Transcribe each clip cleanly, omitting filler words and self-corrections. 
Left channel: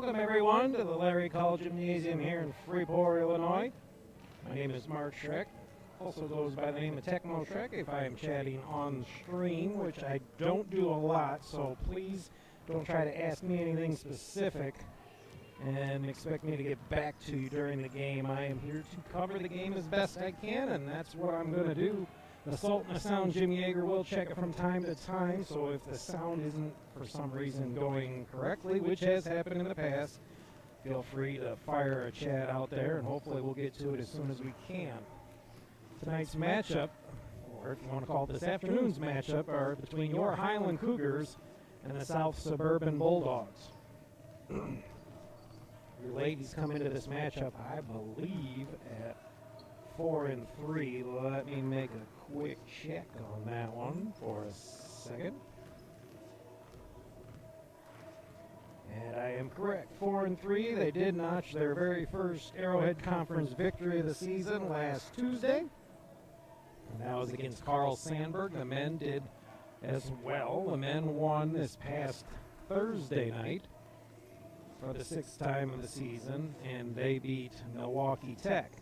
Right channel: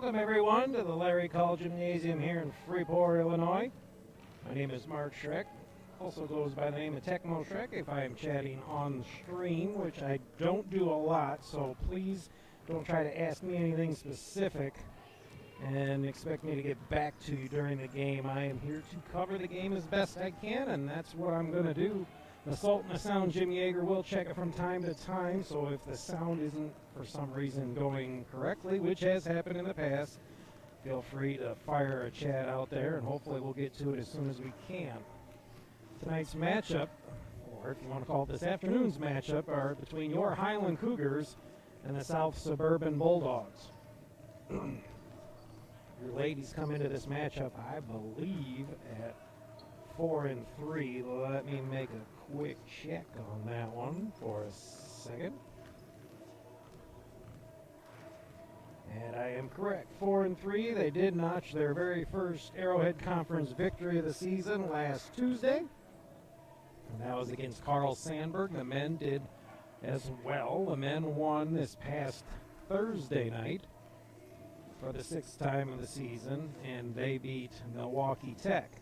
Welcome everyone to the Larry Call Gymnasium here in Freeport, Illinois. My name is Mark Schreck, also goes by the name of Tecmo Schreck if I am chatting on stream, which I don't do a lot, so please don't try to ask me anything specific and expect me to get back to you during the game. I am here to cover the game as best I can, and that's what I'm going to do. The Salt and the Sound Jim Yeager will check it from time to time, so if the sound isn't for some reason going correctly, which has happened in the past, feel free to fire a chat out there, and hopefully we'll get to it as soon as we can. Tonight's matchup, or if you want to call it this afternoon's matchup, are between your Highland Cougars and the South Suburban Bulldogs. Your ladies come into this matchup, I believe, at 4-3. Let me make a quick check on that one for a second. And I am correct, 4-3. They did notch their very first Arrowhead Conference victory of the season last Tuesday. And that was against Carl Sandburg. The men did as well. The men won this past Thursday night for the sixth time of the season, and they beat Milwaukee Tech.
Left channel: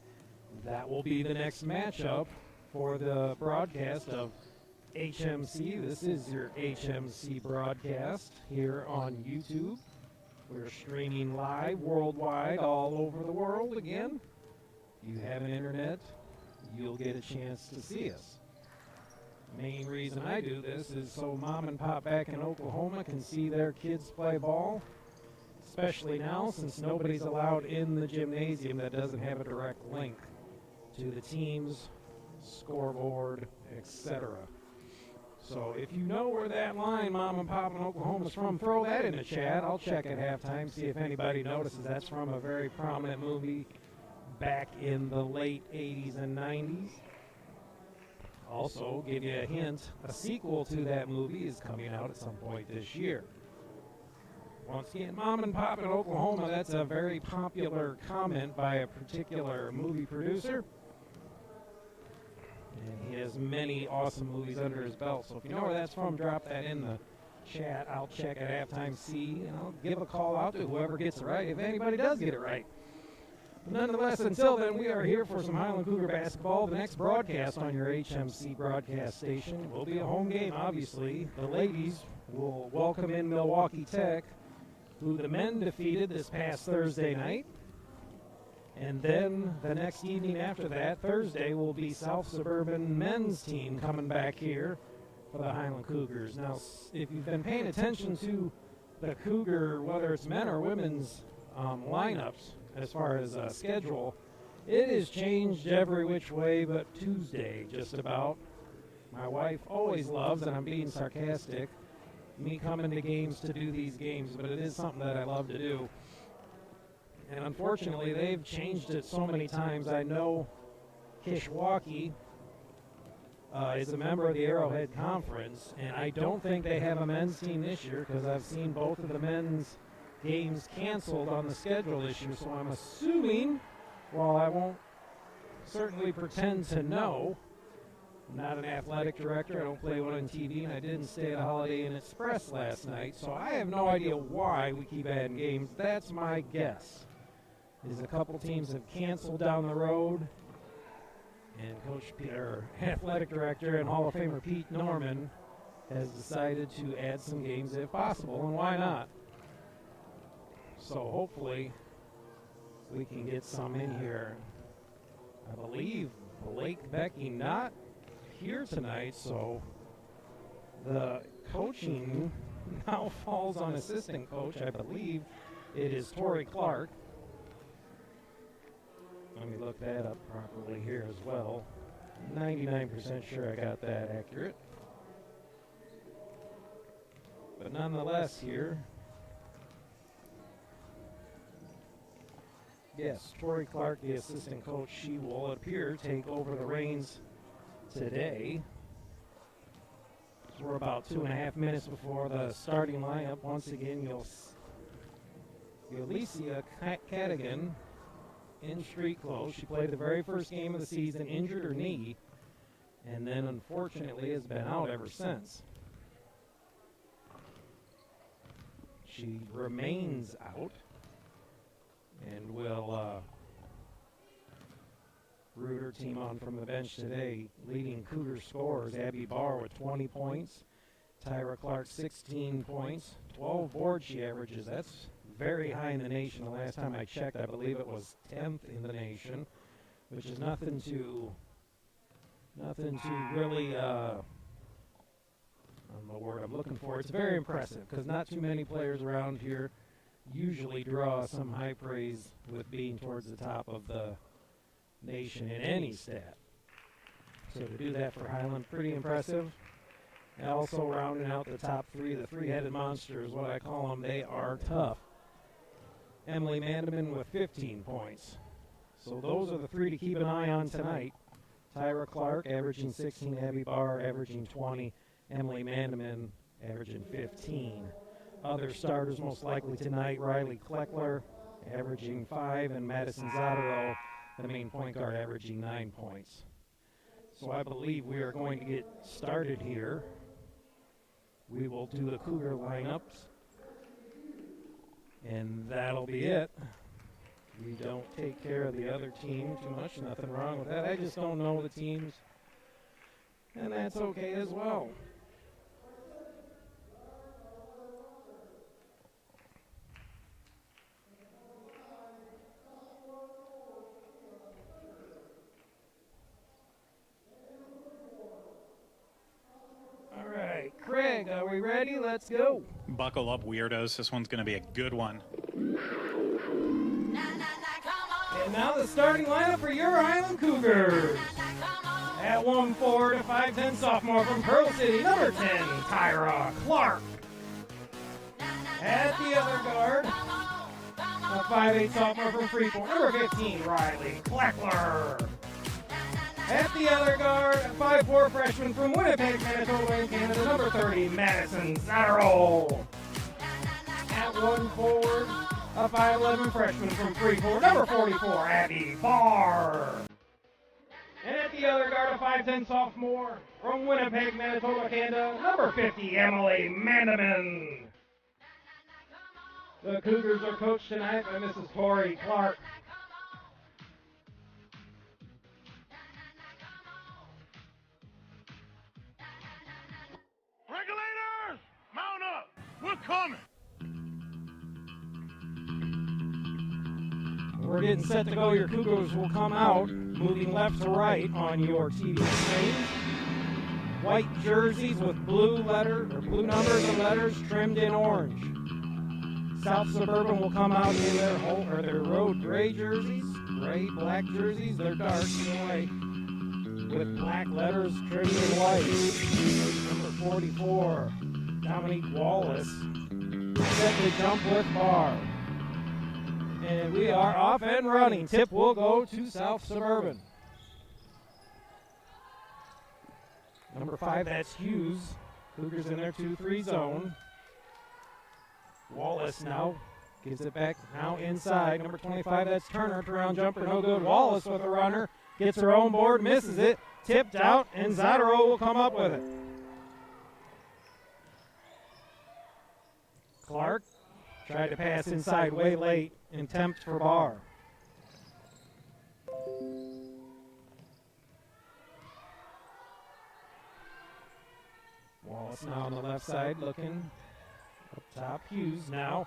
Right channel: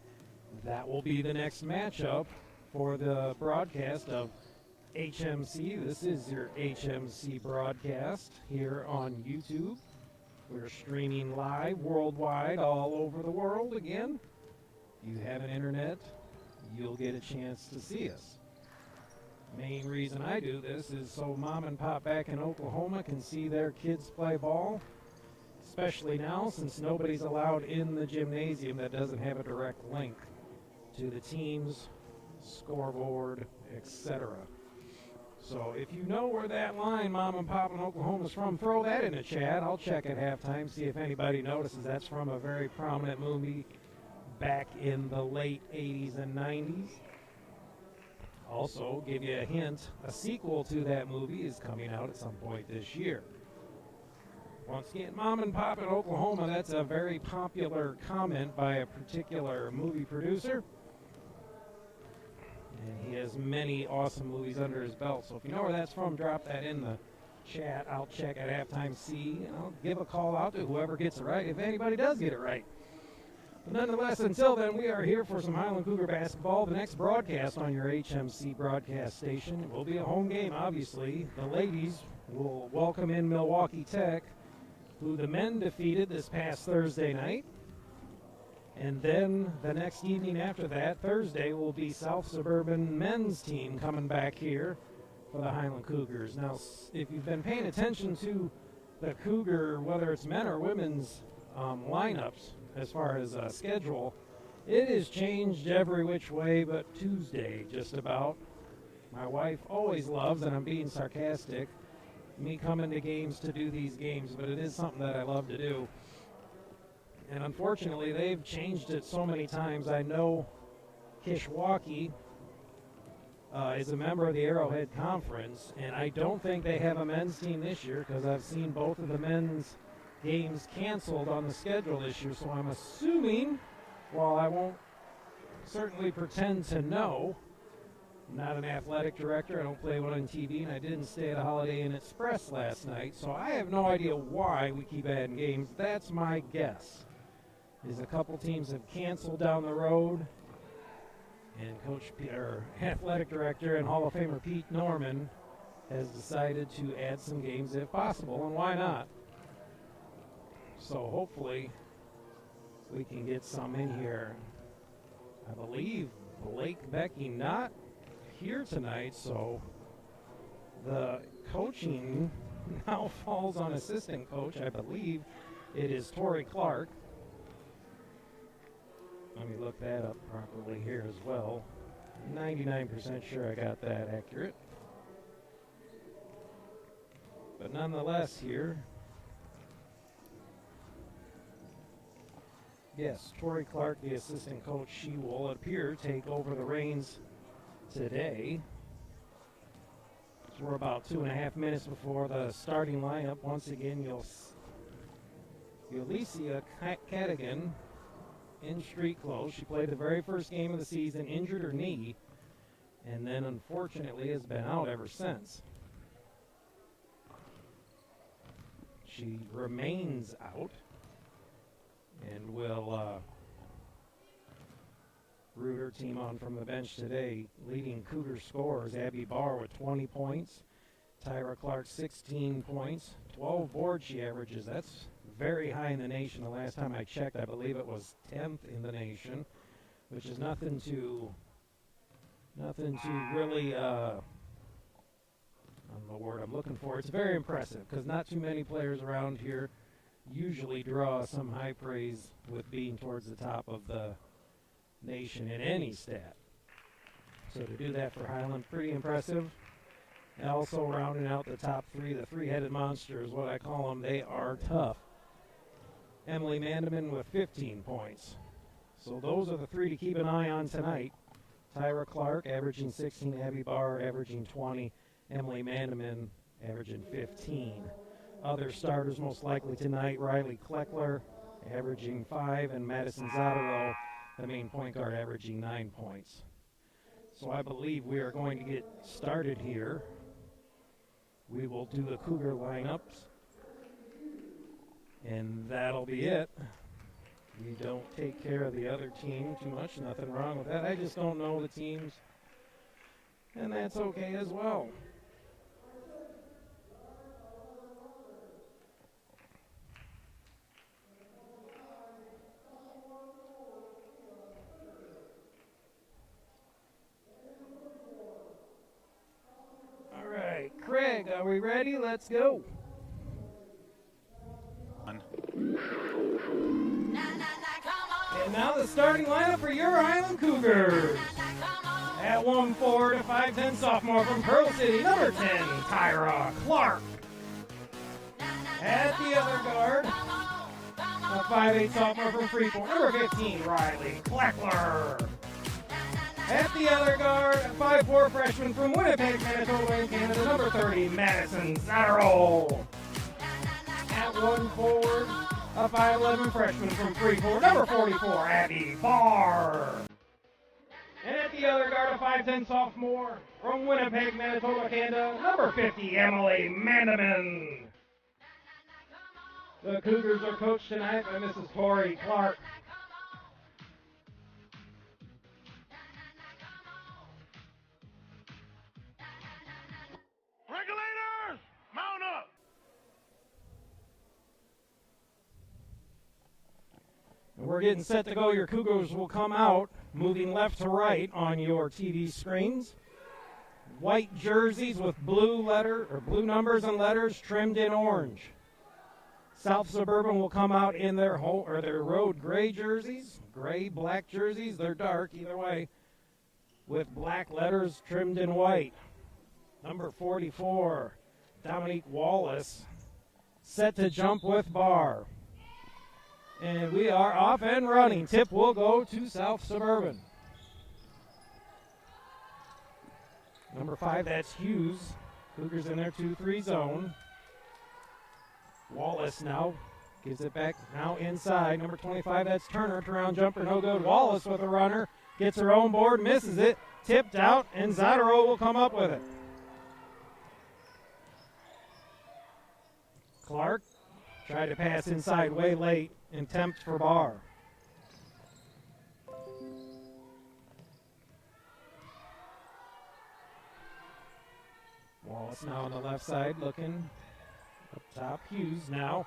That will be the next matchup for the broadcast of HMC. This is your HMC broadcast here on YouTube. We're streaming live worldwide all over the world again. If you have an internet, you'll get a chance to see us. Main reason I do this is so mom and pop back in Oklahoma can see their kids play ball, especially now since nobody's allowed in the gymnasium that doesn't have a direct link to the team's scoreboard, etc. So if you know where that line mom and pop in Oklahoma is from, throw that in the chat. I'll check at halftime, see if anybody notices that's from a very prominent movie back in the late 80s and 90s. Also, give you a hint, a sequel to that movie is coming out at some point this year. Once again, mom and pop in Oklahoma, that's a very popular comment by a particular movie producer. And he has many awesome movies under his belt. So if you know where that's from, drop that in the chat. I'll check at halftime, see, and I'll give a call out to whoever gets it right, if anybody does get it right. But nonetheless, until then, we are here for some Highland Cougar basketball. The next broadcast on your HMC broadcast station will be a home game, obviously. The ladies will welcome in Milwaukee Tech, who the men defeated this past Thursday night. And then the next evening after that, Thursday, will be South Suburban men's team coming back here for the Highland Cougars. Now, if you've been paying attention to the Cougar, whether it's men or women's lineups, as far as schedule, it has changed every which way but Tuesday, just about. My wife always loves, and I'm being sarcastic, me coming to games to do these games, but it is something that I love to do. And unfortunately, they've changed it so many times. I know Kishwaukee is a member of the Arrowhead Conference, and I don't think they have a men's team this year because I've seen both of the men's games canceled on the schedule this year. So I'm assuming, while I won't certainly pretend to know, I'm not an athletic director, I don't play one on TV, and I didn't stay at a Holiday Inn Express last night, so I have no idea why we keep adding games. That's my guess. Is a couple teams have canceled down the road, and athletic director and Hall of Famer Pete Norman has decided to add some games if possible, and why not? So hopefully we can get some in here. I believe Blake Becky not here tonight, so the coaching now falls on assistant coach. I believe it is Tori Clark. Let me look that up properly here as well. 99% sure I got that accurate. But nonetheless here, yes, Tori Clark, the assistant coach, she will appear take over the reins today. So we're about 2.5 minutes before the starting lineup. Once again, Ulyssia Cadigan in street clothes. She played the very first game of the season, injured her knee, and then unfortunately has been out ever since. She remains out. And will root her team on from the bench today. Leading Cougar scorers, Abby Barr with 20 points. Tyra Clark, 16 points. 12 boards she averages. That's very high in the nation. The last time I checked, I believe it was 10th in the nation, which is nothing to really, the word I'm looking for. It's very impressive because not too many players around here usually draw some high praise with being towards the top of the nation in any stat. So to do that for Highland, pretty impressive. And also rounding out the top three, the three-headed monsters, what I call them, they are tough. Emily Mandeman with 15 points. So those are the three to keep an eye on tonight. Tyra Clark averaging 16, Abby Barr averaging 20, Emily Mandeman averaging 15. Other starters most likely tonight, Riley Kleckler averaging 5, and Madison Zotero, the main point guard, averaging 9 points. So I believe we are going to get started here. We will do the Cougar lineups, and that'll be it. We don't take care of the other team too much, nothing wrong with that. I just don't know the teams, and that's okay as well. All right, Craig, are we ready? Let's go. Buckle up, weirdos. This one's going to be a good one. And now the starting lineup for your Highland Cougars. At 1'4" to 5'10" sophomore from Pearl City, number 10, Tyra Clark. At the other guard, a 5'8" sophomore from Freeport, number 15, Riley Kleckler. At the other guard, a 5'4" freshman from Winnipeg, Manitoba, in Canada, number 30, Madison Zotero. At 1 forward, a 5'11" freshman from Freeport, number 44, Abby Barr. And at the other guard, a 5'10" sophomore from Winnipeg, Manitoba, Canada, number 50, Emily Mandeman. The Cougars are coached tonight by Mrs. Tori Clark. Regulators, mount up. We're coming. We're getting set to go. Your Cougars will come out, moving left to right on your TV screens. White jerseys with blue numbers and letters trimmed in orange. South Suburban will come out in their road gray jerseys, black jerseys. They're dark either way, with black letters trimmed in white. Number 44, Dominique Wallace, set to jump with Barr. And we are off and running. Tip will go to South Suburban. Number 5, that's Hughes. Cougars in their 2-3 zone. Wallace now gives it back now inside. Number 25, that's Turner. Turnaround jumper, no good. Wallace with a runner. Gets her own board, misses it. Tipped out, and Zotero will come up with it. Clark tried to pass inside way late and tempt for Barr. Wallace now on the left side looking up top. Hughes now.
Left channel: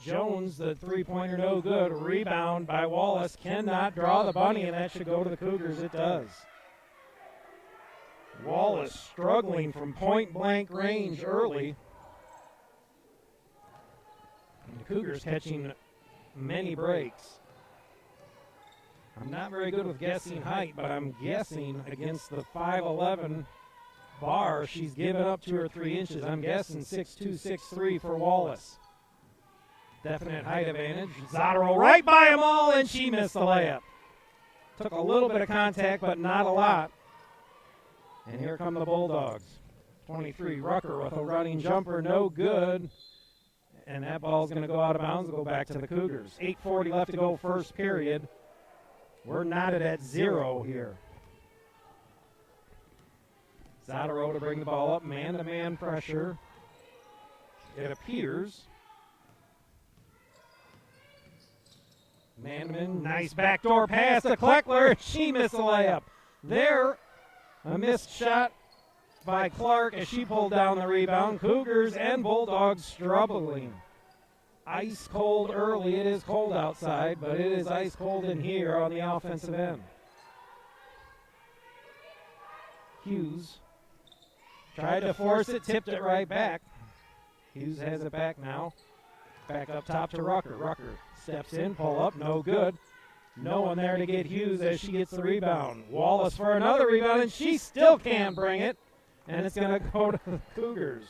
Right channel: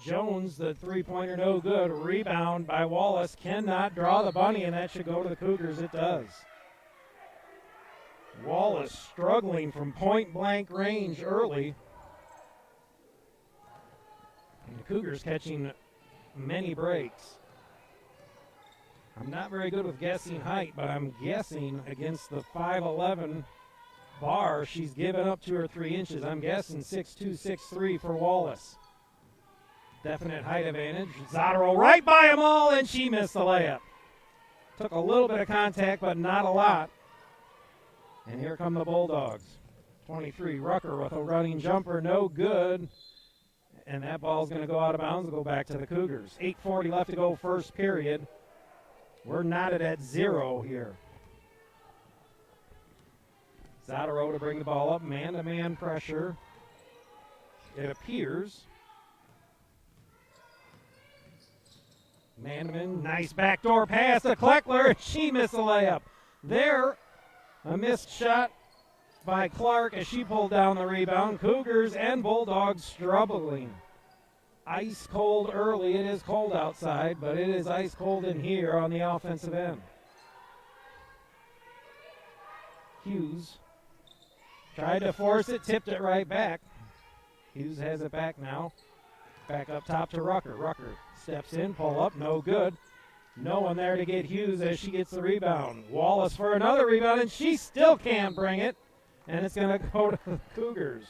Jones, the three-pointer, no good. Rebound by Wallace. Cannot draw the bunny, and that should go to the Cougars. It does. Wallace struggling from point-blank range early. And the Cougars catching many breaks. I'm not very good with guessing height, but I'm guessing against the 5'11" Barr, she's given up 2 or 3 inches. I'm guessing 6'2", 6'3" for Wallace. Definite height advantage. Zotero right by them all, and she missed the layup. Took a little bit of contact, but not a lot. And here come the Bulldogs. 23, Rucker with a running jumper, no good. And that ball's going to go out of bounds and go back to the Cougars. 8:40 left to go, first period. We're knotted at 0 here. Zotero to bring the ball up, man-to-man pressure. It appears. Manneman, nice backdoor pass to Kleckler. She missed the layup. There, a missed shot by Clark as she pulled down the rebound. Cougars and Bulldogs struggling. Ice cold early. It is cold outside, but it is ice cold in here on the offensive end. Hughes tried to force it, tipped it right back. Hughes has it back now. Back up top to Rucker. Rucker steps in, pull up, no good. No one there to get Hughes as she gets the rebound. Wallace for another rebound, and she still can't bring it. And it's going to go to the Cougars.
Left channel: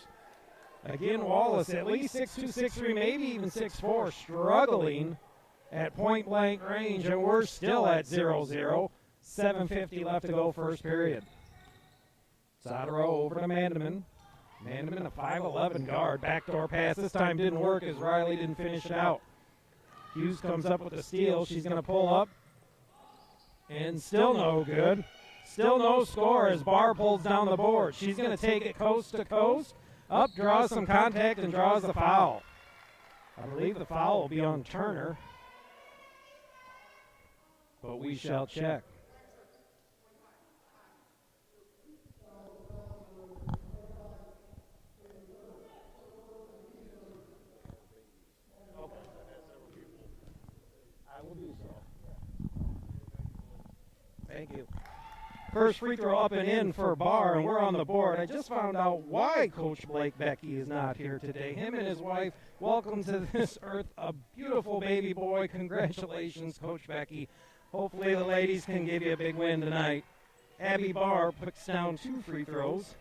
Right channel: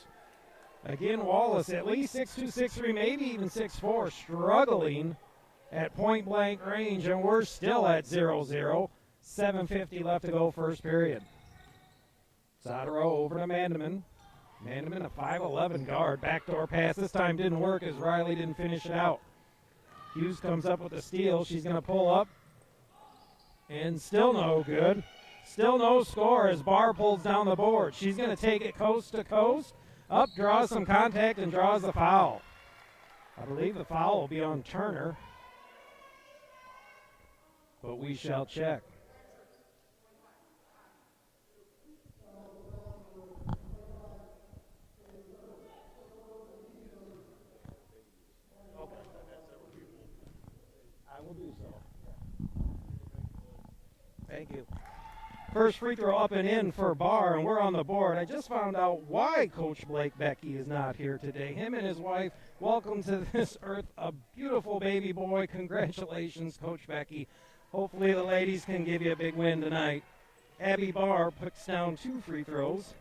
Again, Wallace, at least 6'2", 6'3", maybe even 6'4", struggling at point-blank range, and we're still at 0-0. 7:50 left to go first period. Zadaro over to Mandeman. Mandeman, a 5'11" guard. Backdoor pass this time didn't work as Riley didn't finish it out. Hughes comes up with the steal. She's going to pull up. And still no good. Still no score as Barr pulls down the board. She's going to take it coast to coast. Up, draws some contact, and draws the foul. I believe the foul will be on Turner. But we shall check. Thank you. First free throw up and in for Barr, and we're on the board. I just found out why Coach Blake Becky is not here today. Him and his wife, welcome to this earth, a beautiful baby boy. Congratulations, Coach Becky. Hopefully the ladies can give you a big win tonight. Abby Barr puts down 2 free throws,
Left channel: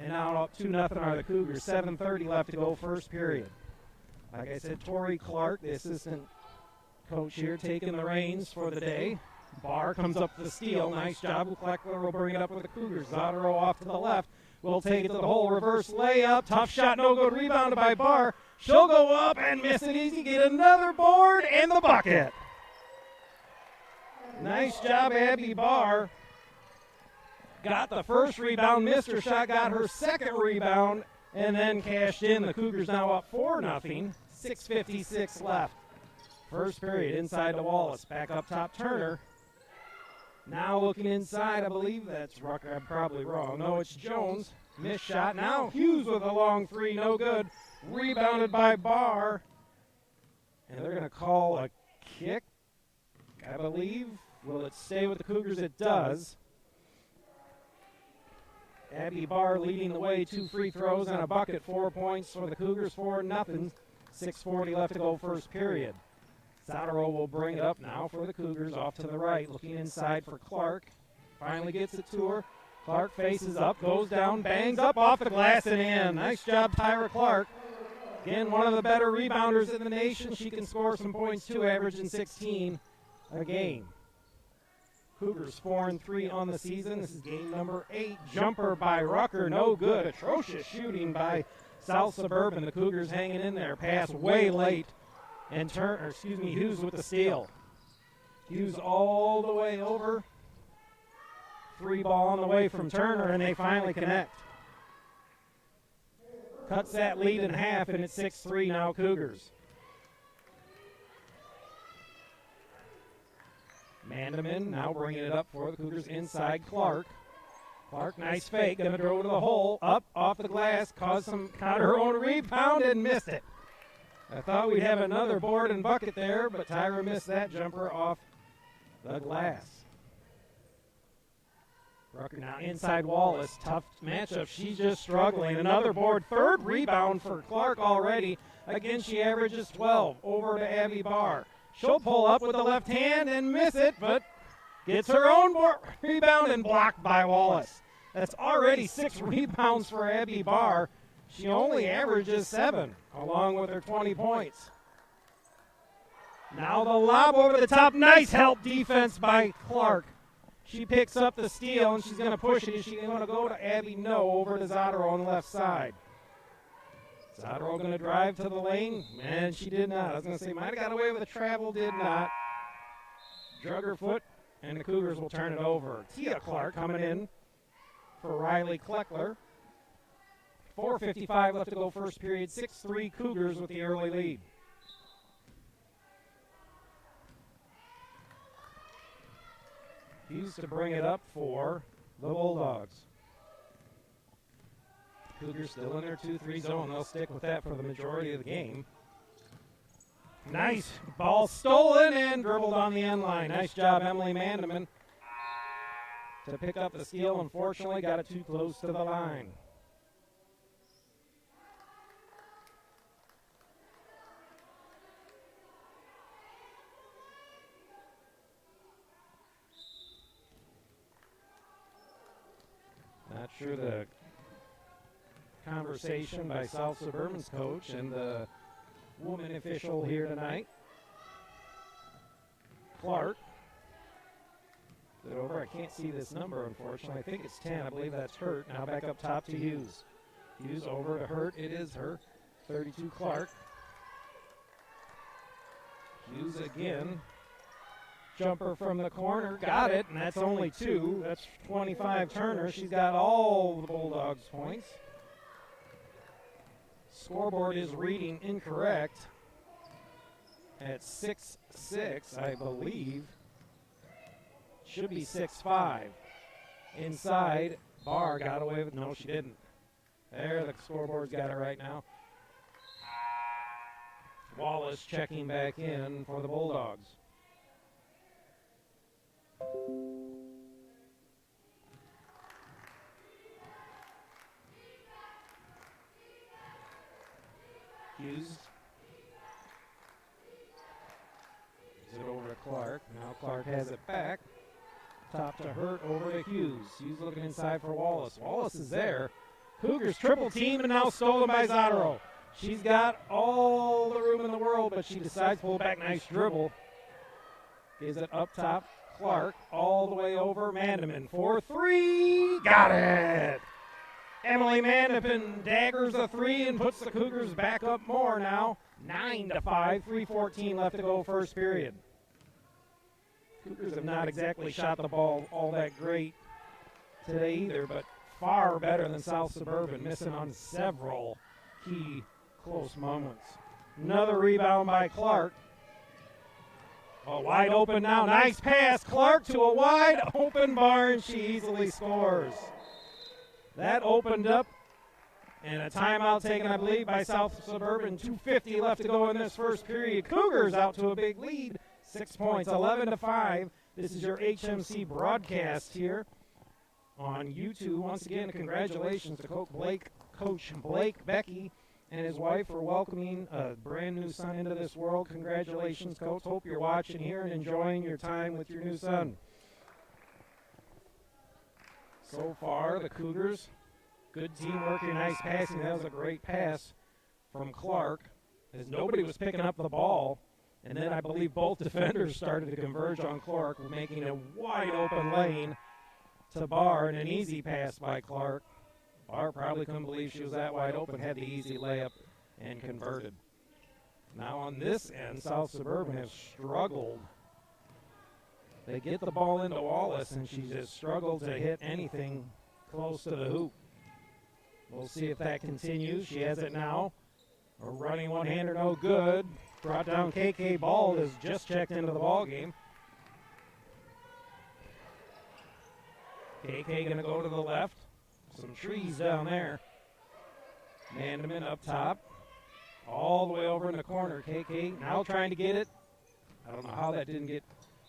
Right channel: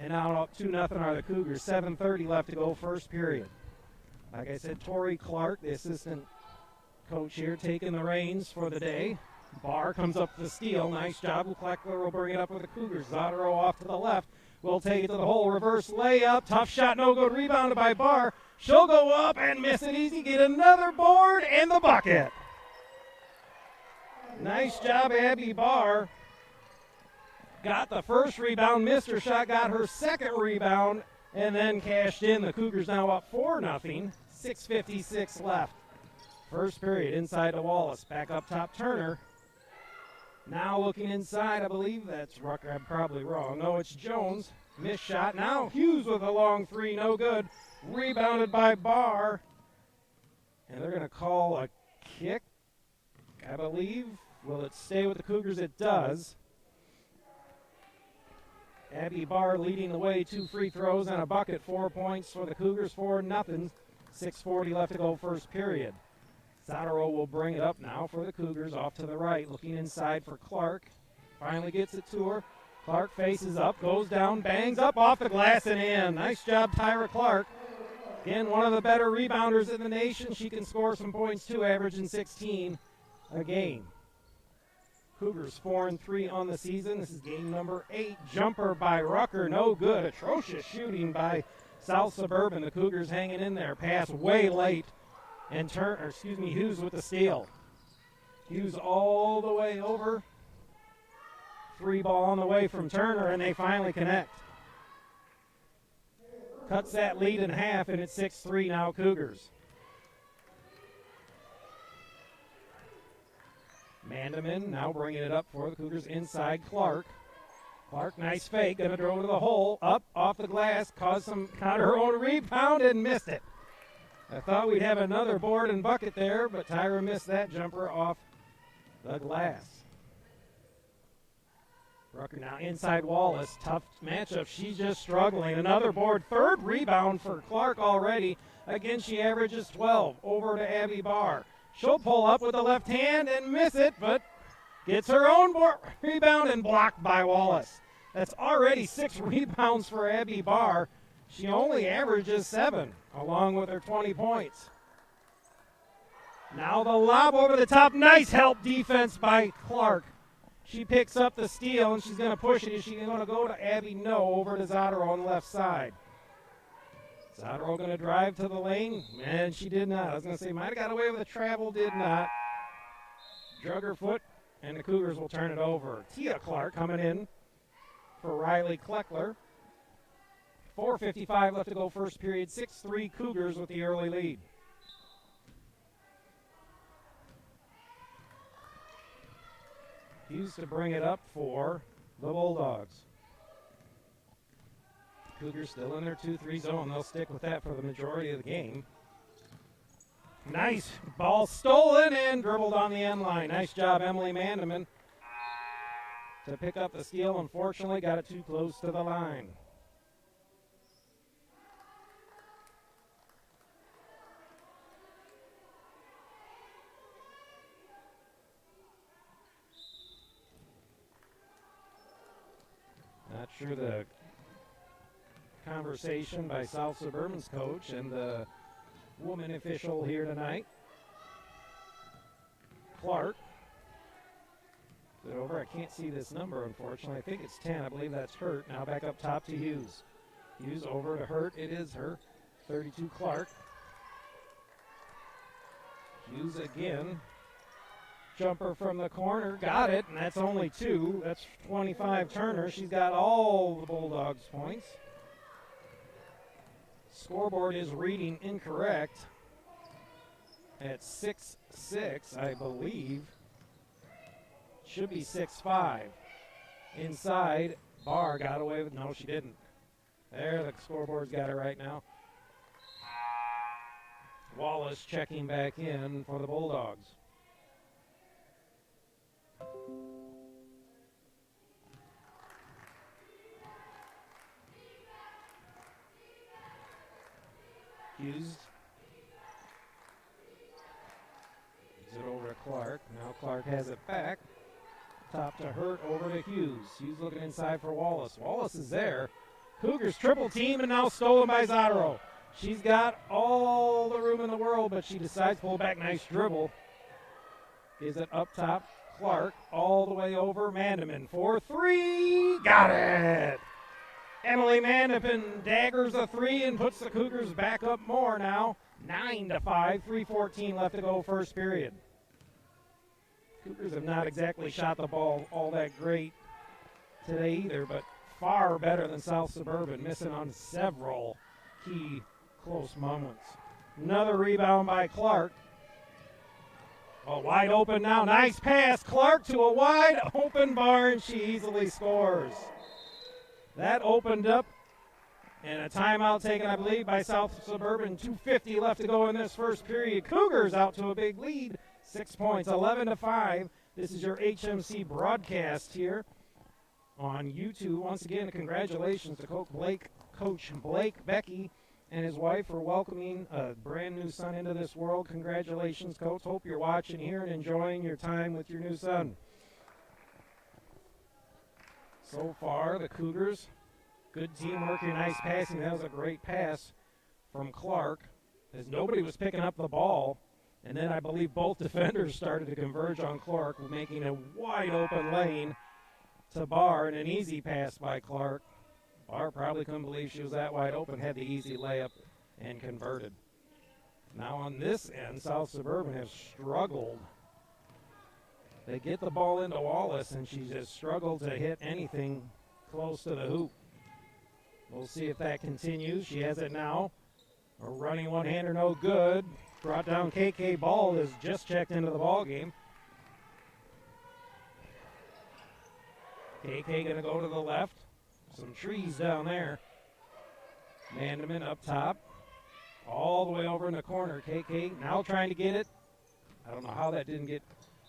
and now up 2-0 are the Cougars. 7:30 left to go first period. Like I said, Tori Clark, the assistant coach here, taking the reins for the day. Barr comes up to the steal. Nice job. Kleckler will bring it up with the Cougars. Zadaro off to the left. Will take it to the hole. Reverse layup. Tough shot. No good. Rebounded by Barr. She'll go up and miss it easy. Get another board and the bucket. Nice job, Abby Barr. Got the first rebound. Missed her shot. Got her second rebound. And then cashed in. The Cougars now up 4-0. 6:56 left. First period. Inside to Wallace. Back up top. Turner. Now looking inside, I believe that's Rucker. I'm probably wrong. No, it's Jones. Missed shot. Now Hughes with a long three. No good. Rebounded by Barr. And they're going to call a kick, I believe. Will it stay with the Cougars? It does. Abby Barr leading the way. 2 free throws and a bucket. 4 points for the Cougars. 4-0. 6:40 left to go first period. Zadaro will bring it up now for the Cougars off to the right. Looking inside for Clark. Finally gets it to her. Clark faces up, goes down, bangs up off the glass and in. Nice job, Tyra Clark. Again, one of the better rebounders in the nation. She can score some points too, averaging 16 a game. Cougars 4-3 on the season. This is game number 8. Jumper by Rucker, no good. Atrocious shooting by South Suburban. The Cougars hanging in there. Pass way late. And Hughes with the steal. Hughes all the way over. 3 ball on the way from Turner, and they finally connect. Cuts that lead in half, and it's 6-3 now Cougars. Mandeman now bringing it up for the Cougars inside Clark. Clark, nice fake, gonna throw to the hole. Up, off the glass, got her own rebound and missed it. I thought we'd have another board and bucket there, but Tyra missed that jumper off the glass. Rucker now inside Wallace. Tough matchup. She's just struggling. Another board. 3rd rebound for Clark already. Again, she averages 12. Over to Abby Barr. She'll pull up with the left hand and miss it, but gets her own rebound and blocked by Wallace. That's already 6 rebounds for Abby Barr. She only averages 7, along with her 20 points. Now the lob over the top. Nice help defense by Clark. She picks up the steal, and she's going to push it. Is she going to go to Abby? No, over to Zadaro on the left side. Zadaro going to drive to the lane. Man, she did not. I was going to say, might have got away with a travel, did not. Drug her foot, and the Cougars will turn it over. Tia Clark coming in for Riley Kleckler. 4:55 left to go first period. 6-3 Cougars with the early lead. Hughes to bring it up for the Bulldogs. Cougars still in their 2-3 zone. They'll stick with that for the majority of the game. Nice ball stolen and dribbled on the end line. Nice job, Emily Mandeman, to pick up the steal. Unfortunately, got it too close to the line. Not sure the conversation by South Suburban's coach and the woman official here tonight. Clark. Is it over? I can't see this number, unfortunately. I think it's 10. I believe that's Hurt. Now back up top to Hughes. Hughes over to Hurt. It is Hurt. 32 Clark. Hughes again. Jumper from the corner. Got it, and that's only 2. That's 25 Turner. She's got all the Bulldogs points. Scoreboard is reading incorrect at 6-6, I believe. Should be 6-5. Inside, Barr got away with, no, she didn't. There, the scoreboard's got it right now. Wallace checking back in for the Bulldogs. Hughes. Gives it over to Clark. Now Clark has it back. Top to Hurt, over to Hughes. Hughes looking inside for Wallace. Wallace is there. Cougars triple team and now stolen by Zadaro. She's got all the room in the world, but she decides to pull back. Nice dribble. Gives it up top. Clark all the way over. Mandeman for 3. Got it! Emily Mandeman daggers a 3 and puts the Cougars back up more now. 9-5, 3:14 left to go first period. Cougars have not exactly shot the ball all that great today either, but far better than South Suburban, missing on several key close moments. Another rebound by Clark. Oh, wide open now. Nice pass. Clark to a wide open bar, and she easily scores. That opened up, and a timeout taken, I believe, by South Suburban. 2:50 left to go in this first period. Cougars out to a big lead. 6 points, 11-5. This is your HMC broadcast here on YouTube. Once again, congratulations to Coach Blake Becky and his wife for welcoming a brand new son into this world. Congratulations, Coach. Hope you're watching here and enjoying your time with your new son. So far, the Cougars, good teamwork here, nice passing. That was a great pass from Clark, as nobody was picking up the ball. And then I believe both defenders started to converge on Clark, making a wide open lane to Barr, and an easy pass by Clark. Barr probably couldn't believe she was that wide open, had the easy layup and converted. Now on this end, South Suburban has struggled. They get the ball into Wallace, and she just struggled to hit anything close to the hoop. We'll see if that continues. She has it now. A running one-hander, no good. Brought down KK Ball, has just checked into the ball game. KK going to go to the left. Some trees down there. Mandeman up top. All the way over in the corner. KK now trying to get it. I don't know how that didn't get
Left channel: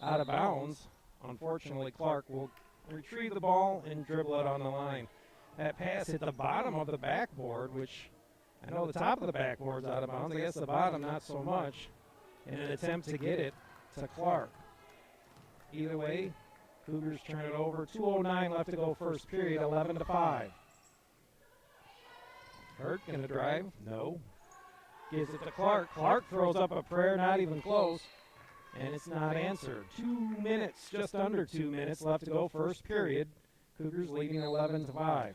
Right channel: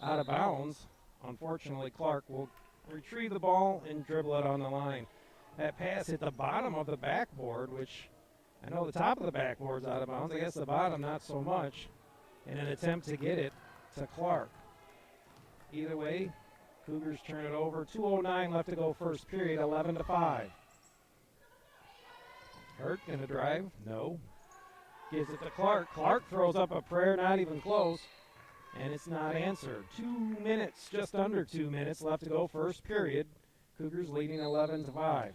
out of bounds. Unfortunately, Clark will retrieve the ball and dribble it on the line. That pass hit the bottom of the backboard, which I know the top of the backboard's out of bounds. I guess the bottom not so much, in an attempt to get it to Clark. Either way, Cougars turn it over. 2:09 left to go first period, 11-5. Hurt gonna drive? No. Gives it to Clark. Clark throws up a prayer, not even close, and it's not answered. 2 minutes, just under 2 minutes left to go first period. Cougars leading 11-5.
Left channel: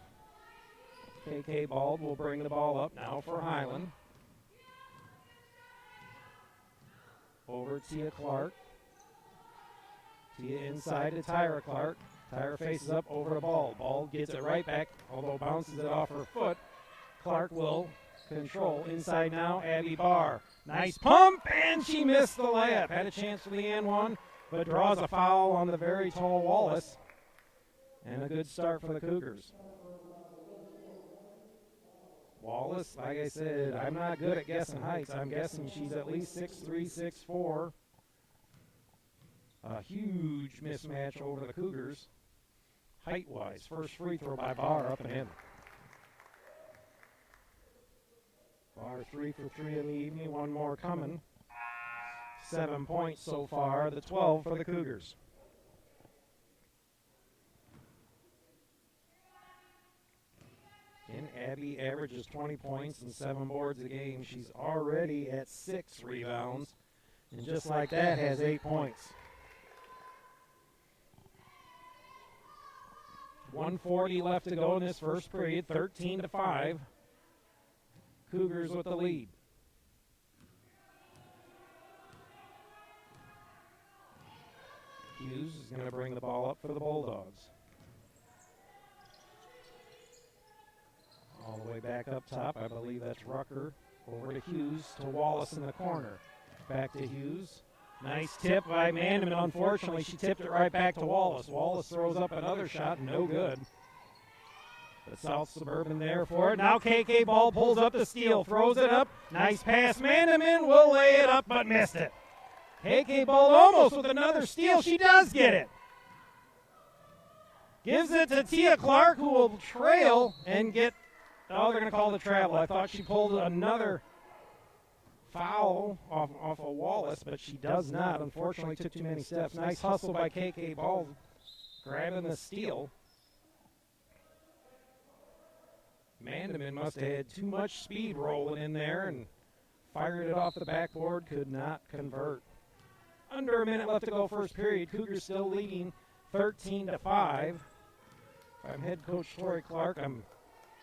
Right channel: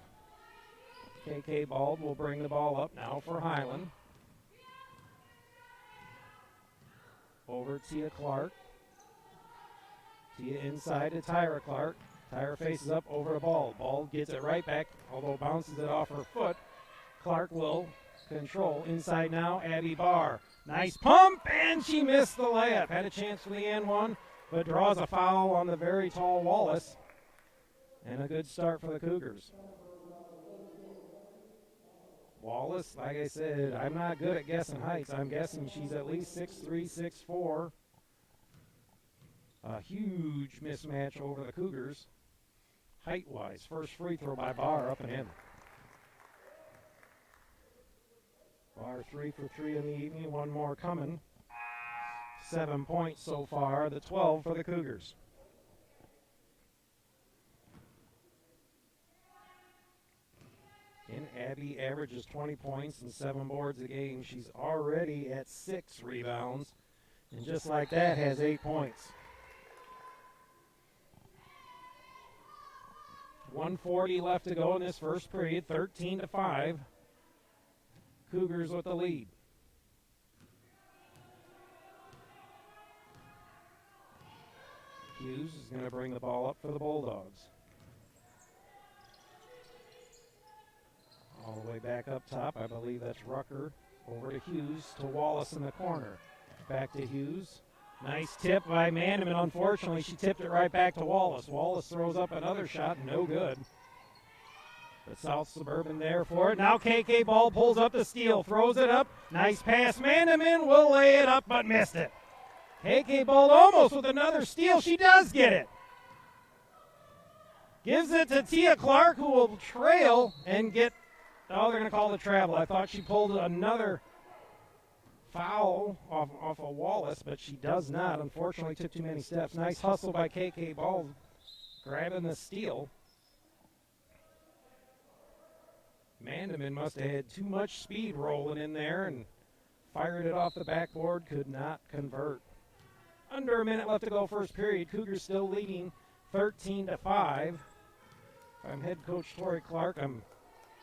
KK Bald will bring the ball up now for Highland. Over Tia Clark. Tia inside to Tyra Clark. Tyra faces up over the ball. Ball gets it right back, although bounces it off her foot. Clark will control. Inside now, Abby Barr. Nice pump, and she missed the layup. Had a chance for the and one. but draws a foul on the very tall Wallace. And a good start for the Cougars. Wallace, like I said, I'm not good at guessing heights. I'm guessing she's at least 6'3", 6'4". A huge mismatch over the Cougars, height-wise. First free throw by Barr, up and in. Barr 3 for 3 in the evening, one more coming. 7 points so far, the 12 for the Cougars. And Abby averages 20 points and 7 boards a game. She's already at 6 rebounds. And just like that, has 8 points. 1:40 left to go in this first period, 13-5. Cougars with the lead. Hughes is going to bring the ball up for the Bulldogs. All the way back up top, I believe that's Rucker. Over to Hughes, to Wallace in the corner. Back to Hughes. Nice tip by Mandeman. Unfortunately, she tipped it right back to Wallace. Wallace throws up another shot, no good. But South Suburban there for it. Now KK Ball pulls up the steal, throws it up. Nice pass. Mandeman will lay it up, but missed it. KK Ball almost with another steal. She does get it. Gives it to Tia Clark, who will trail and get... Oh, they're going to call it travel. I thought she pulled another foul off of Wallace, but she does not. Unfortunately, took too many steps. Nice hustle by KK Ball, grabbing the steal. Mandeman must have had too much speed rolling in there and fired it off the backboard. Could not convert. Under a minute left to go first period. Cougars still leading 13-5. If I'm head coach Tori Clark, I'm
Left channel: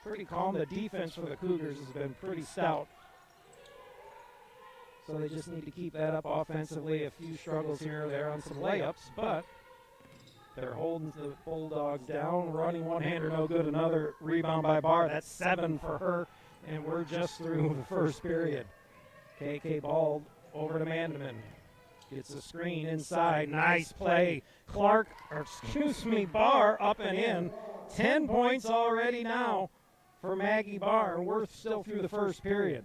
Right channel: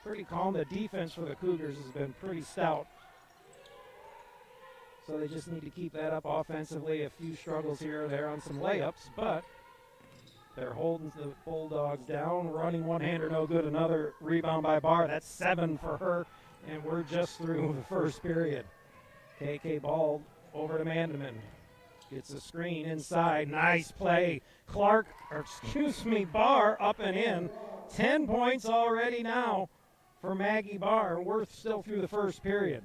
pretty calm. The defense for the Cougars has been pretty stout. So they just need to keep that up offensively. A few struggles here or there on some layups, but they're holding the Bulldogs down. Running one-hander, no good. Another rebound by Barr. That's 7 for her, and we're just through the first period. KK Ball over to Mandeman. Gets a screen inside. Nice play. Barr up and in. 10 points already now for Maggie Barr. We're still through the first period.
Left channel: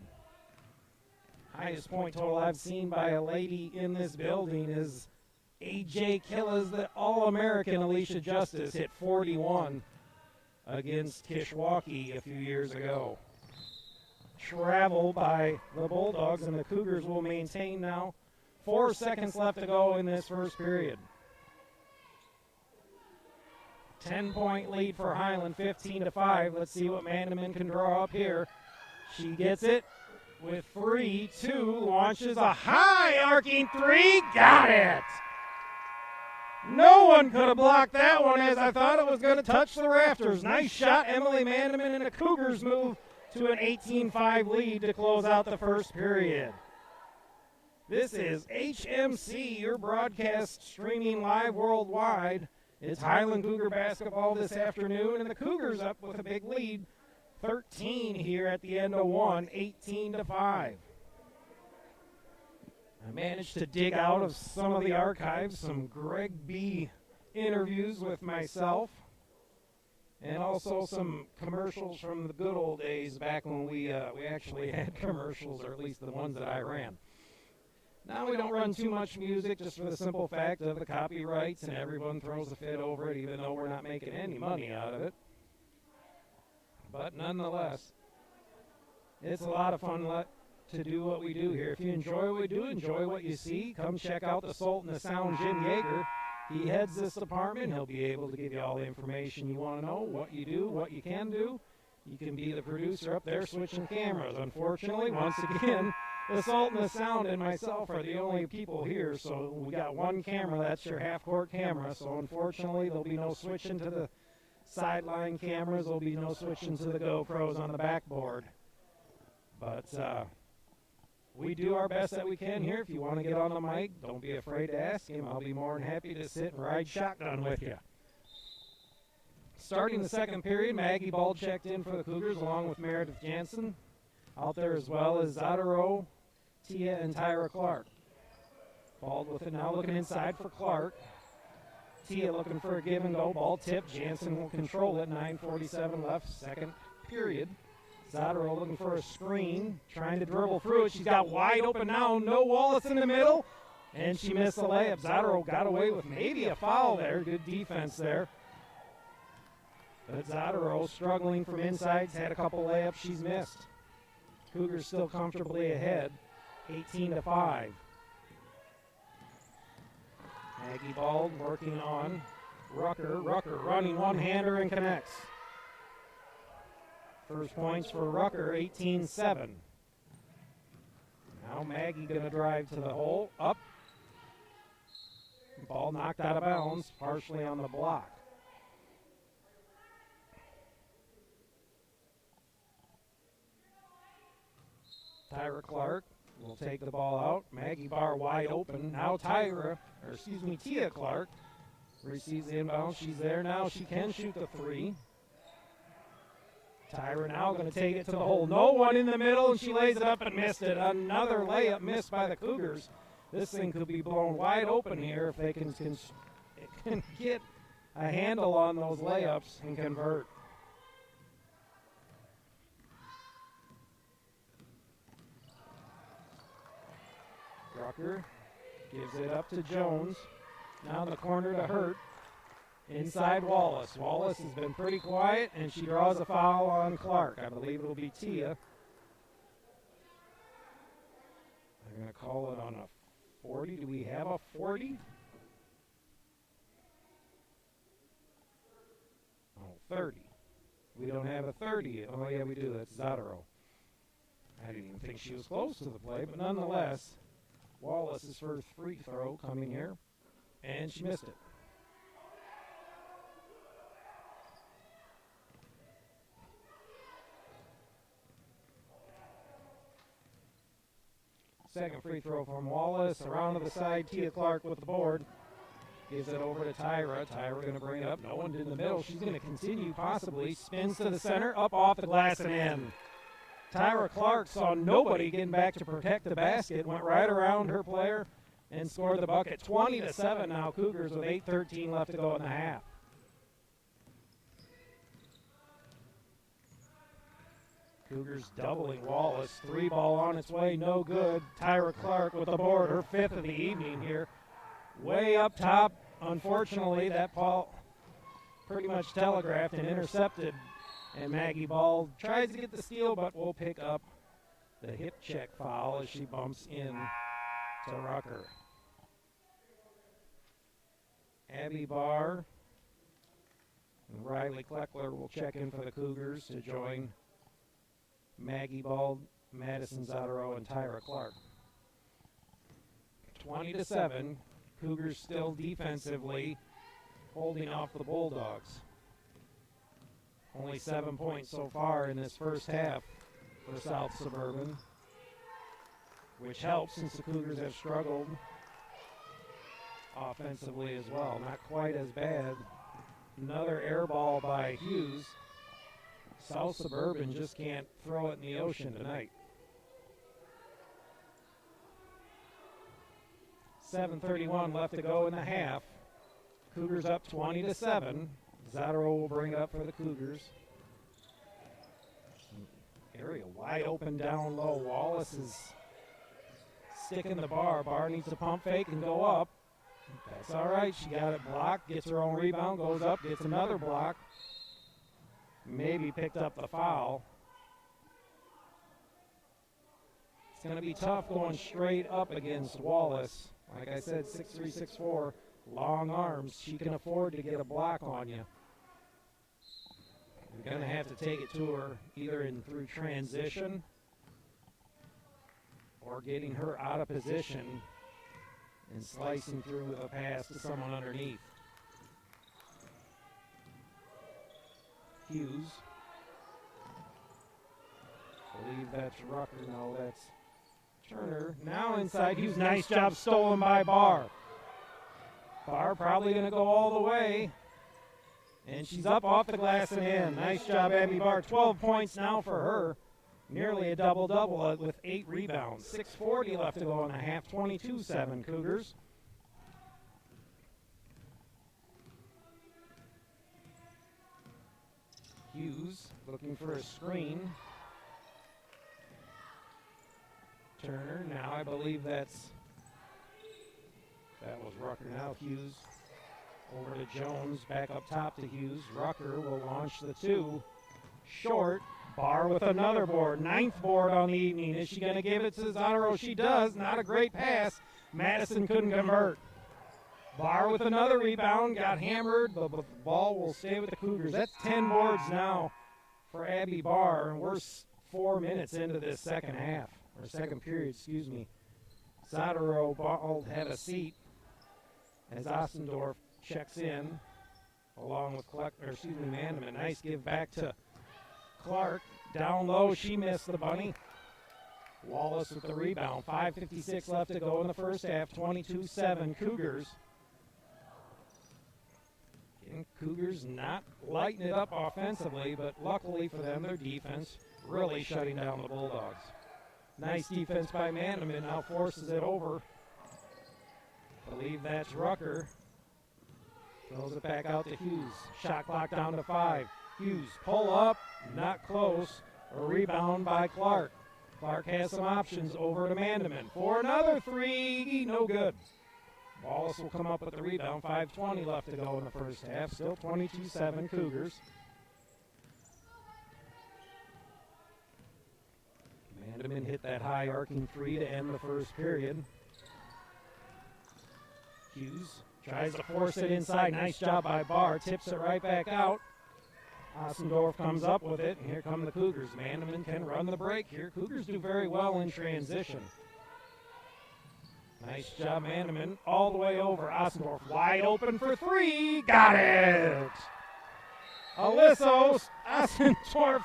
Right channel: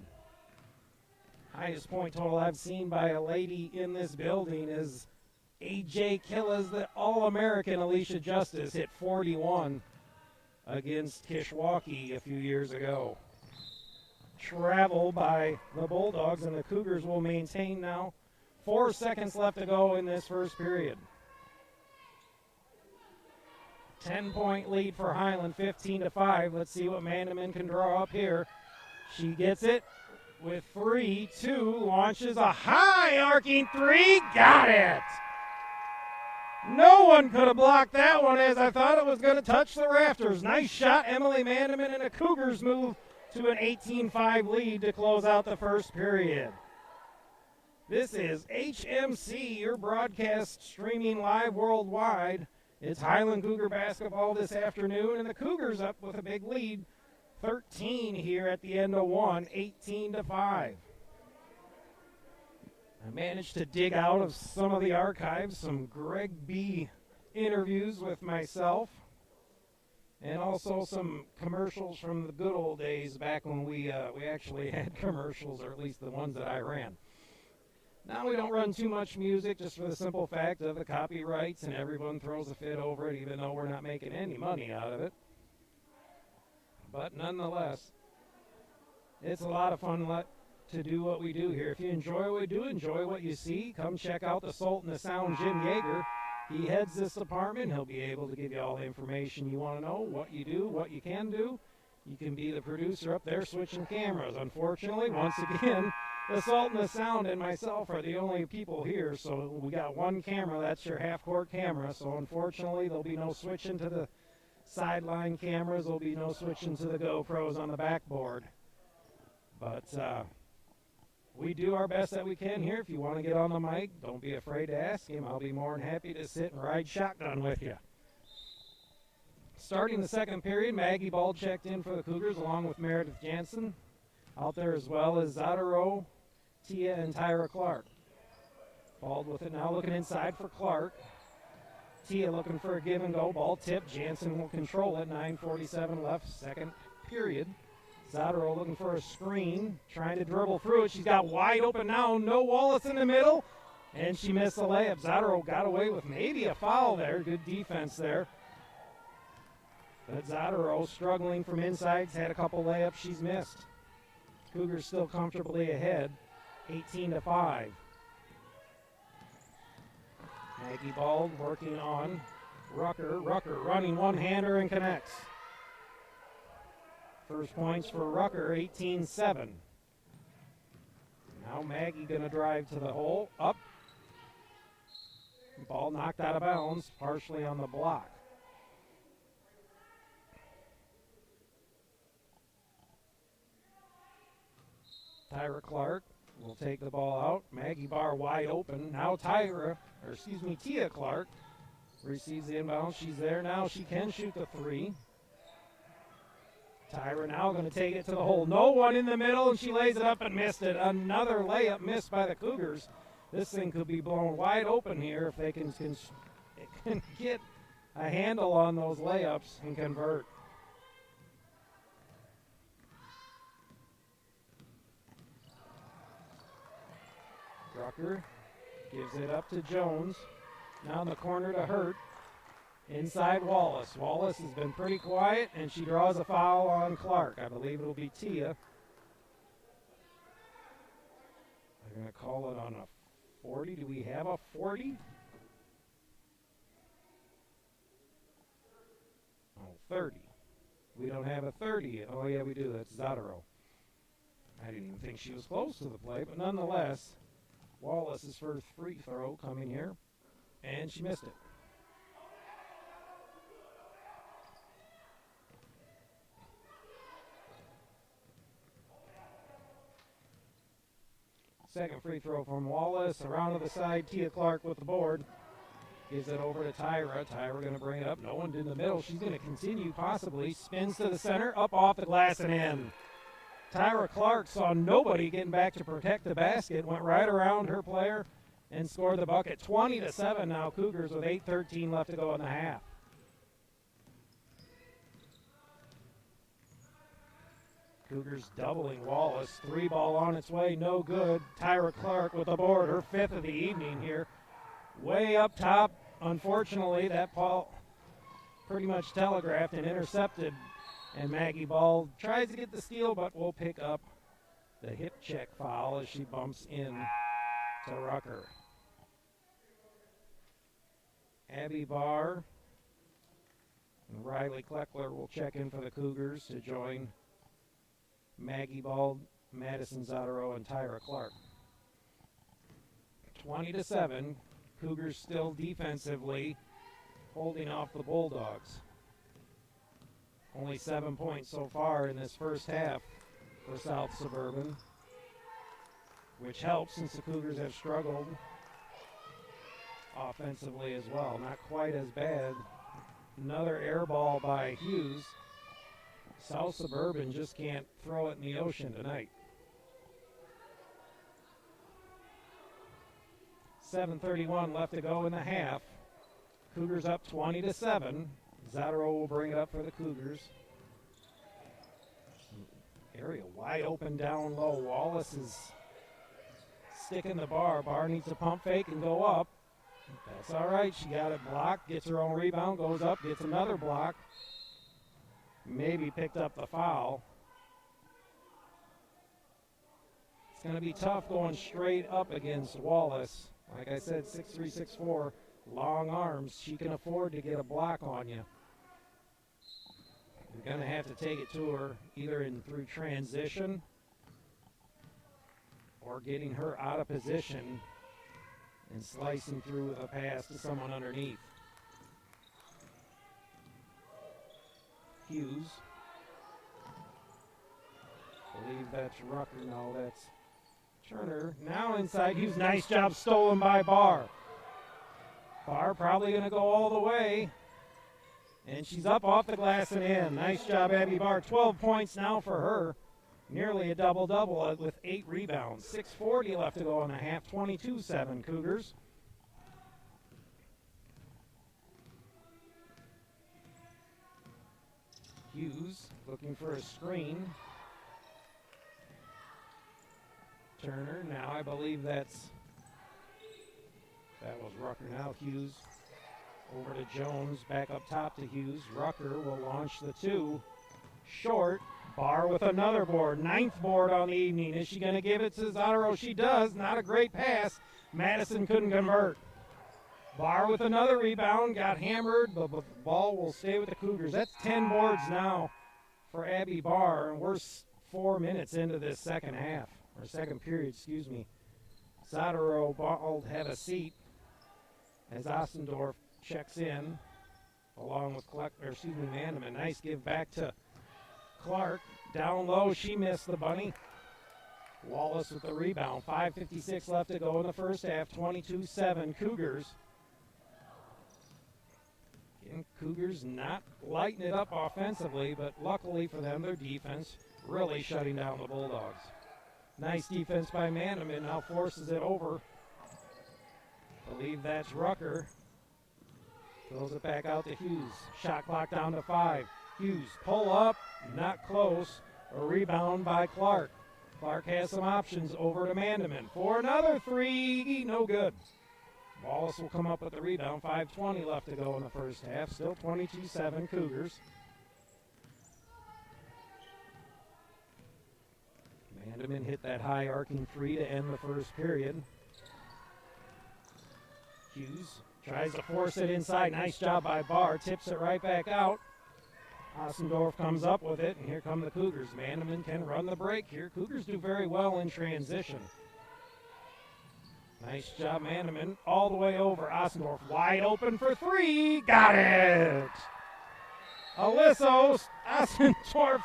Highest point total I've seen by a lady in this building is A.J. Killas, the All-American Alicia Justice, hit 41 against Kishwaukee a few years ago. Travel by the Bulldogs, and the Cougars will maintain now. 4 seconds left to go in this first period. 10-point lead for Highland, 15-5. Let's see what Mandeman can draw up here. She gets it with 3-2, launches a high arcing 3, got it! No one could have blocked that one, as I thought it was going to touch the rafters. Nice shot, Emily Mandeman, and the Cougars move to an 18-5 lead to close out the first period. This is HMC, your broadcast streaming live worldwide. It's Highland Cougar basketball this afternoon, and the Cougars up with a big lead. 13 here at the end of one, 18-5. I managed to dig out of some of the archives some Greg B. interviews with myself, and also some commercials from the good old days back when we actually had commercials, or at least the ones that I ran. Now we don't run too much music, just for the simple fact of the copyrights, and everyone throws a fit over it, even though we're not making any money out of it. But nonetheless, it's a lot of fun to do what we do here. If you enjoy what we do, enjoy what you see, come check out the Sultan of Sound, Jim Yeager. He heads this department. He'll be able to give you all the information you want to know, what you do, what you can do. You can be the producer up there switching cameras. Unfortunately, once again, the Sultan of Sound and myself are the only people here, so we got one camera. That's your half-court camera. So unfortunately, there'll be no switching to the sideline cameras. There'll be no switching to the GoPros on the backboard. But we do our best that we can here. If you want to get on the mic, don't be afraid to ask him. I'll be more than happy to sit and ride shotgun with you. Starting the second period, Maggie Ball checked in for the Cougars along with Meredith Jansen. Out there as well as Zadaro, Tia, and Tyra Clark. Ball with it now, looking inside for Clark. Tia looking for a give and go. Ball tipped. Jansen will control it. 9:47 left, second period. Zadaro looking for a screen, trying to dribble through it. She's got wide open now. No Wallace in the middle, and she missed the layup. Zadaro got away with maybe a foul there. Good defense there. But Zadaro struggling from inside. Has had a couple layups she's missed. Cougars still comfortably ahead, 18-5. Maggie Ball working on Rucker. Rucker running one-hander and connects. First points for Rucker, 18-7. Now Maggie going to drive to the hole. Up. Ball knocked out of bounds, partially on the block. Tyra Clark will take the ball out. Maggie Barr wide open. Now Tia Clark receives the inbound. She's there now. She can shoot the three. Tyra now going to take it to the hole. No one in the middle, and she lays it up and missed it. Another layup missed by the Cougars. This thing could be blown wide open here if they can get a handle on those layups and convert. Rucker gives it up to Jones. Now in the corner to Hurt. Inside Wallace. Wallace has been pretty quiet, and she draws a foul on Clark. I believe it'll be Tia. They're going to call it on a 40. Do we have a 40? Oh, 30. We don't have a 30. Oh, yeah, we do. That's Zadaro. I didn't even think she was close to the play, but nonetheless, Wallace's first free throw coming here, and she missed it. Second free throw from Wallace. Around to the side, Tia Clark with the board. Gives it over to Tyra. Tyra going to bring it up. No one in the middle. She's going to continue possibly. Spins to the center. Up off the glass and in. Tyra Clark saw nobody getting back to protect the basket. Went right around her player and scored the bucket. 20-7 now. Cougars with 8:13 left to go in the half. Cougars doubling Wallace. Three ball on its way, no good. Tyra Clark with the board, her fifth of the evening here. Way up top. Unfortunately, that ball pretty much telegraphed and intercepted. And Maggie Ball tries to get the steal, but will pick up the hip check foul as she bumps in to Rucker. Abby Barr and Riley Kleckler will check in for the Cougars to join Maggie Ball, Madison Zadaro, and Tyra Clark. 20-7. Cougars still defensively holding off the Bulldogs. Only 7 points so far in this first half for South Suburban, which helps since the Cougars have struggled offensively as well. Not quite as bad. Another air ball by Hughes. South Suburban just can't throw it in the ocean tonight. 7:31 left to go in the half. Cougars up 20-7. Zadaro will bring it up for the Cougars. Area wide open down low. Wallace is sticking the bar. Barr needs to pump fake and go up. That's all right. She got it blocked. Gets her own rebound. Goes up. Gets another block. Maybe picked up the foul. It's going to be tough going straight up against Wallace. Like I said, 6'3", 6'4", long arms. She can afford to get a block on you. You're going to have to take it to her either through transition or getting her out of position and slicing through with a pass to someone underneath. Hughes. I believe that's Rucker. No, that's Turner. Now inside Hughes. Nice job stolen by Barr. Barr probably going to go all the way. And she's up off the glass and in. Nice job, Abby Barr. 12 points now for her. Nearly a double-double with 8 rebounds. 6:40 left to go in the half. 22-7 Cougars. Hughes looking for a screen. Turner, now I believe that was Rucker. Now Hughes over to Jones, back up top to Hughes. Rucker will launch the 2. Short. Barr with another board. 9th board on the evening. Is she going to give it to Zataro? She does. Not a great pass. Madison couldn't convert. Barr with another rebound. Got hammered, but the ball will stay with the Cougars. That's 10 boards now for Abby Barr. And we're 4 minutes into this second half. Or second period, excuse me. Zataro Bald had a seat as Ossendorf checks in, along with Manneman. Nice give back to Clark. Down low, she missed the bunny. Wallace with the rebound. 5:56 left to go in the first half. 22-7 Cougars. Again, Cougars not lighting it up offensively, but luckily for them, their defense really shutting down the Bulldogs. Nice defense by Manneman. Now forces it over. Believe that's Rucker. Throws it back out to Hughes. Shot clock down to 5. Hughes pull up. Not close. A rebound by Clark. Clark has some options over to Manneman. For another 3. No good. Wallace will come up with the rebound. 5:20 left to go in the first half. Still 22-7 Cougars. Manneman hit that high arcing 3 to end the first period. Hughes tries to force it inside. Nice job by Barr. Tips it right back out. Ossendorf comes up with it, and here come the Cougars. Manneman can run the break here. Cougars do very well in transition. Nice job, Manneman. All the way over. Ossendorf wide open for 3. Got it! Alyssa Ossendorf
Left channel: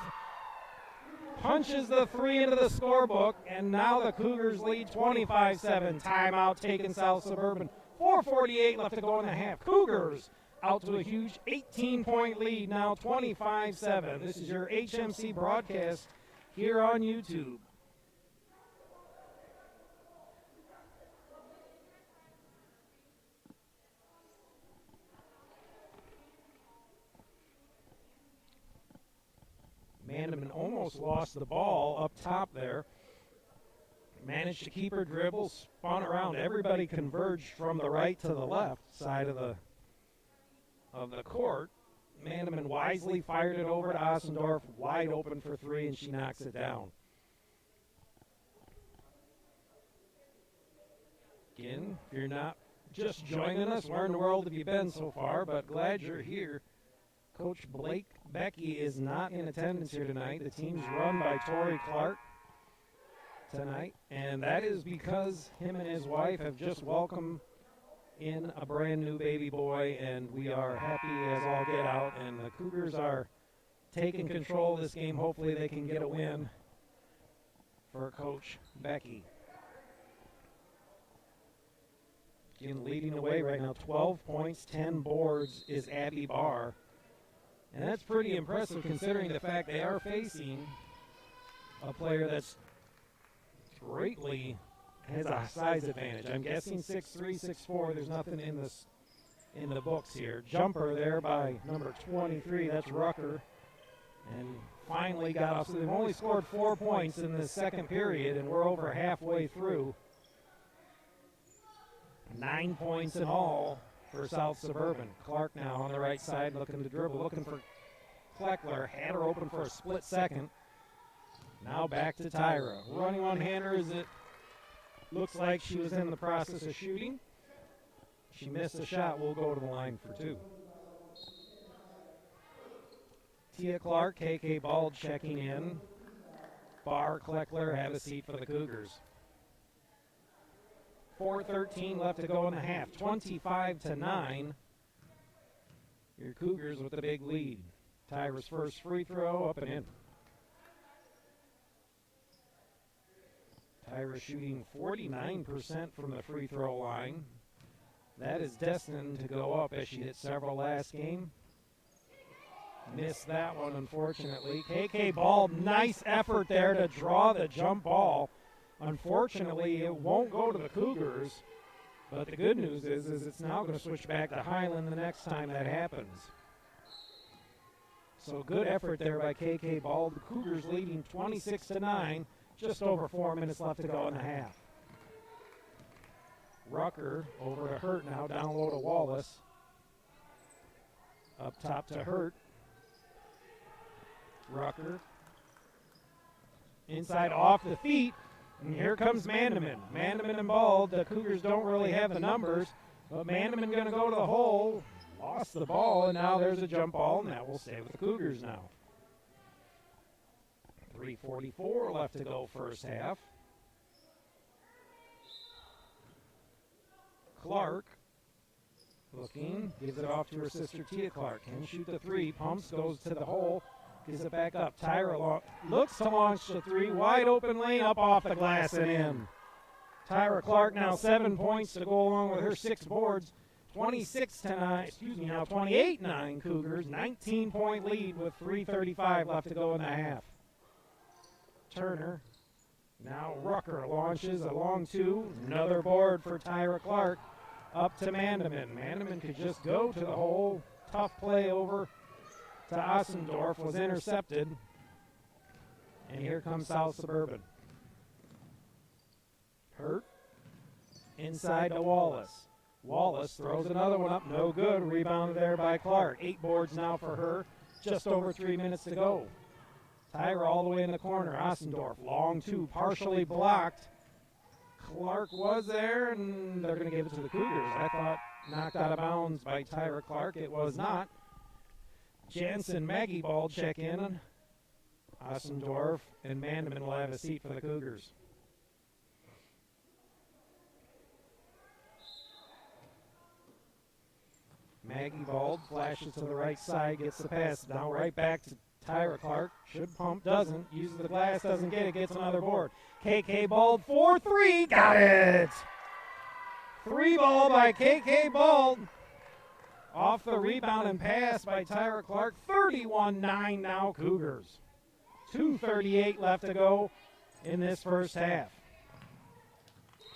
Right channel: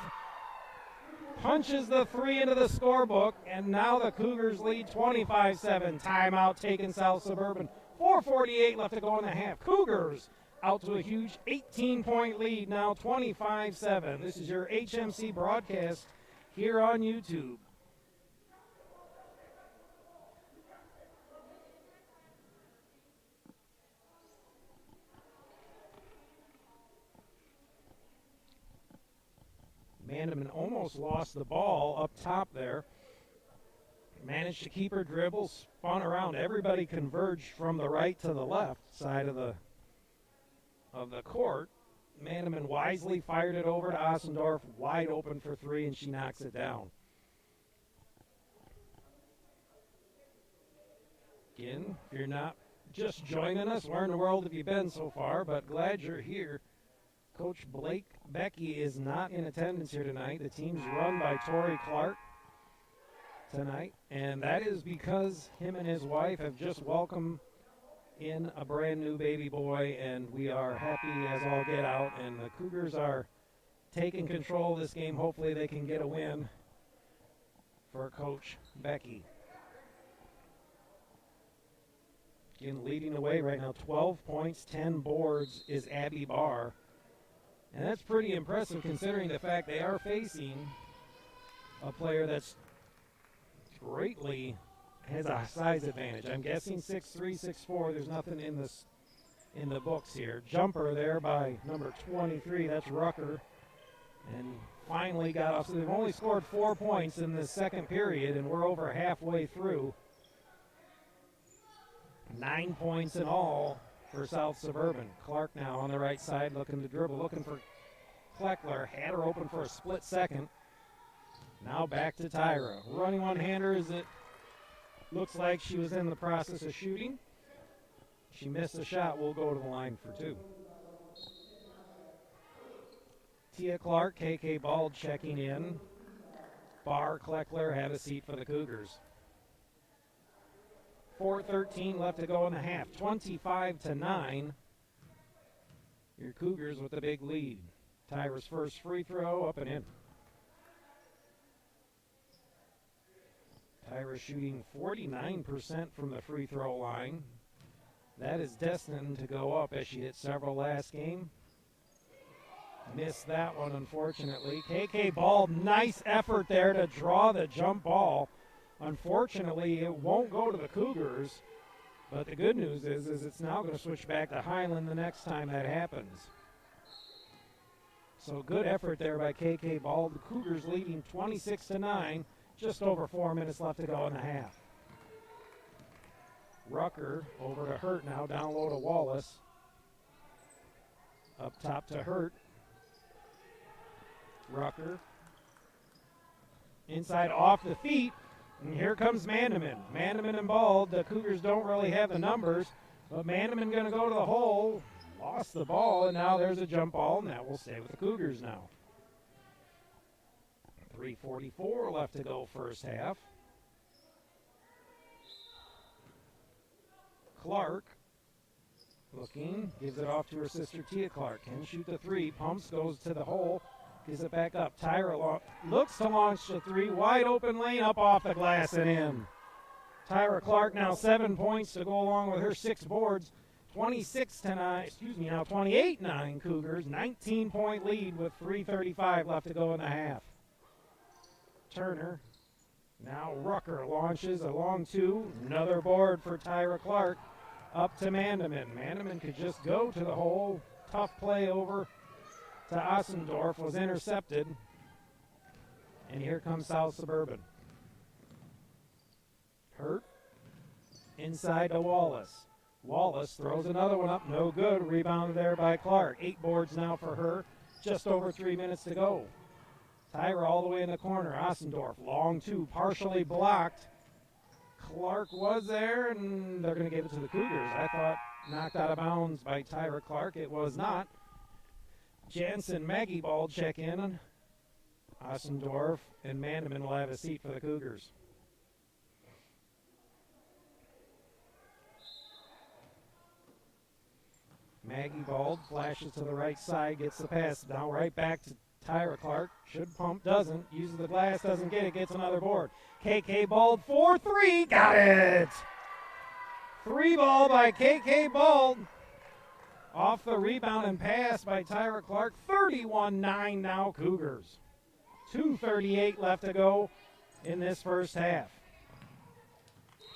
punches the 3 into the scorebook, and now the Cougars lead 25-7. Timeout taken South Suburban. 4:48 left to go in the half. Cougars out to a huge 18-point lead now, 25-7. This is your HMC broadcast here on YouTube. Manneman almost lost the ball up top there. Managed to keep her dribble, spun around. Everybody converged from the right to the left side of the court. Manneman wisely fired it over to Ossendorf, wide open for 3, and she knocks it down. Again, if you're not just joining us, where in the world have you been so far? But glad you're here. Coach Blake Becky is not in attendance here tonight. The team's run by Torrey Clark tonight, and that is because him and his wife have just welcomed in a brand new baby boy, and we are happy as all get out, and the Cougars are taking control of this game. Hopefully they can get a win for Coach Becky. Again, leading the way right now, 12 points, 10 boards is Abby Barr. And that's pretty impressive considering the fact they are facing a player that's greatly has a size advantage. I'm guessing 6'3", 6'4". There's nothing in the books here. Jumper there by number 23. That's Rucker. And finally got off. So they've only scored 4 points in the second period, and we're over halfway through. 9 points in all for South Suburban. Clark now on the right side looking to dribble, looking for Kleckler. Had her open for a split second. Now back to Tyra. Running one-hander as it looks like she was in the process of shooting. She missed a shot. We'll go to the line for 2. Tia Clark, KK Bald checking in. Barr, Kleckler have a seat for the Cougars. 4:13 left to go in the half. 25-9. Your Cougars with the big lead. Tyra's first free throw up and in. Tyra shooting 49% from the free throw line. That is destined to go up as she hit several last game. Missed that one, unfortunately. KK Ball, nice effort there to draw the jump ball. Unfortunately, it won't go to the Cougars. But the good news is it's now going to switch back to Highland the next time that happens. So good effort there by KK Ball. The Cougars leading 26-9. Just over 4 minutes left to go in the half. Rucker over to Hurt now. Down low to Wallace. Up top to Hurt. Rucker. Inside off the feet. And here comes Mandeman. Mandeman and Ball. The Cougars don't really have the numbers. But Mandeman going to go to the hole. Lost the ball. And now there's a jump ball. And that will stay with the Cougars now. 3:44 left to go first half. Clark. Looking. Gives it off to her sister Tia Clark. Can shoot the three. Pumps. Goes to the hole. Gives it back up. Tyra looks to launch the three. Wide open lane up off the glass and in. Tyra Clark now 7 points to go along with her 6 boards. 28-9 Cougars. 19-point lead with 3:35 left to go in the half. Turner. Now Rucker launches a long two. Another board for Tyra Clark. Up to Mandeman. Mandeman could just go to the hole. Tough play over to Ossendorf, was intercepted. And here comes South Suburban. Hurt. Inside to Wallace. Wallace throws another one up. No good. Rebounded there by Clark. 8 boards now for her. Just over 3 minutes to go. Tyra all the way in the corner. Ossendorf. Long two. Partially blocked. Clark was there, and they're going to give it to the Cougars. I thought knocked out of bounds by Tyra Clark. It was not. Jansen, Maggie Ball check in. Ossendorf and Mandeman will have a seat for the Cougars. Maggie Ball flashes to the right side, gets the pass. Now right back to Tyra Clark. Should pump, doesn't. Uses the glass, doesn't get it, gets another board. KK Ball, 4-3, got it! 3 ball by KK Ball. Off the rebound and pass by Tyra Clark. 31-9 now Cougars. 2:38 left to go in this first half.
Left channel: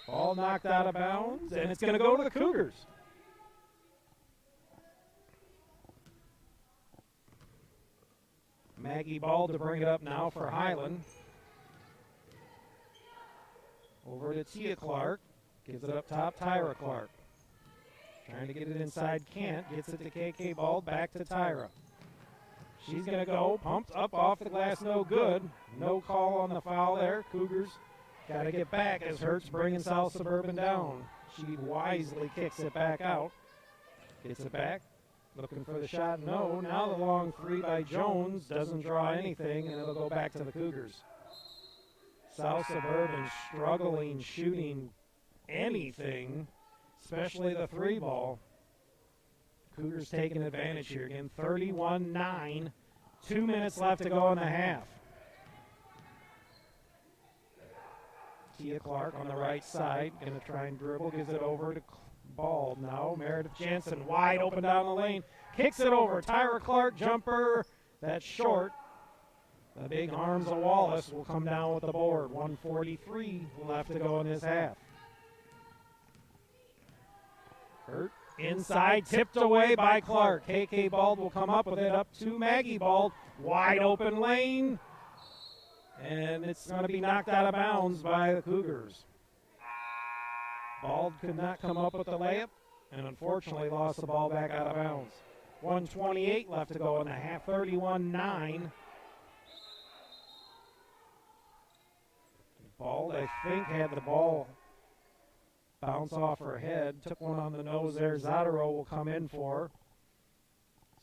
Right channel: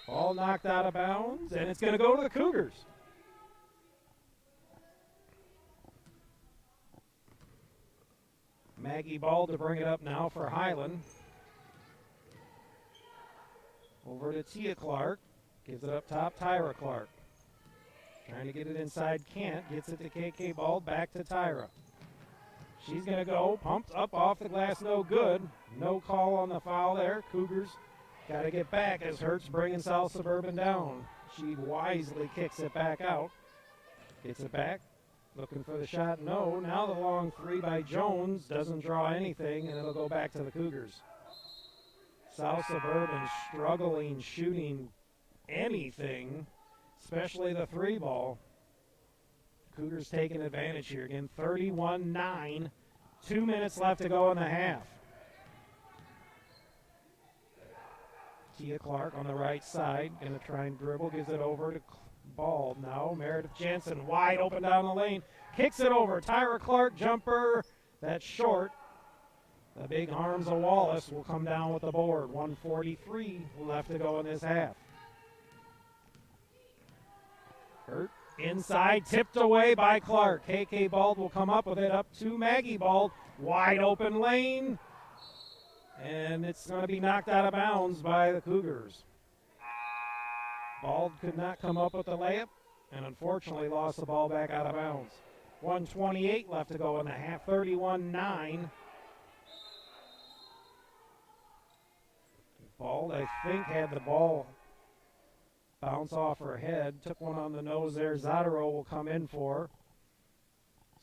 Ball knocked out of bounds, and it's going to go to the Cougars. Maggie Ball to bring it up now for Highland. Over to Tia Clark. Gives it up top, Tyra Clark. Trying to get it inside, can't. Gets it to KK Ball, back to Tyra. She's going to go. Pumped up off the glass, no good. No call on the foul there. Cougars got to get back as Hurt's bringing South Suburban down. She wisely kicks it back out. Gets it back. Looking for the shot, no. Now the long three by Jones doesn't draw anything, and it'll go back to the Cougars. South Suburban struggling shooting anything, especially the 3 ball. Cougars taking advantage here again. 31-9. 2 minutes left to go in the half. Tia Clark on the right side. Going to try and dribble. Gives it over to Ball now. Meredith Jansen wide open down the lane. Kicks it over. Tyra Clark jumper. That's short. The big arms of Wallace will come down with the board. 1:43 left to go in this half. Hurt inside, tipped away by Clark. KK Ball will come up with it up to Maggie Ball. Wide open lane. And it's going to be knocked out of bounds by the Cougars. Ball could not come up with the layup and unfortunately lost the ball back out of bounds. 1:28 left to go in the half. 31-9. Ball, I think, had the ball bounce off her head. Took one on the nose there. Zadaro will come in for her.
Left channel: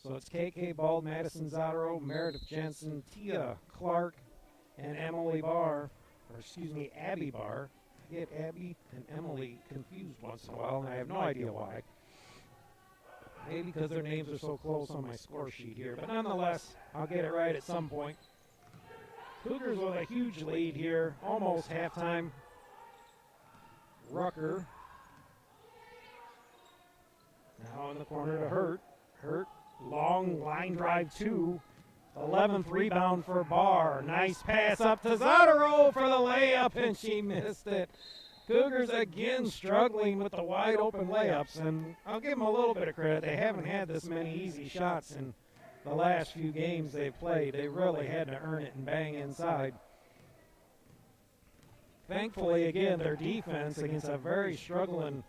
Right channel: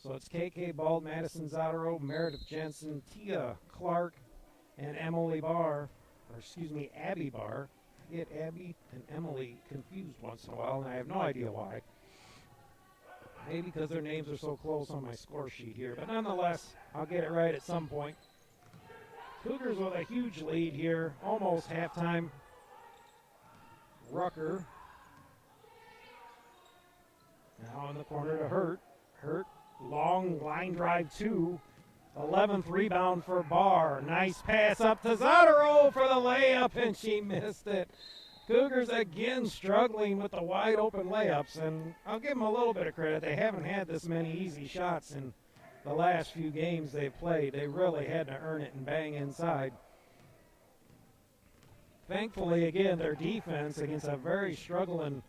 So it's KK Ball, Madison Zadaro, Meredith Jensen, Tia Clark, and Abby Barr. I get Abby and Emily confused once in a while, and I have no idea why. Maybe because their names are so close on my score sheet here. But nonetheless, I'll get it right at some point. Cougars with a huge lead here, almost halftime. Rucker. Now in the corner to Hurt. Hurt Long line drive 2. 11th rebound for Barr. Nice pass up to Zotero for the layup, and she missed it. Cougars again struggling with the wide open layups, and I'll give them a little bit of credit. They haven't had this many easy shots in the last few games they've played. They really had to earn it and bang inside. Thankfully, again, their defense against a very struggling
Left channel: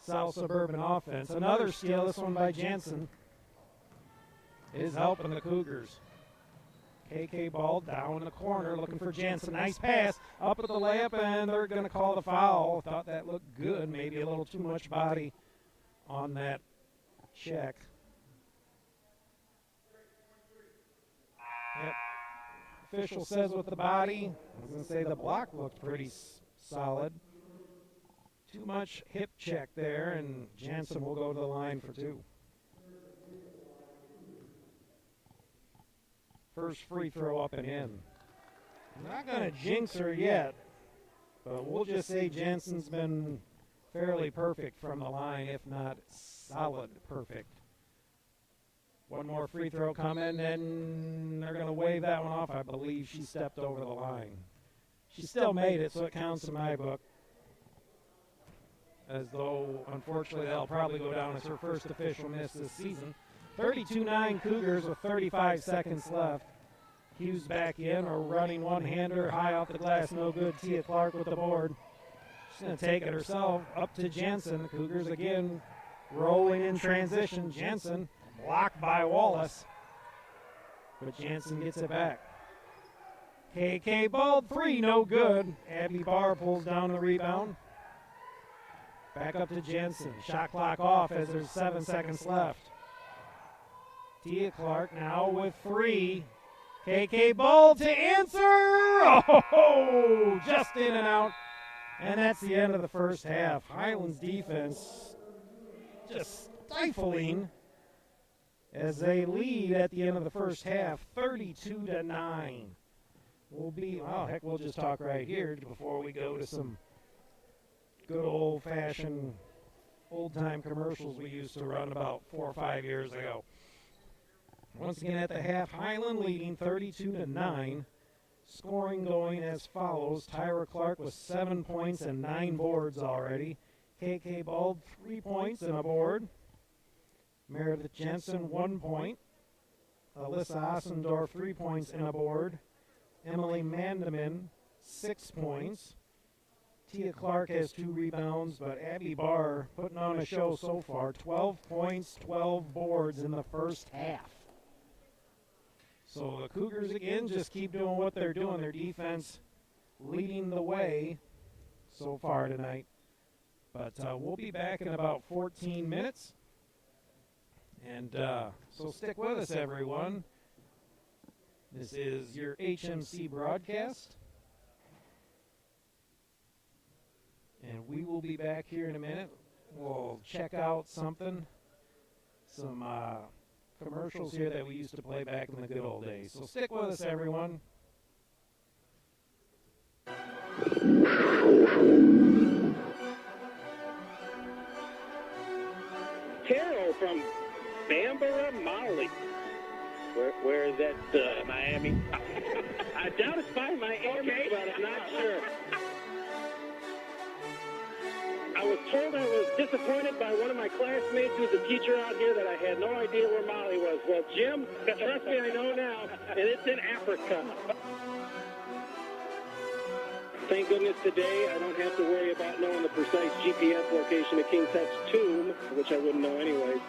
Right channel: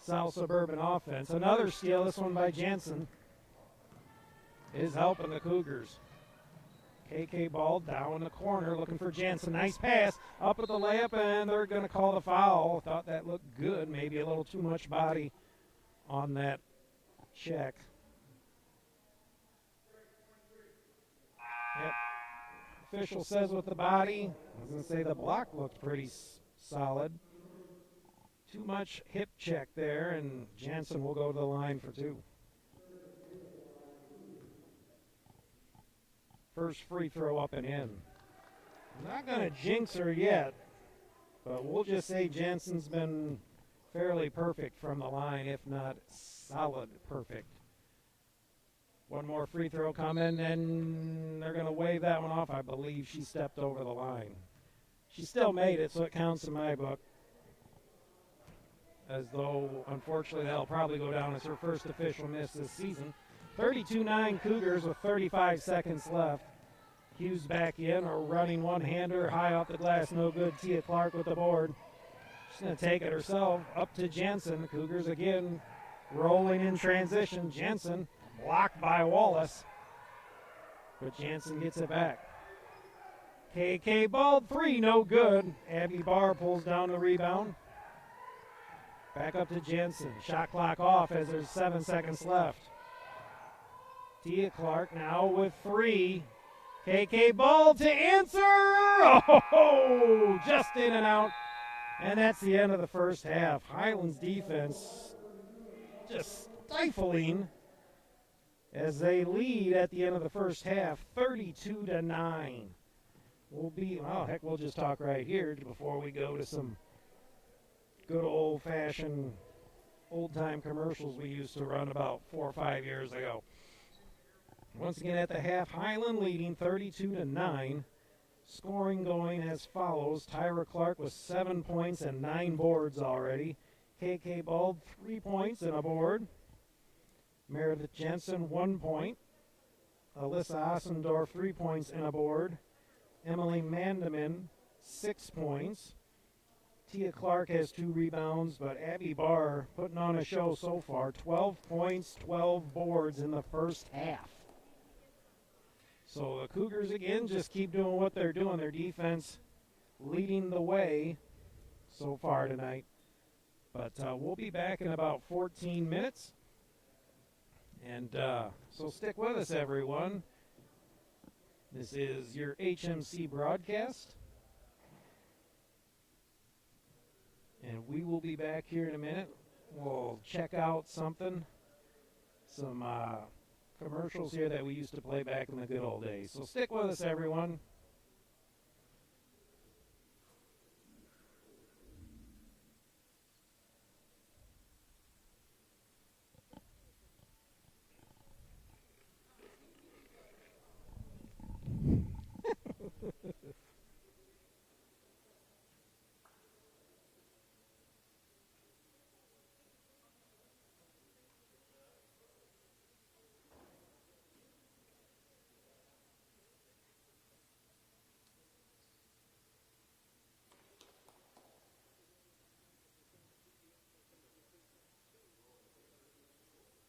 South Suburban offense. Another steal, this one by Jansen, is helping the Cougars. KK ball down in the corner looking for Jansen. Nice pass up at the layup, and they're going to call the foul. Thought that looked good. Maybe a little too much body on that check. Yep. Official says with the body. I was going to say the block looked pretty solid. Too much hip check there, and Jansen will go to the line for 2. First free throw up and in. I'm not going to jinx her yet, but we'll just say Jansen's been fairly perfect from the line, if not solid perfect. One more free throw coming, and they're going to wave that one off. I believe she stepped over the line. She still made it, so it counts in my book. As though, unfortunately, that'll probably go down as her first official miss this season. 32-9 Cougars with 35 seconds left. Hughes back in, or running one-hander, high off the glass, no good. Tia Clark with the board. She's going to take it herself, up to Jansen. Cougars again rolling in transition. Jansen blocked by Wallace, but Jansen gets it back. KK ball 3, no good. Abby Barr pulls down the rebound. Back up to Jansen. Shot clock off as there's 7 seconds left. Tia Clark now with 3. KK ball to answer. Oh, just in and out. And that's the end of the first half. Highland's defense just stifling as they lead at the end of the first half, 32-9. We'll just talk right here before we go to some good old-fashioned, old-time commercials we used to run about 4 or 5 years ago. Once again at the half, Highland leading 32-9. Scoring going as follows. Tyra Clark with 7 points and 9 boards already. KK Bald, 3 points and a board. Meredith Jensen, 1 point. Alyssa Ossendorf, 3 points and a board. Emily Mandeman, 6 points. Tia Clark has 2 rebounds, but Abby Barr putting on a show so far. 12 points, 12 boards in the first half. So the Cougars, again, just keep doing what they're doing. Their defense leading the way so far tonight. But we'll be back in about 14 minutes. And so stick with us, everyone. This is your HMC broadcast. And we will be back here in a minute. We'll check out some commercials here that we used to play back in the good old days. So stick with us, everyone. Carol from Bambara, Mali. Where is that? Miami. I doubt it's by Miami, but I'm not sure. I was told I was disappointed by one of my classmates who's a teacher out here that I had no idea where Mali was. Well, Jim, trust me, I know now, and it's in Africa. Thank goodness today I don't have to worry about knowing the precise GPS location of King Tut's tomb, which I wouldn't know anyways.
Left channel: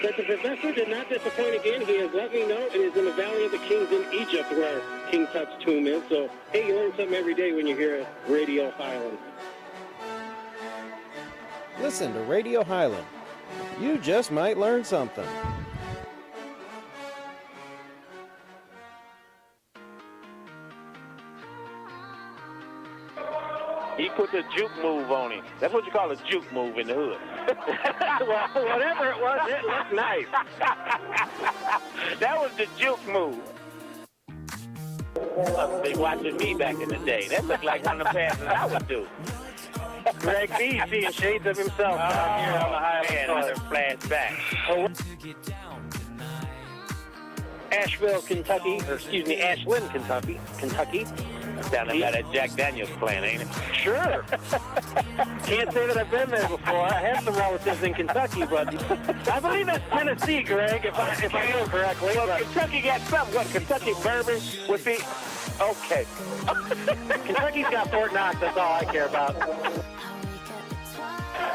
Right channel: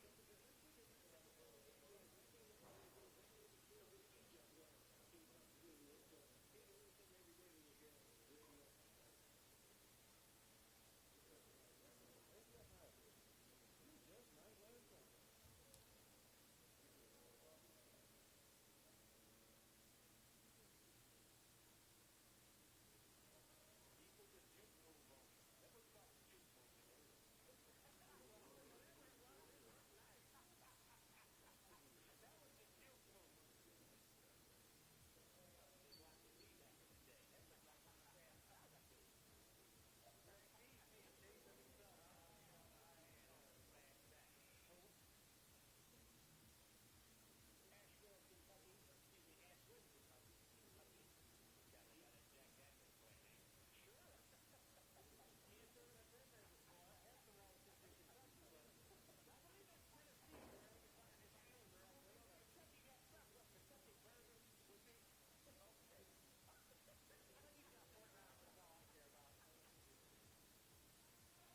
But the professor did not disappoint again. He has let me know it is in the Valley of the Kings in Egypt where King Tut's tomb is. So, hey, you learn something every day when you hear Radio Highland. Listen to Radio Highland. You just might learn something. He put the juke move on him. That's what you call a juke move in the hood. Well, whatever it was, it looked nice. That was the juke move. Must be watching me back in the day. That looked like one of the passes I would do. Greg B. seeing shades of himself down here on the Highland. Another flashback. Asheville, Kentucky, or excuse me, Ashland, Kentucky. Down there by that Jack Daniels plant, ain't it? Sure. Can't say that I've been there before. I have some relatives in Kentucky, but I believe that's Tennessee, Greg, if I know correctly. Well, But Kentucky got something. What, Kentucky bourbon would be... Okay. Kentucky's got Fort Knox. That's all I care about.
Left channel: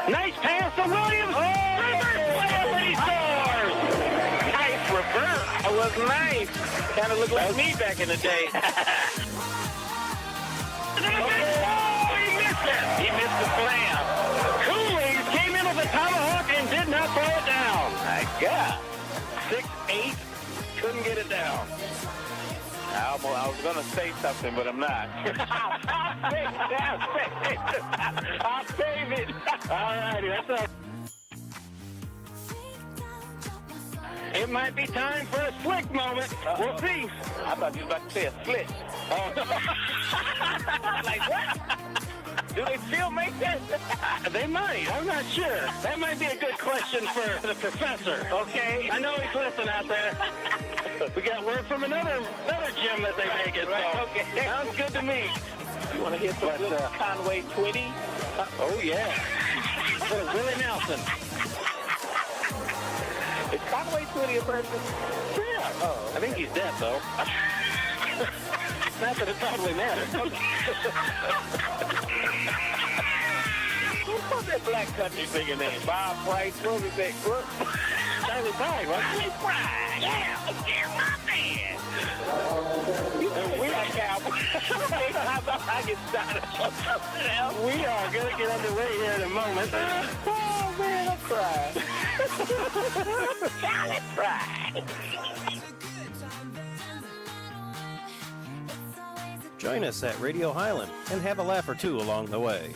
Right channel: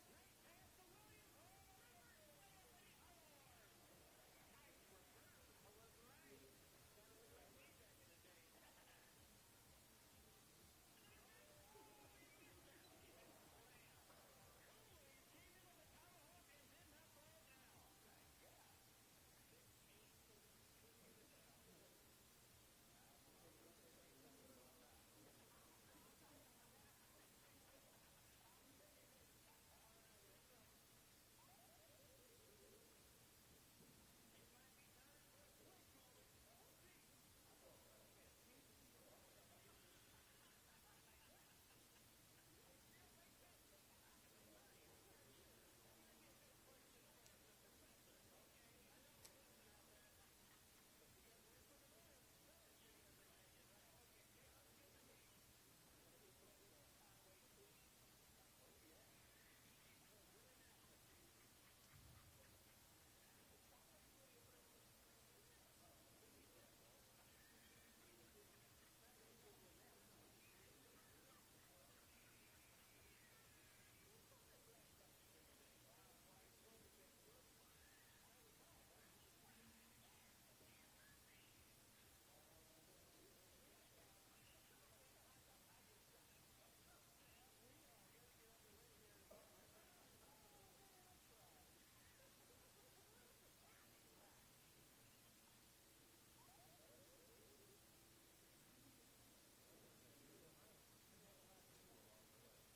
Nice pass to Williams. Reverse scores. Nice reverse. That was nice. Kind of looked like me back in the day. Oh, he missed it. He missed the slam. Cooley came in with a tomahawk and did not throw it down. My God. 6'8", couldn't get it down. I was going to say something, but I'm not. I'll save it. All righty, that's all. It might be time for a slick moment. We'll see. I thought you were about to say a slit. Oh. Like what? Do they still make that? They might. I'm not sure. That might be a good question for the professor. Okay. I know he's listening out there. We got word from another gym that they make it. So. Right, okay. Sounds good to me. You want to hit some good Conway 20? Oh, yeah. For Willie Nelson. Is Conway 20 a person? Yeah. Oh, I think he's dead, though. Not that it probably matters. What's that black country singer name? Bob Price? What was that? Charlie Pride, wasn't it? Pride. Yeah, my man. We are cowboys. I get started on something else. We are going to get underway here in a moment. Oh, man, I'm crying. Charlie Pride. Join us at Radio Highland and have a laugh or two along the way.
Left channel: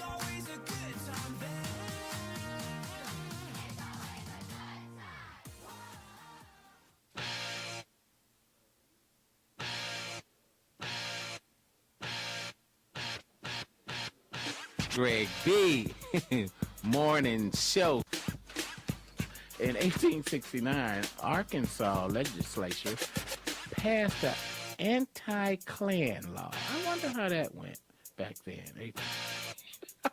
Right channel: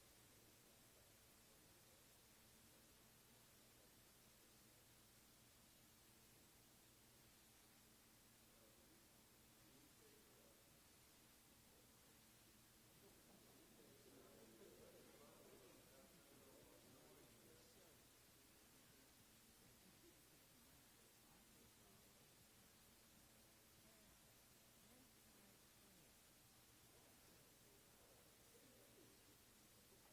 Greg B. Morning show. In 1869, Arkansas legislature passed the anti-Klan law. I wonder how that went back then. I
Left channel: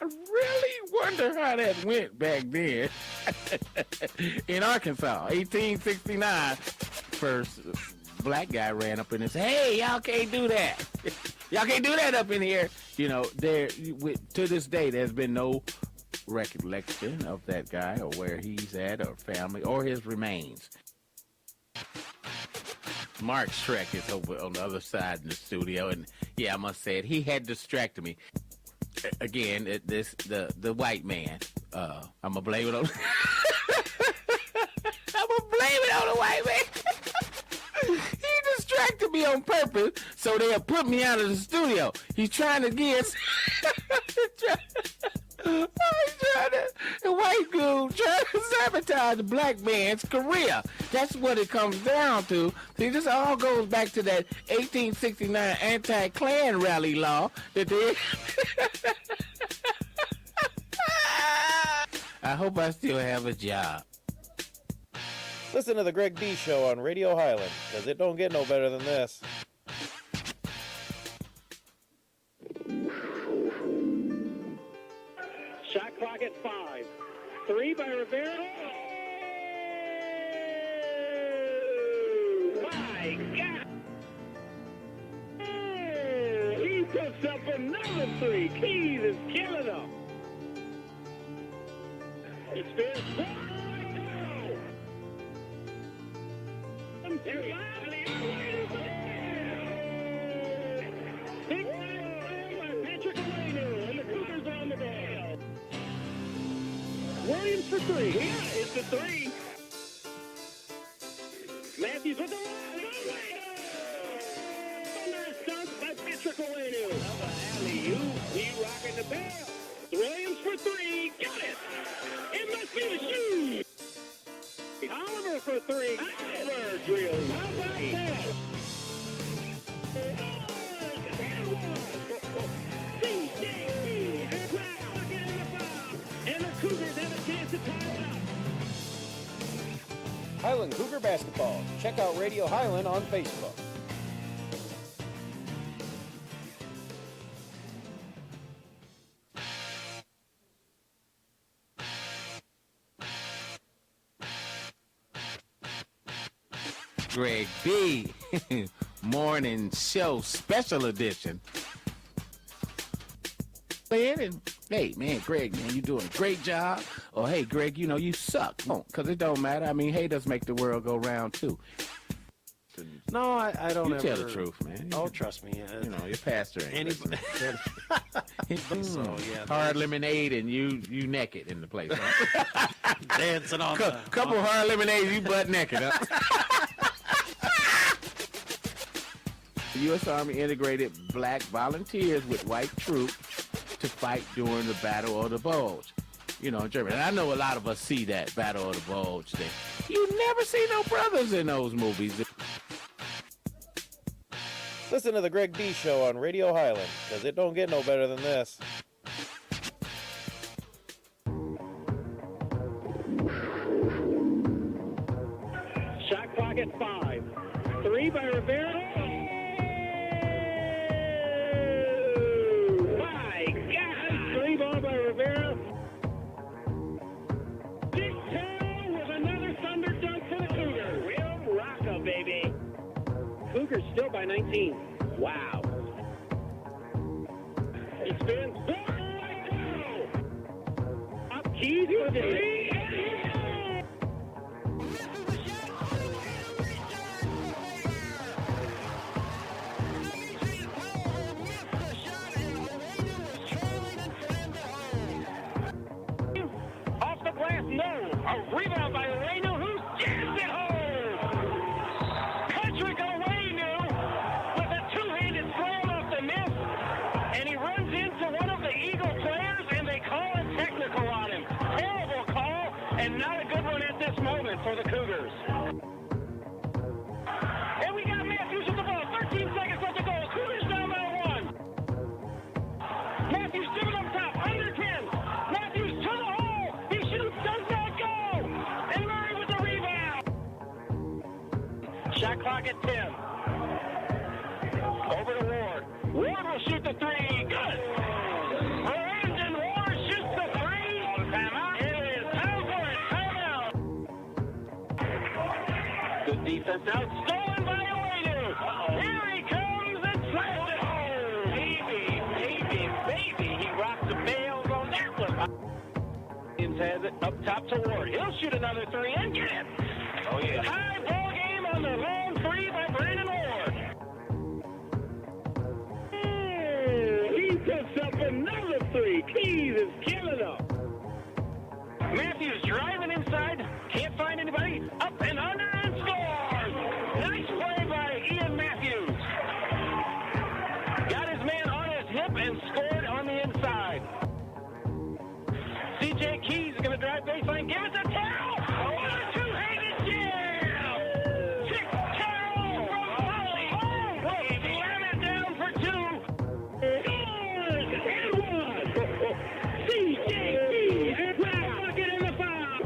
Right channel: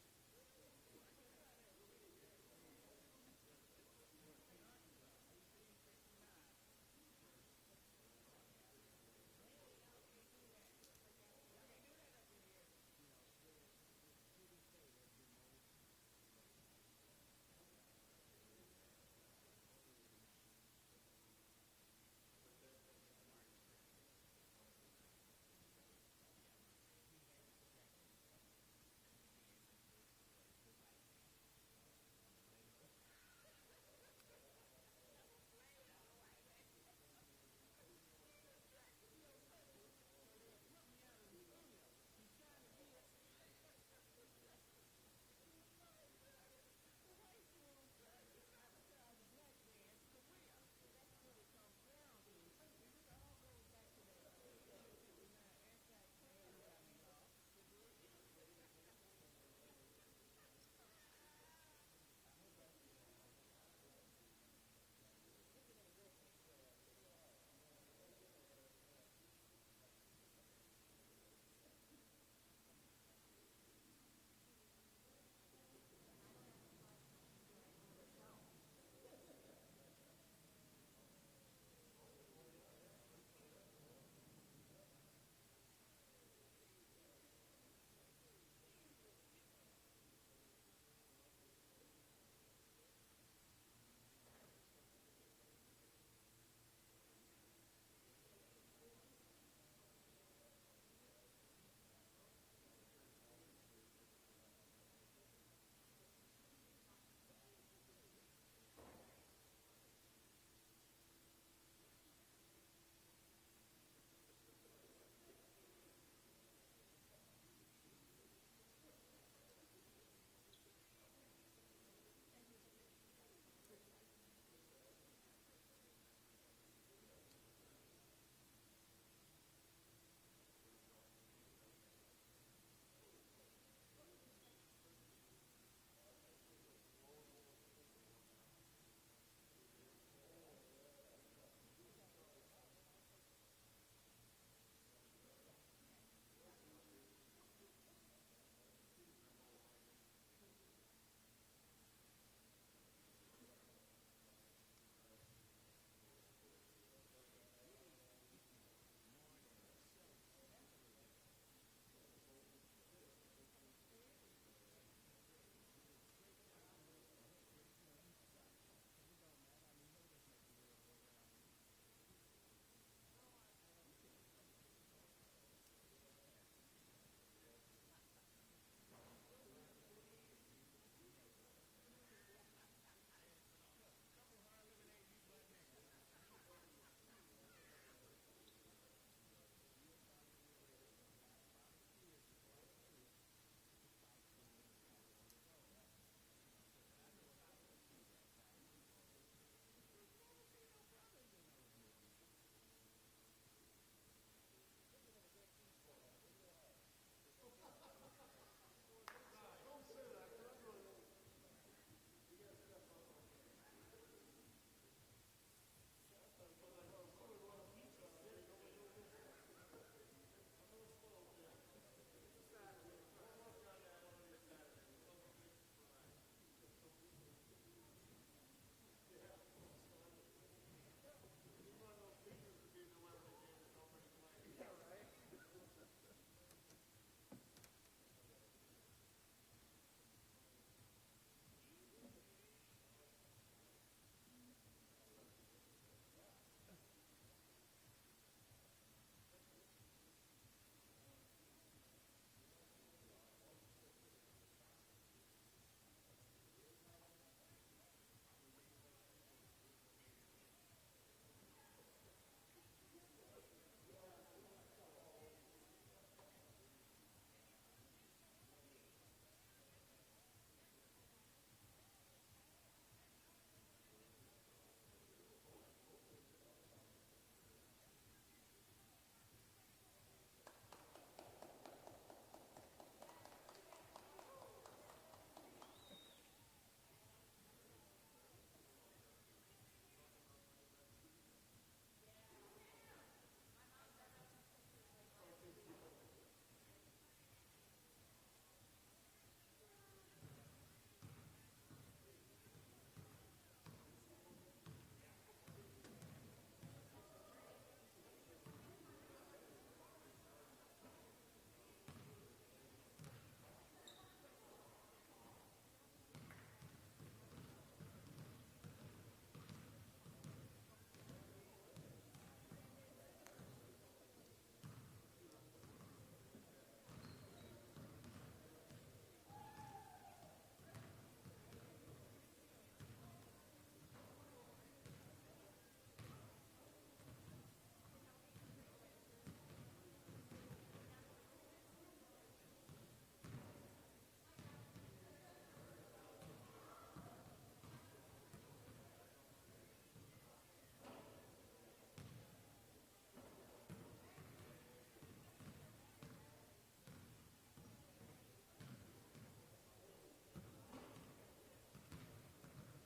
really wonder how that went back then. In Arkansas, 1869, first black guy ran up in and said, "Hey, y'all can't do that. Y'all can't do that up in here." You know, to this day, there's been no recollection of that guy or where he's at or family or his remains. Mark Schreck is over on the other side in the studio, and yeah, I must say it, he had distracted me. Again, the white man. I'm gonna blame it on. I'm gonna blame it on the white man. He distracted me on purpose so they'll put me out of the studio. He's trying to get. The white dude trying to sabotage the black man's career. That's what it comes down to. See, this all goes back to that 1869 anti-Klan rally law that they... I hope I still have a job. Listen to the Greg B Show on Radio Highland, because it don't get no better than this. Shot clock at 5. 3 by Rivera. Oh, my God. Oh, he puts up another 3. Keys is killing them. It's fair. Williams for 3. Yeah, it's a 3. Matthews with the stunt by Patrick Owenu. Alley-oop. He rocking the bell. Williams for 3. Got it. It must be the shoe. Oliver for 3. Oliver drills. How about that? DJ, Cougar basketball. Check out Radio Highland on Facebook. Greg B. Morning Show Special Edition. And, hey, man, Greg, man, you doing a great job. Or, hey, Greg, you know, you suck. Because it don't matter. I mean, haters make the world go round, too. No, I don't You ever... tell the truth, man. Oh, trust me. You know, your pastor ain't Anybody... So, yeah. hard lemonade and you naked in the place. Huh? Dancing on the... Couple hard lemonades, you butt naked, huh? The U.S. Army integrated black volunteers with white troops to fight during the Battle of the Bulge. You know, in Germany. And I know a lot of us see that Battle of the Bulge thing. You never see no brothers in those movies. Listen to the Greg B Show on Radio Highland, because it don't get no better than this. Shot clock at 5. 3 by Rivera. My God! 3 ball by Rivera. Dick Terrell with another thunder dunk for the Cougars. Real rocka, baby. Cougars still by 19. Wow. He spins. Up Keys with the three. Off the glass, no. A rebound by Reno, who jams it home. Patrick Owenu with a two-handed slam off the miss, and he runs into one of the Eagle players, and they call a technical on him. Terrible call, and not a good one at this moment for the Cougars. And we got Matthews with the ball. 13 seconds left to go. Cougars down by 1. Matthews driven up top, under 10. Matthews to the hole. He shoots, does not go. And Murray with the rebound. Shot clock at 10. Over to Ward. Ward will shoot the three. Good. Brandon Ward shoots the three. Timeout. It is time for a timeout. Good defense out. Stolen by Owenu. Here he comes and slams it home. Baby. He rocks the bails on that one. Williams has it up top to Ward. He'll shoot another three and get it. Oh, yeah. High ball game on the long three by Brandon Ward. He puts up another three. Keys is killing them. Matthews driving inside. Can't find anybody. Up and under and scores. Nice play by Ian Matthews. Got his man on his hip and scored on the inside. C.J. Keys is going to drive baseline. Give it to Terrell. What a two-handed jam. Kick Terrell from Foley. Will slam it down for 2. Scores and 1. C.J. Keys. Last bucket in the foul.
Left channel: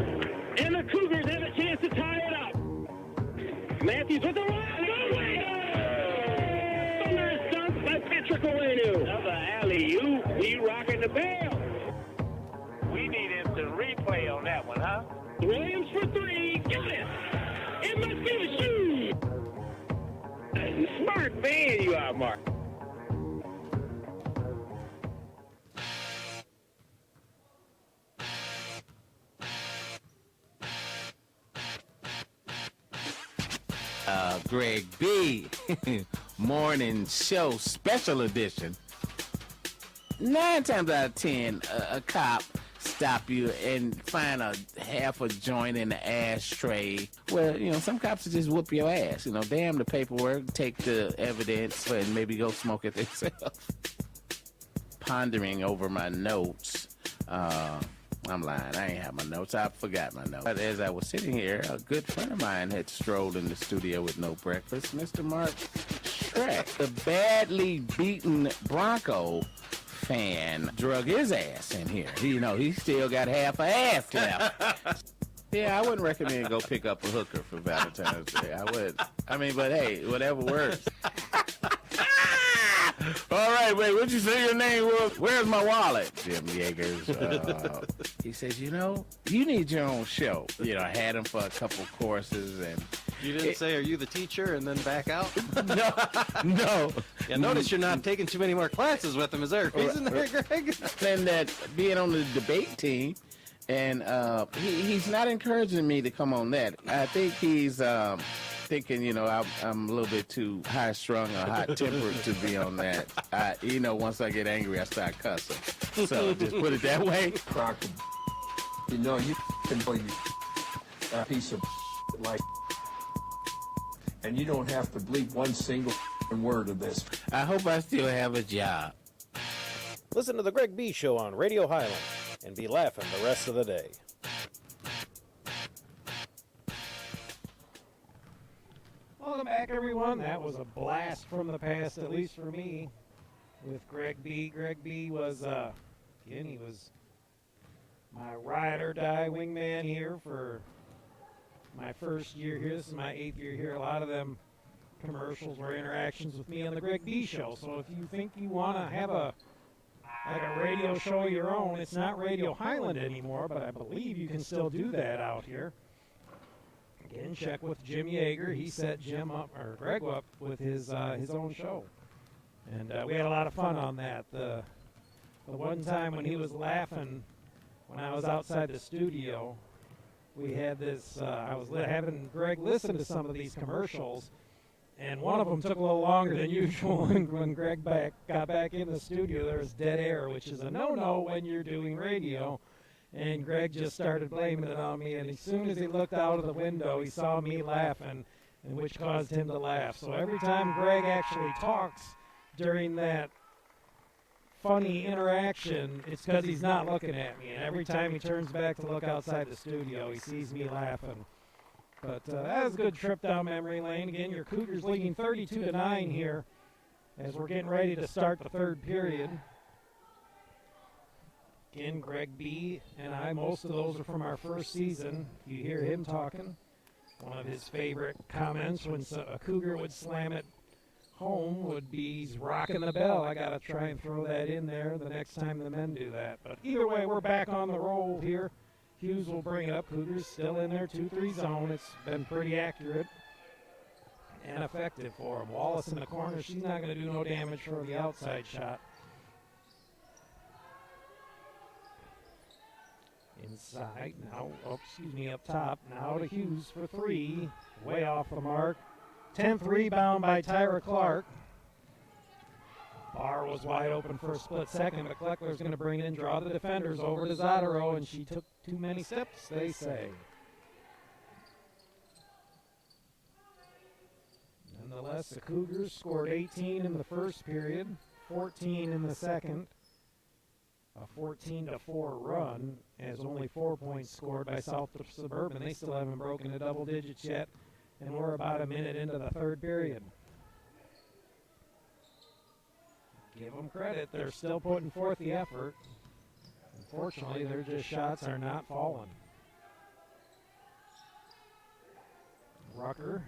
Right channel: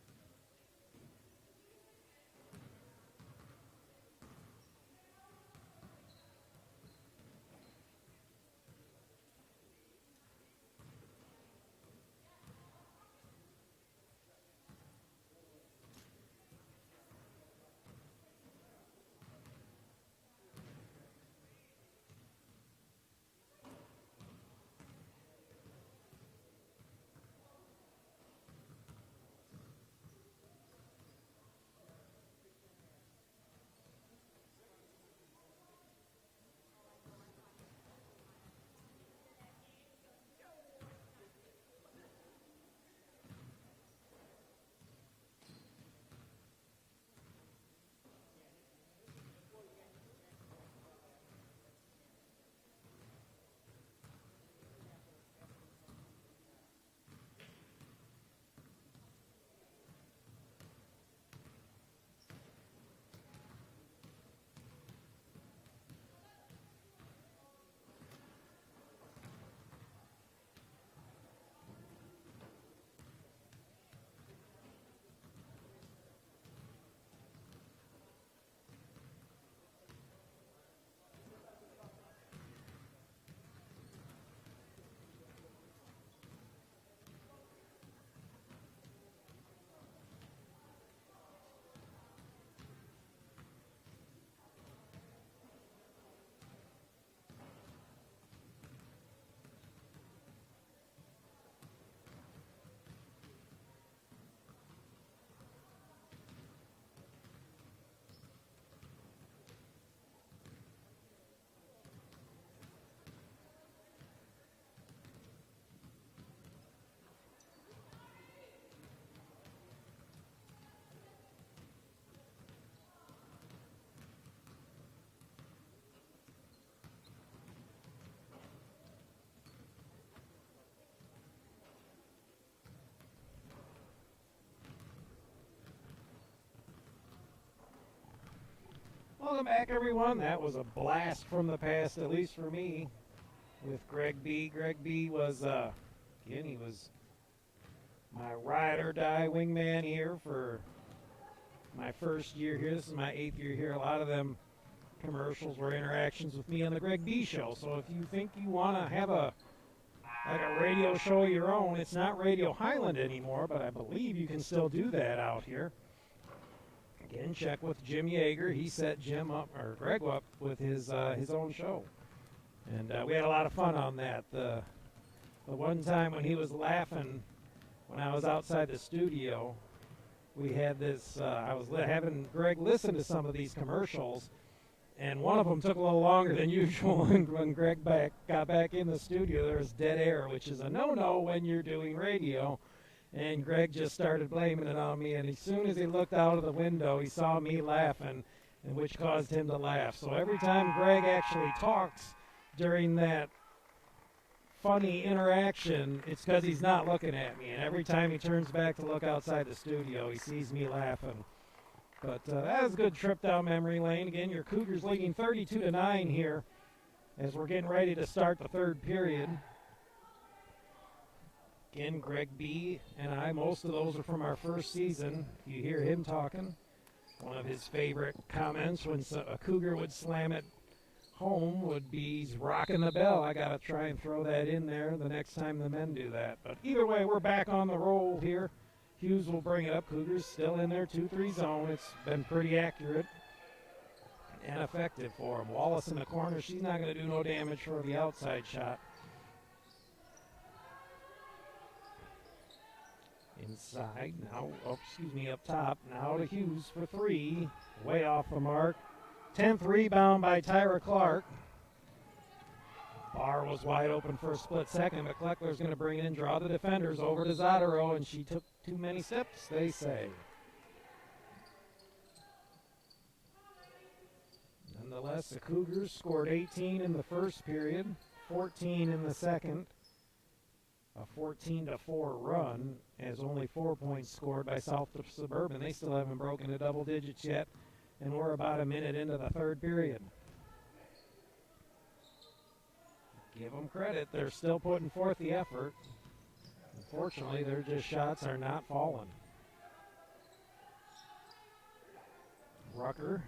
And the Cougars have a chance to tie it up. Matthews with the run. Thunderous dunk by Patrick Owenu. Another alley-oop. He rocking the bell. We need instant replay on that one, huh? Williams for 3. Got it. It must be the shoe. Smart man you are, Mark. Greg B. Morning Show Special Edition. 9 times out of 10, a cop stop you and find a half a joint in the ashtray. Well, you know, some cops will just whoop your ass. You know, damn the paperwork, take the evidence, and maybe go smoke it themselves. Pondering over my notes. I'm lying. I ain't have my notes. I forgot my notes. But as I was sitting here, a good friend of mine had strolled in the studio with no breakfast. Mr. Mark Shrek, the badly beaten Bronco fan, drug his ass in here. He still got half a ass left. Yeah, I wouldn't recommend go pick up a hooker for Valentine's Day. I would. I mean, but hey, whatever works. All right, wait, what'd you say your name was? Where's my wallet? Jim Yeager's. He says, you know, you need your own show. You know, I had him for a couple courses and. You didn't say, are you the teacher, and then back out? No. Yeah, notice you're not taking too many more classes with him. Is there a reason there, Greg? And that being on the debate team, and he's not encouraging me to come on that. I think he's thinking, you know, I'm a little bit too high-strung or hot-tempered to be on that. You know, once I get angry, I start cussing. So just put it that way. Crocker, you know, you can play a piece of like, and you don't have to bleep one single word of this. I hope I still have a job. Listen to the Greg B Show on Radio Highland and be laughing the rest of the day. Welcome back, everyone. That was a blast from the past, at least for me, with Greg B. Greg B was, again, he was my ride or die wingman here for my first year here. This is my 8th year here. A lot of them commercials were interactions with me on the Greg B Show. So if you think you want to have a radio show of your own, it's not Radio Highland anymore, but I believe you can still do that out here. Again, check with Jim Yeager. He set Jim up, or Greg up, with his own show. And we had a lot of fun on that. The one time when he was laughing when I was outside the studio, we had this, I was having Greg listen to some of these commercials, and one of them took a little longer than usual. And when Greg got back in the studio, there was dead air, which is a no-no when you're doing radio. And Greg just started blaming it on me, and as soon as he looked out of the window, he saw me laughing, and which caused him to laugh. So every time Greg actually talks during that funny interaction, it's because he's not looking at me. And every time he turns back to look outside the studio, he sees me laughing. But that was a good trip down memory lane. Again, your Cougars leading 32-9 here as we're getting ready to start the third period. Again, Greg B. and I, most of those are from our first season. You hear him talking. One of his favorite comments when a Cougar would slam it home would be, he's rocking the bell. I got to try and throw that in there the next time the men do that. But either way, we're back on the roll here. Hughes will bring it up. Cougars still in their 2-3 zone. It's been pretty accurate and effective for him. Wallace in the corner. She's not going to do no damage for the outside shot. Inside now, up top. Now to Hughes for 3. Way off the mark. 10th rebound by Tyra Clark. Barr was wide open for a split second, but Kleckler's going to bring it in, draw the defenders over to Zadaro, and she took too many steps, they say. Nonetheless, the Cougars scored 18 in the first period, 14 in the second. A 14-4 run, as only 4 points scored by South Suburban. They still haven't broken the double digits yet, and we're about a minute into the third period. Give them credit. They're still putting forth the effort. Unfortunately, their just shots are not falling. Rucker.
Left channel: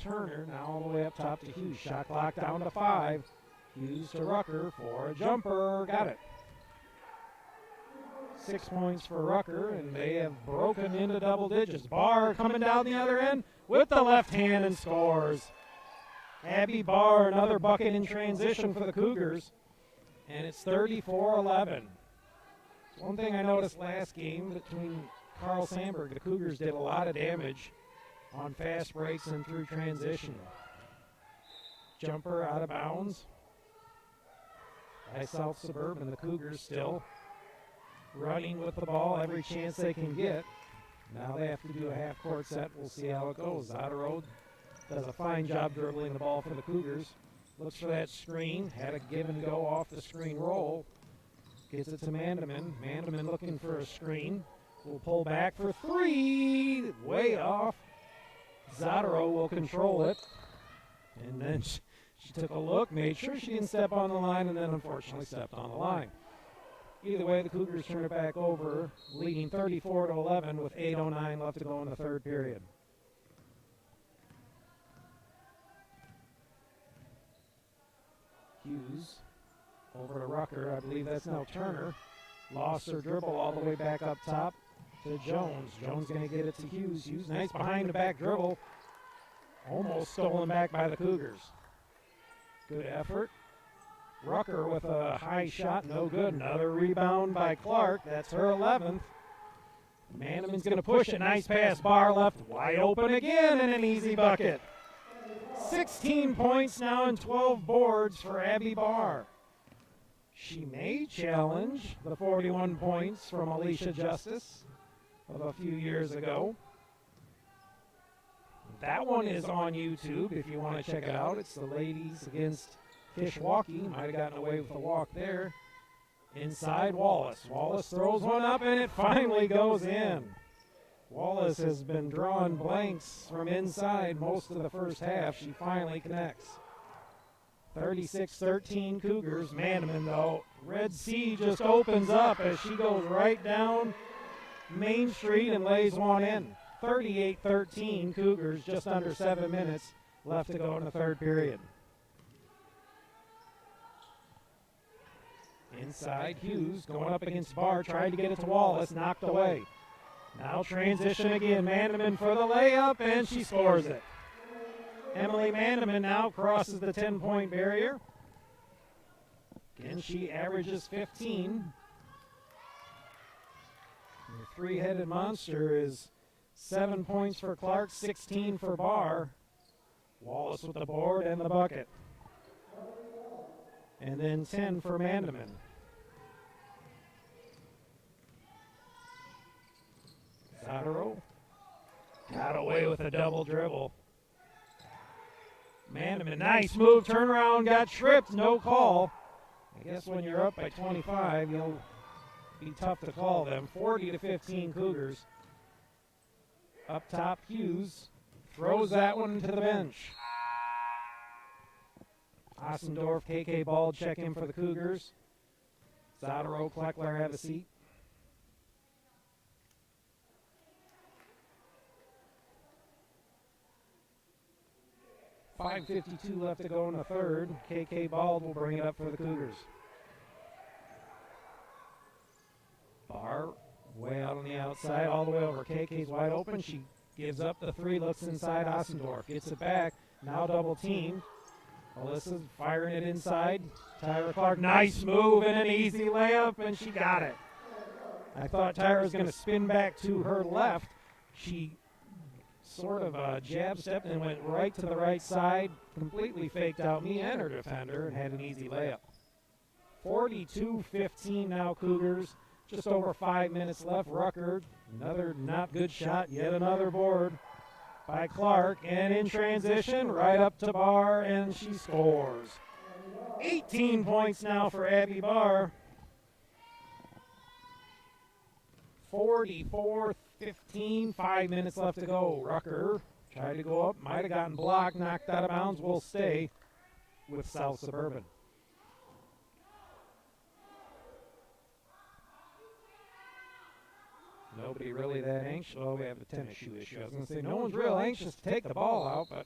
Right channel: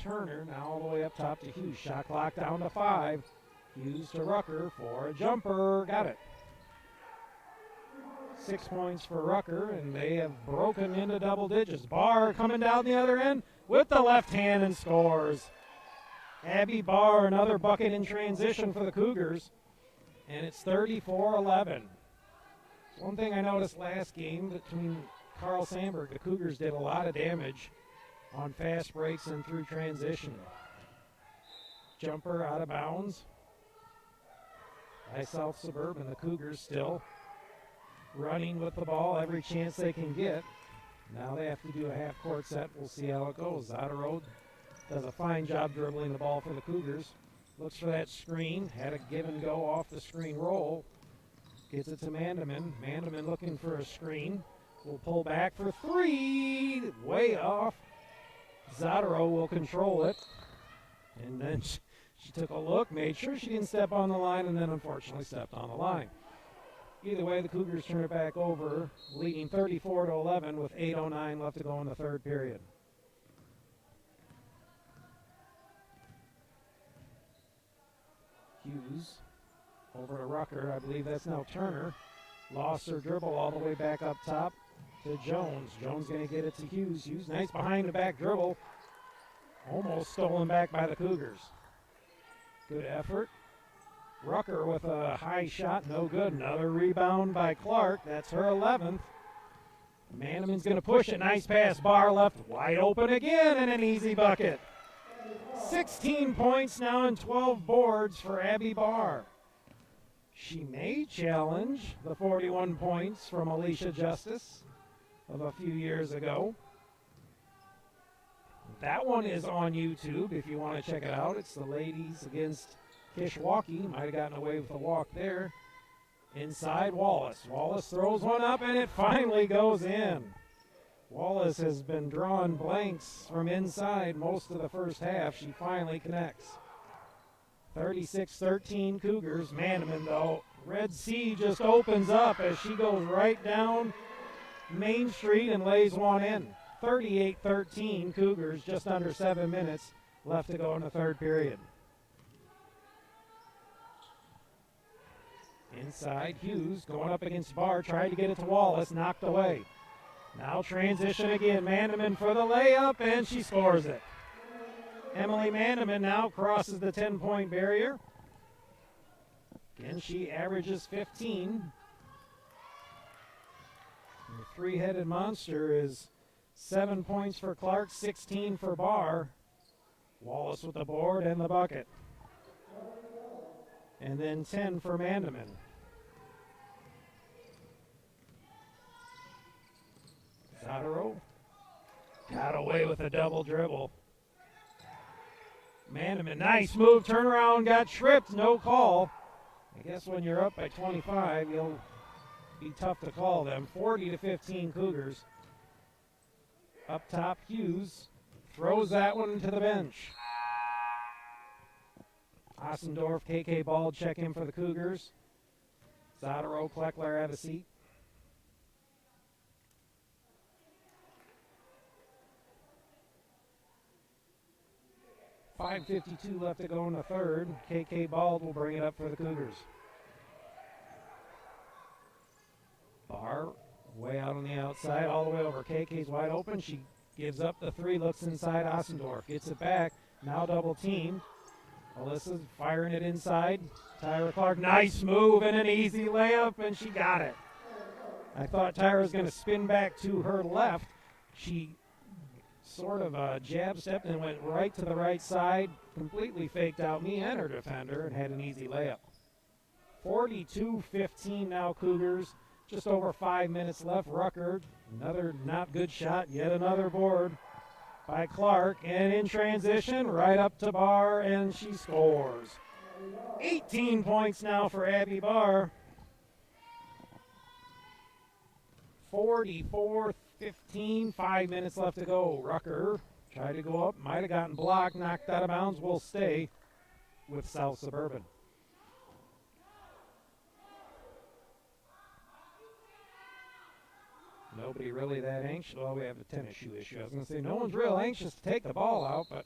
Turner now all the way up top to Hughes. Shot clock down to 5. Hughes to Rucker for a jumper. Got it. 6 points for Rucker, and they have broken into double digits. Barr coming down the other end with the left hand and scores. Abby Barr, another bucket in transition for the Cougars, and it's 34-11. One thing I noticed last game between Carl Sandberg, the Cougars did a lot of damage on fast breaks and through transition. Jumper out of bounds by South Suburban. The Cougars still running with the ball every chance they can get. Now they have to do a half-court set. We'll see how it goes. Zadaro does a fine job dribbling the ball for the Cougars. Looks for that screen. Had a give and go off the screen roll. Gets it to Mandaman. Mandaman looking for a screen. Will pull back for 3. Way off. Zadaro will control it. And then she took a look, made sure she didn't step on the line, and then unfortunately stepped on the line. Either way, the Cougars turn it back over, leading 34-11 with 8:09 left to go in the third period. Hughes over to Rucker. I believe that's now Turner. Lost her dribble all the way back up top to Jones. Jones going to get it to Hughes. Hughes, nice behind the back dribble. Almost stolen back by the Cougars. Good effort. Rucker with a high shot, no good. Another rebound by Clark. That's her 11th. Manneman's going to push it. Nice pass. Barr left wide open again and an easy bucket. 16 points now and 12 boards for Abby Barr. She may challenge the 41 points from Alicia Justice of a few years ago. That one is on YouTube if you want to check it out. It's the ladies against Kishwaukee. Might have gotten away with a walk there. Inside Wallace. Wallace throws one up and it finally goes in. Wallace has been drawing blanks from inside most of the first half. She finally connects. 36-13 Cougars. Manneman, though. Red Sea just opens up as she goes right down Main Street and lays one in. 38-13 Cougars, just under 7 minutes left to go in the third period. Inside, Hughes going up against Barr, tried to get it to Wallace, knocked away. Now transition again, Manneman for the layup, and she scores it. Emily Manneman now crosses the 10-point barrier. Again, she averages 15. The three-headed monster is 7 points for Clark, 16 for Barr. Wallace with the board and the bucket. And then 10 for Mandeman. Zadaro got away with a double dribble. Mandeman, nice move, turnaround, got tripped, no call. I guess when you're up by 25, you'll be tough to call them. 40-15 Cougars. Up top, Hughes throws that one to the bench. Ossendorf, KK Ball check in for the Cougars. Zadaro, Kleckler have a seat. .5:52 left to go in the third. KK Ball will bring it up for the Cougars. Barr way out on the outside, all the way over. KK's wide open. She gives up the three, looks inside Ossendorf. Gets it back. Now double teamed. Alyssa's firing it inside. Tyra Clark, nice move and an easy layup, and she got it. I thought Tyra was going to spin back to her left. She sort of jab stepped and went right to the right side, completely faked out me and her defender, and had an easy layup. 42-15 now Cougars. Just over 5 minutes left. Rucker, another not good shot, yet another board by Clark, and in transition, right up to Barr, and she scores. 18 points now for Abby Barr. 44-15, 5 minutes left to go. Rucker tried to go up, might have gotten blocked, knocked out of bounds, will stay with South Suburban. Nobody really that anxious. Well, we have a tennis shoe issue. I was going to say, no one's real anxious to take the ball out, but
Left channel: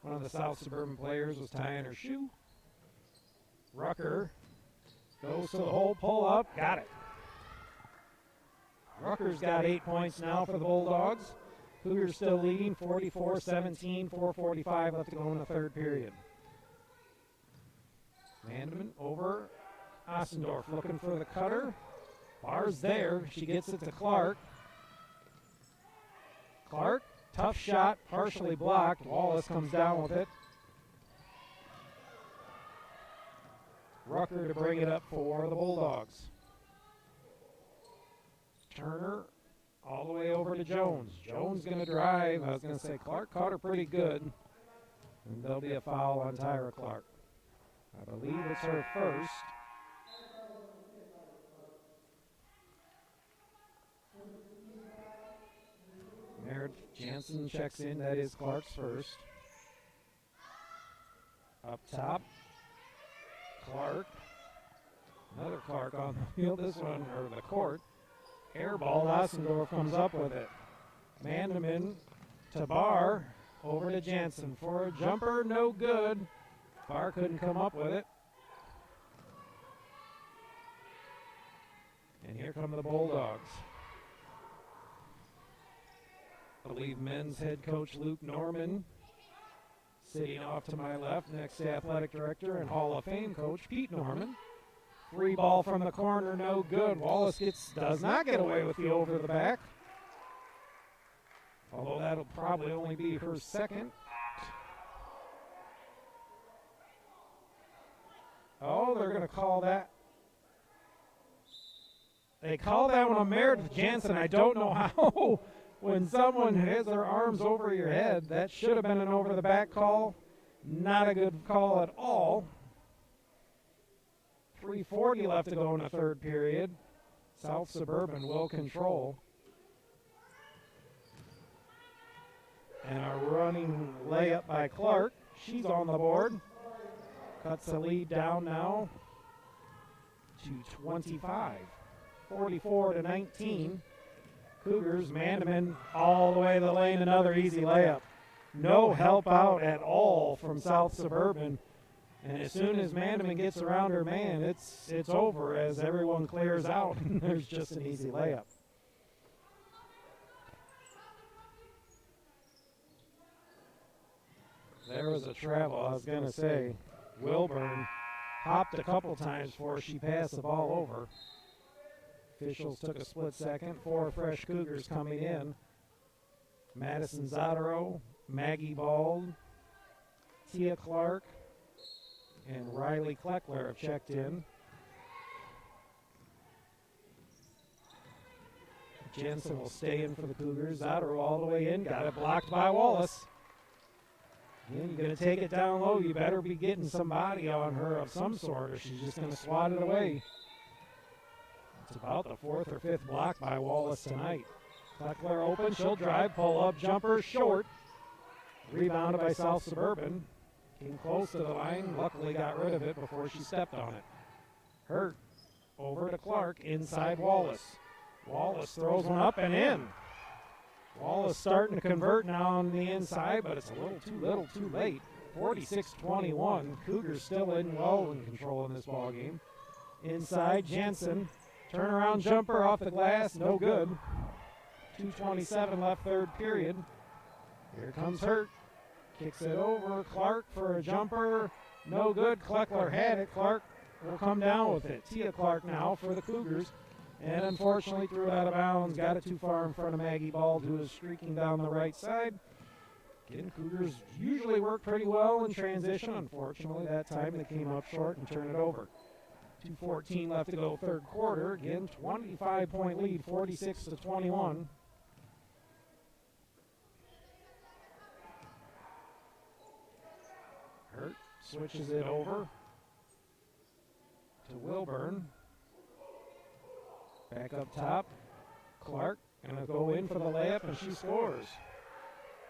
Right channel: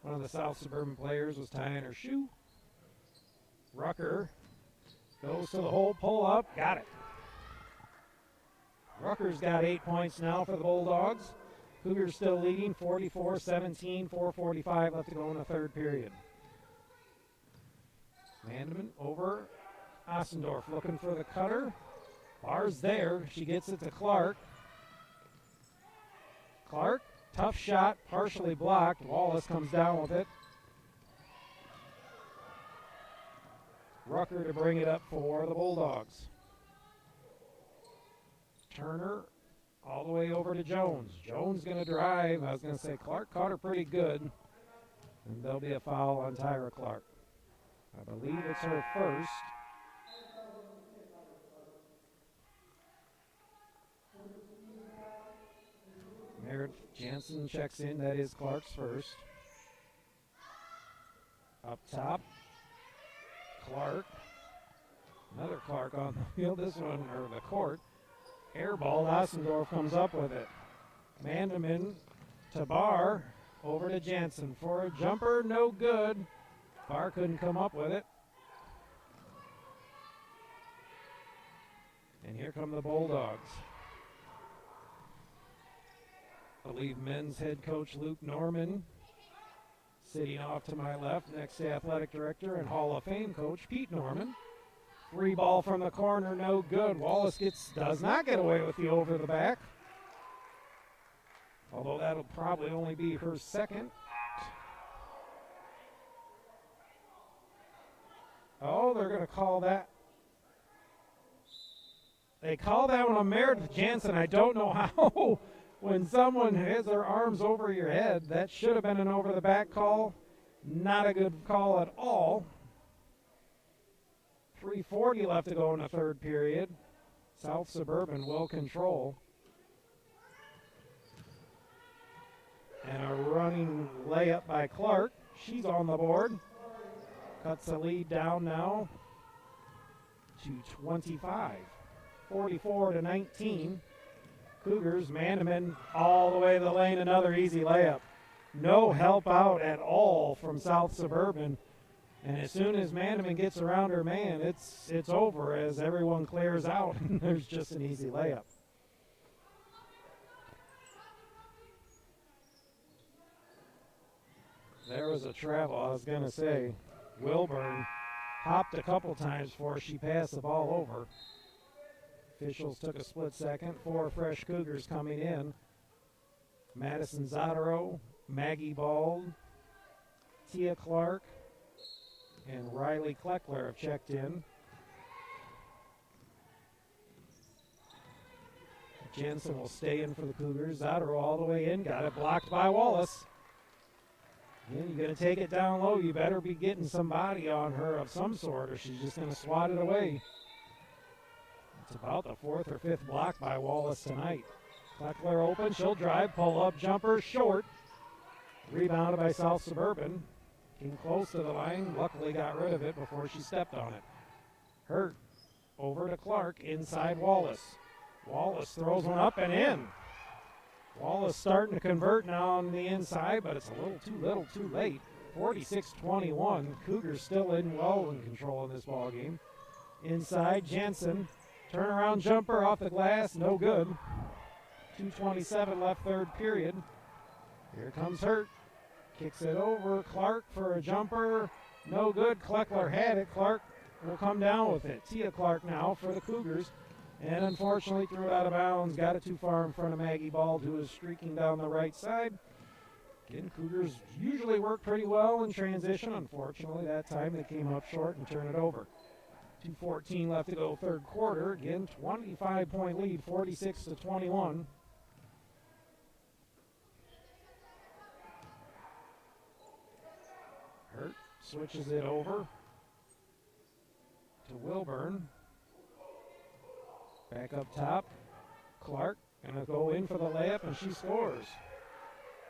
one of the South Suburban players was tying her shoe. Rucker goes to the hole, pull up, got it. Rucker's got 8 points now for the Bulldogs. Cougars still leading 44-17, 4:45 left to go in the third period. Mandeman over Ossendorf looking for the cutter. Barr's there. She gets it to Clark. Clark, tough shot, partially blocked. Wallace comes down with it. Rucker to bring it up for the Bulldogs. Turner all the way over to Jones. Jones going to drive. I was going to say Clark caught her pretty good. And there'll be a foul on Tyra Clark. I believe it's her first. Merritt Jansen checks in. That is Clark's first. Up top, Clark Another Clark on the field. This one, or the court. Air ball. Ossendorf comes up with it. Mandeman to Barr. Over to Jansen for a jumper. No good. Barr couldn't come up with it. And here come the Bulldogs. I believe men's head coach Luke Norman sitting off to my left next to athletic director and Hall of Fame coach Pete Norman. Free ball from the corner, no good. Wallace does not get away with the over the back. Although that'll probably only be her second. Oh, they're going to call that. They call that one a Meredith Jansen. I don't know how. When someone has their arms over your head, that should have been an over-the-back call. Not a good call at all. 3:40 left to go in the third period. South Suburban will control. And a running layup by Clark. She's on the board. Cuts the lead down now to 25. 44-19. Cougars, Mandeman all the way to the lane, another easy layup. No help out at all from South Suburban. And as soon as Mandeman gets around her man, it's over as everyone clears out. There's just an easy layup. There was a travel, I was going to say. Wilburn hopped a couple times before she passed the ball over. Officials took a split second. 4 fresh Cougars coming in. Madison Zadaro, Maggie Bald, Tia Clark, and Riley Kleckler have checked in. Jensen will stay in for the Cougars. Zadaro all the way in. Got it blocked by Wallace. Again, you're going to take it down low. You better be getting somebody on her of some sort, or she's just going to swat it away. It's about the 4th or 5th block by Wallace tonight. Kleckler open. She'll drive. Pull up. Jumper short. Rebounded by South Suburban. Came close to the line. Luckily got rid of it before she stepped on it. Hurt. Over to Clark. Inside Wallace. Wallace throws one up and in. Wallace starting to convert now on the inside, but it's a little too late. 46-21. Cougars still well in control in this ball game. Inside, Jansen. Turnaround jumper off the glass, no good. 2:27 left third period. Here comes Hurt. Kicks it over. Clark for a jumper. No good. Kleckler had it. Clark will come down with it. Tia Clark now for the Cougars. And unfortunately threw it out of bounds. Got it too far in front of Maggie Bald, who is streaking down the right side. Again, Cougars usually work pretty well in transition. Unfortunately, that time they came up short and turned it over. 2:14 left to go third quarter. Again, 25-point lead, 46-21. Hurt switches it over to Wilburn. Back up top. Clark gonna go in for the layup, and she scores.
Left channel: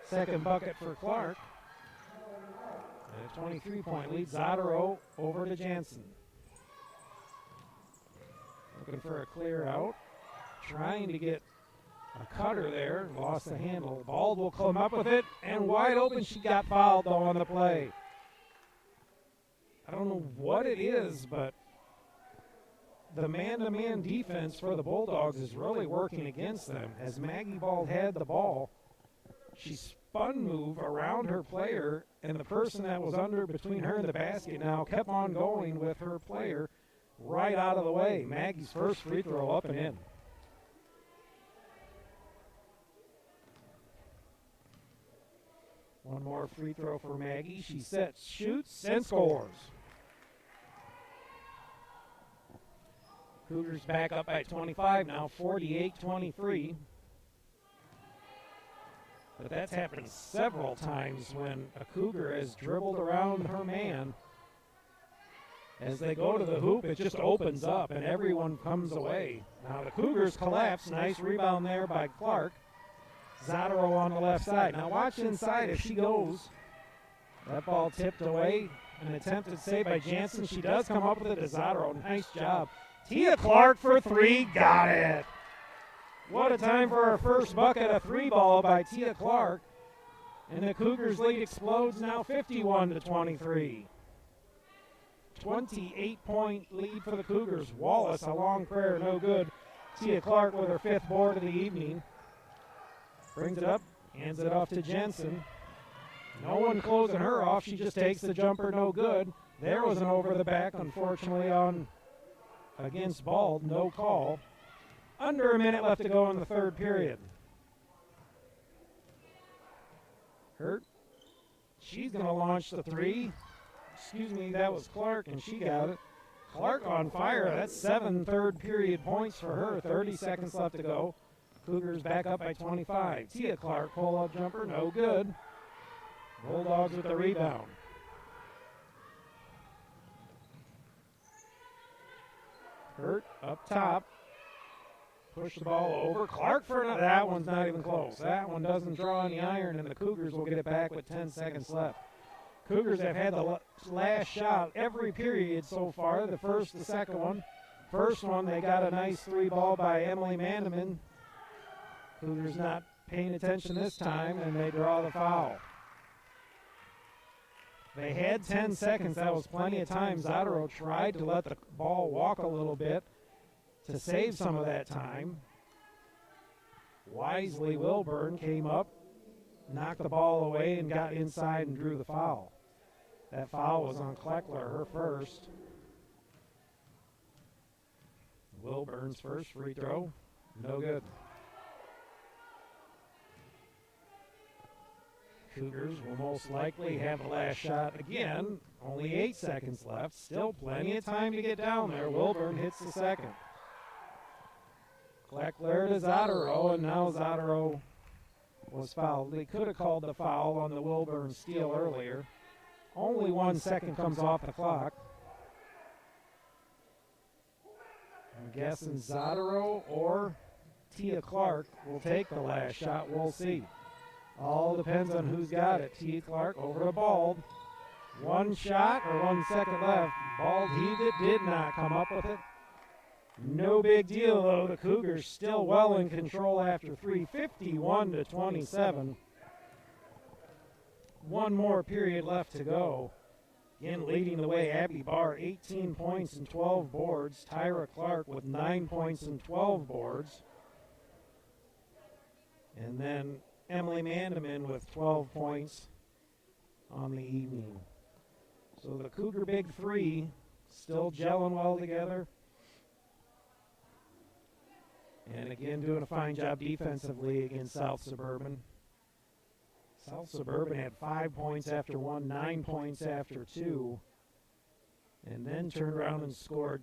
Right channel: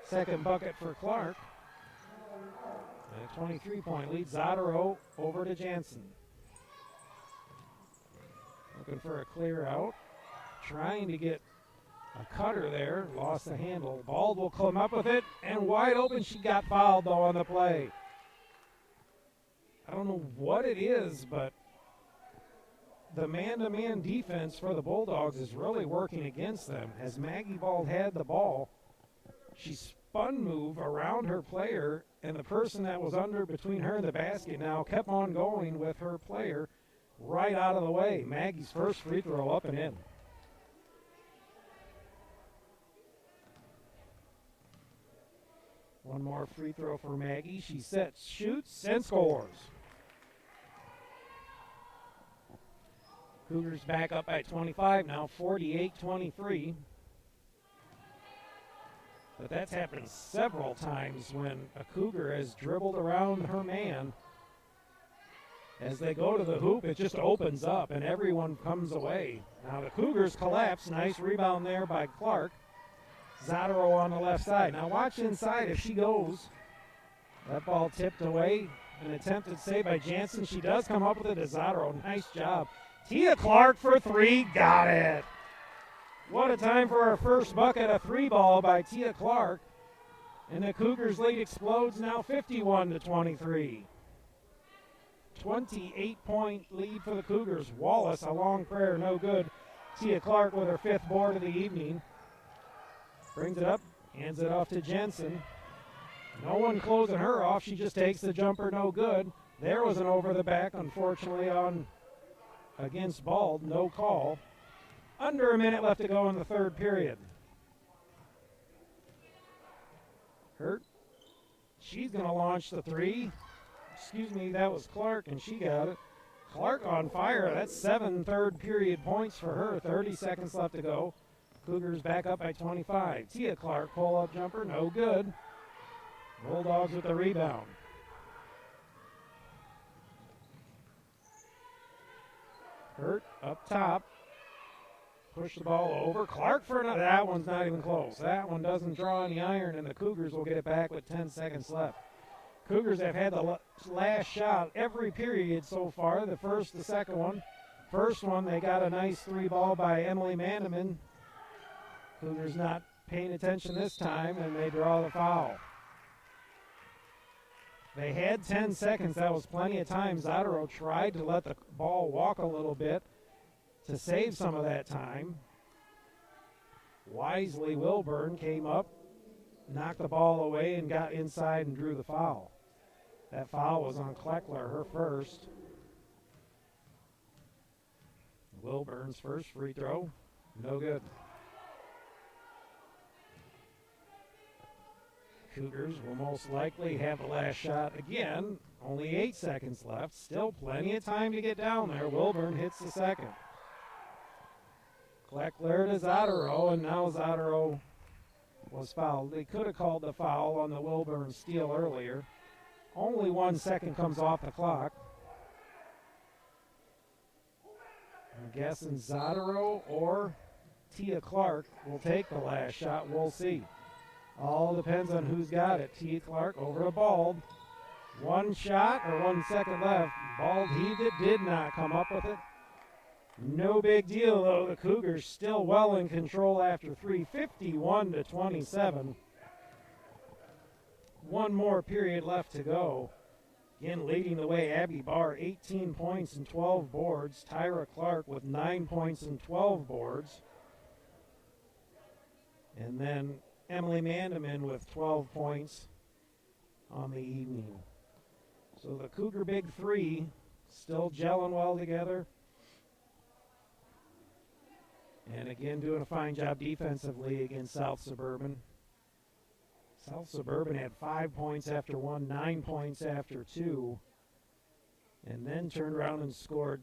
Second bucket for Clark. And a 23-point lead. Zadaro over to Jansen. Looking for a clear out. Trying to get a cutter there. Lost the handle. Bald will come up with it. And wide open. She got fouled, though, on the play. I don't know what it is, but the man-to-man defense for the Bulldogs is really working against them. As Maggie Bald had the ball, she spun move around her player, and the person that was under between her and the basket now kept on going with her player right out of the way. Maggie's first free throw up and in. One more free throw for Maggie. She sets, shoots, and scores. Cougars back up by 25 now, 48-23. But that's happened several times when a Cougar has dribbled around her man. As they go to the hoop, it just opens up and everyone comes away. Now the Cougars collapse. Nice rebound there by Clark. Zadaro on the left side. Now watch inside as she goes. That ball tipped away. An attempted save by Jansen. She does come up with it to Zadro. Nice job. Tia Clark for three. Got it. What a time for our first bucket, a three ball by Tia Clark. And the Cougars lead explodes now 51-23. 28-point lead for the Cougars. Wallace, a long prayer, no good. Tia Clark with her fifth board of the evening. Brings it up, hands it off to Jensen. No one closing her off. She just takes the jumper, no good. There was an over the back, unfortunately, on against Bald, no call. Under a minute left to go in the third period. Hurt. She's going to launch the three. Excuse me, that was Clark, and she got it. Clark on fire. That's 7 third period points for her. 30 seconds left to go. Cougars back up by 25. Tia Clark, pull-up jumper, no good. Bulldogs with the rebound. Hurt up top. Push the ball over. Clark for another. That one's not even close. That one doesn't draw any iron, and the Cougars will get it back with 10 seconds left. Cougars have had the last shot every period so far. The first, the second one. First one, they got a nice three ball by Emily Mandeman. Cougars not paying attention this time, and they draw the foul. They had 10 seconds. That was plenty of time. Zadro tried to let the ball walk a little bit to save some of that time. Wisely, Wilburn came up, knocked the ball away, and got inside and drew the foul. That foul was on Kleckler, her first. Wilburn's first free throw, no good. Cougars will most likely have the last shot again. Only 8 seconds left. Still plenty of time to get down there. Wilburn hits the second. Kleckler to Zadro, and now Zadro was fouled. They could have called the foul on the Wilburn steal earlier. Only 1 second comes off the clock. I'm guessing Zadro or Tia Clark will take the last shot. We'll see. All depends on who's got it. Tia Clark over to Bald. 1 shot or 1 second left. Bald heaved it, did not come up with it. No big deal, though. The Cougars still well in control after 3, 51-27. One more period left to go. Again, leading the way, Abby Barr, 18 points and 12 boards. Tyra Clark with 9 points and 12 boards. And then Emily Mandeman with 12 points on the evening. So the Cougar Big Three still gelling well together. And again, doing a fine job defensively against South Suburban. South Suburban had 5 points after 1, 9 points after 2, and then turned around and scored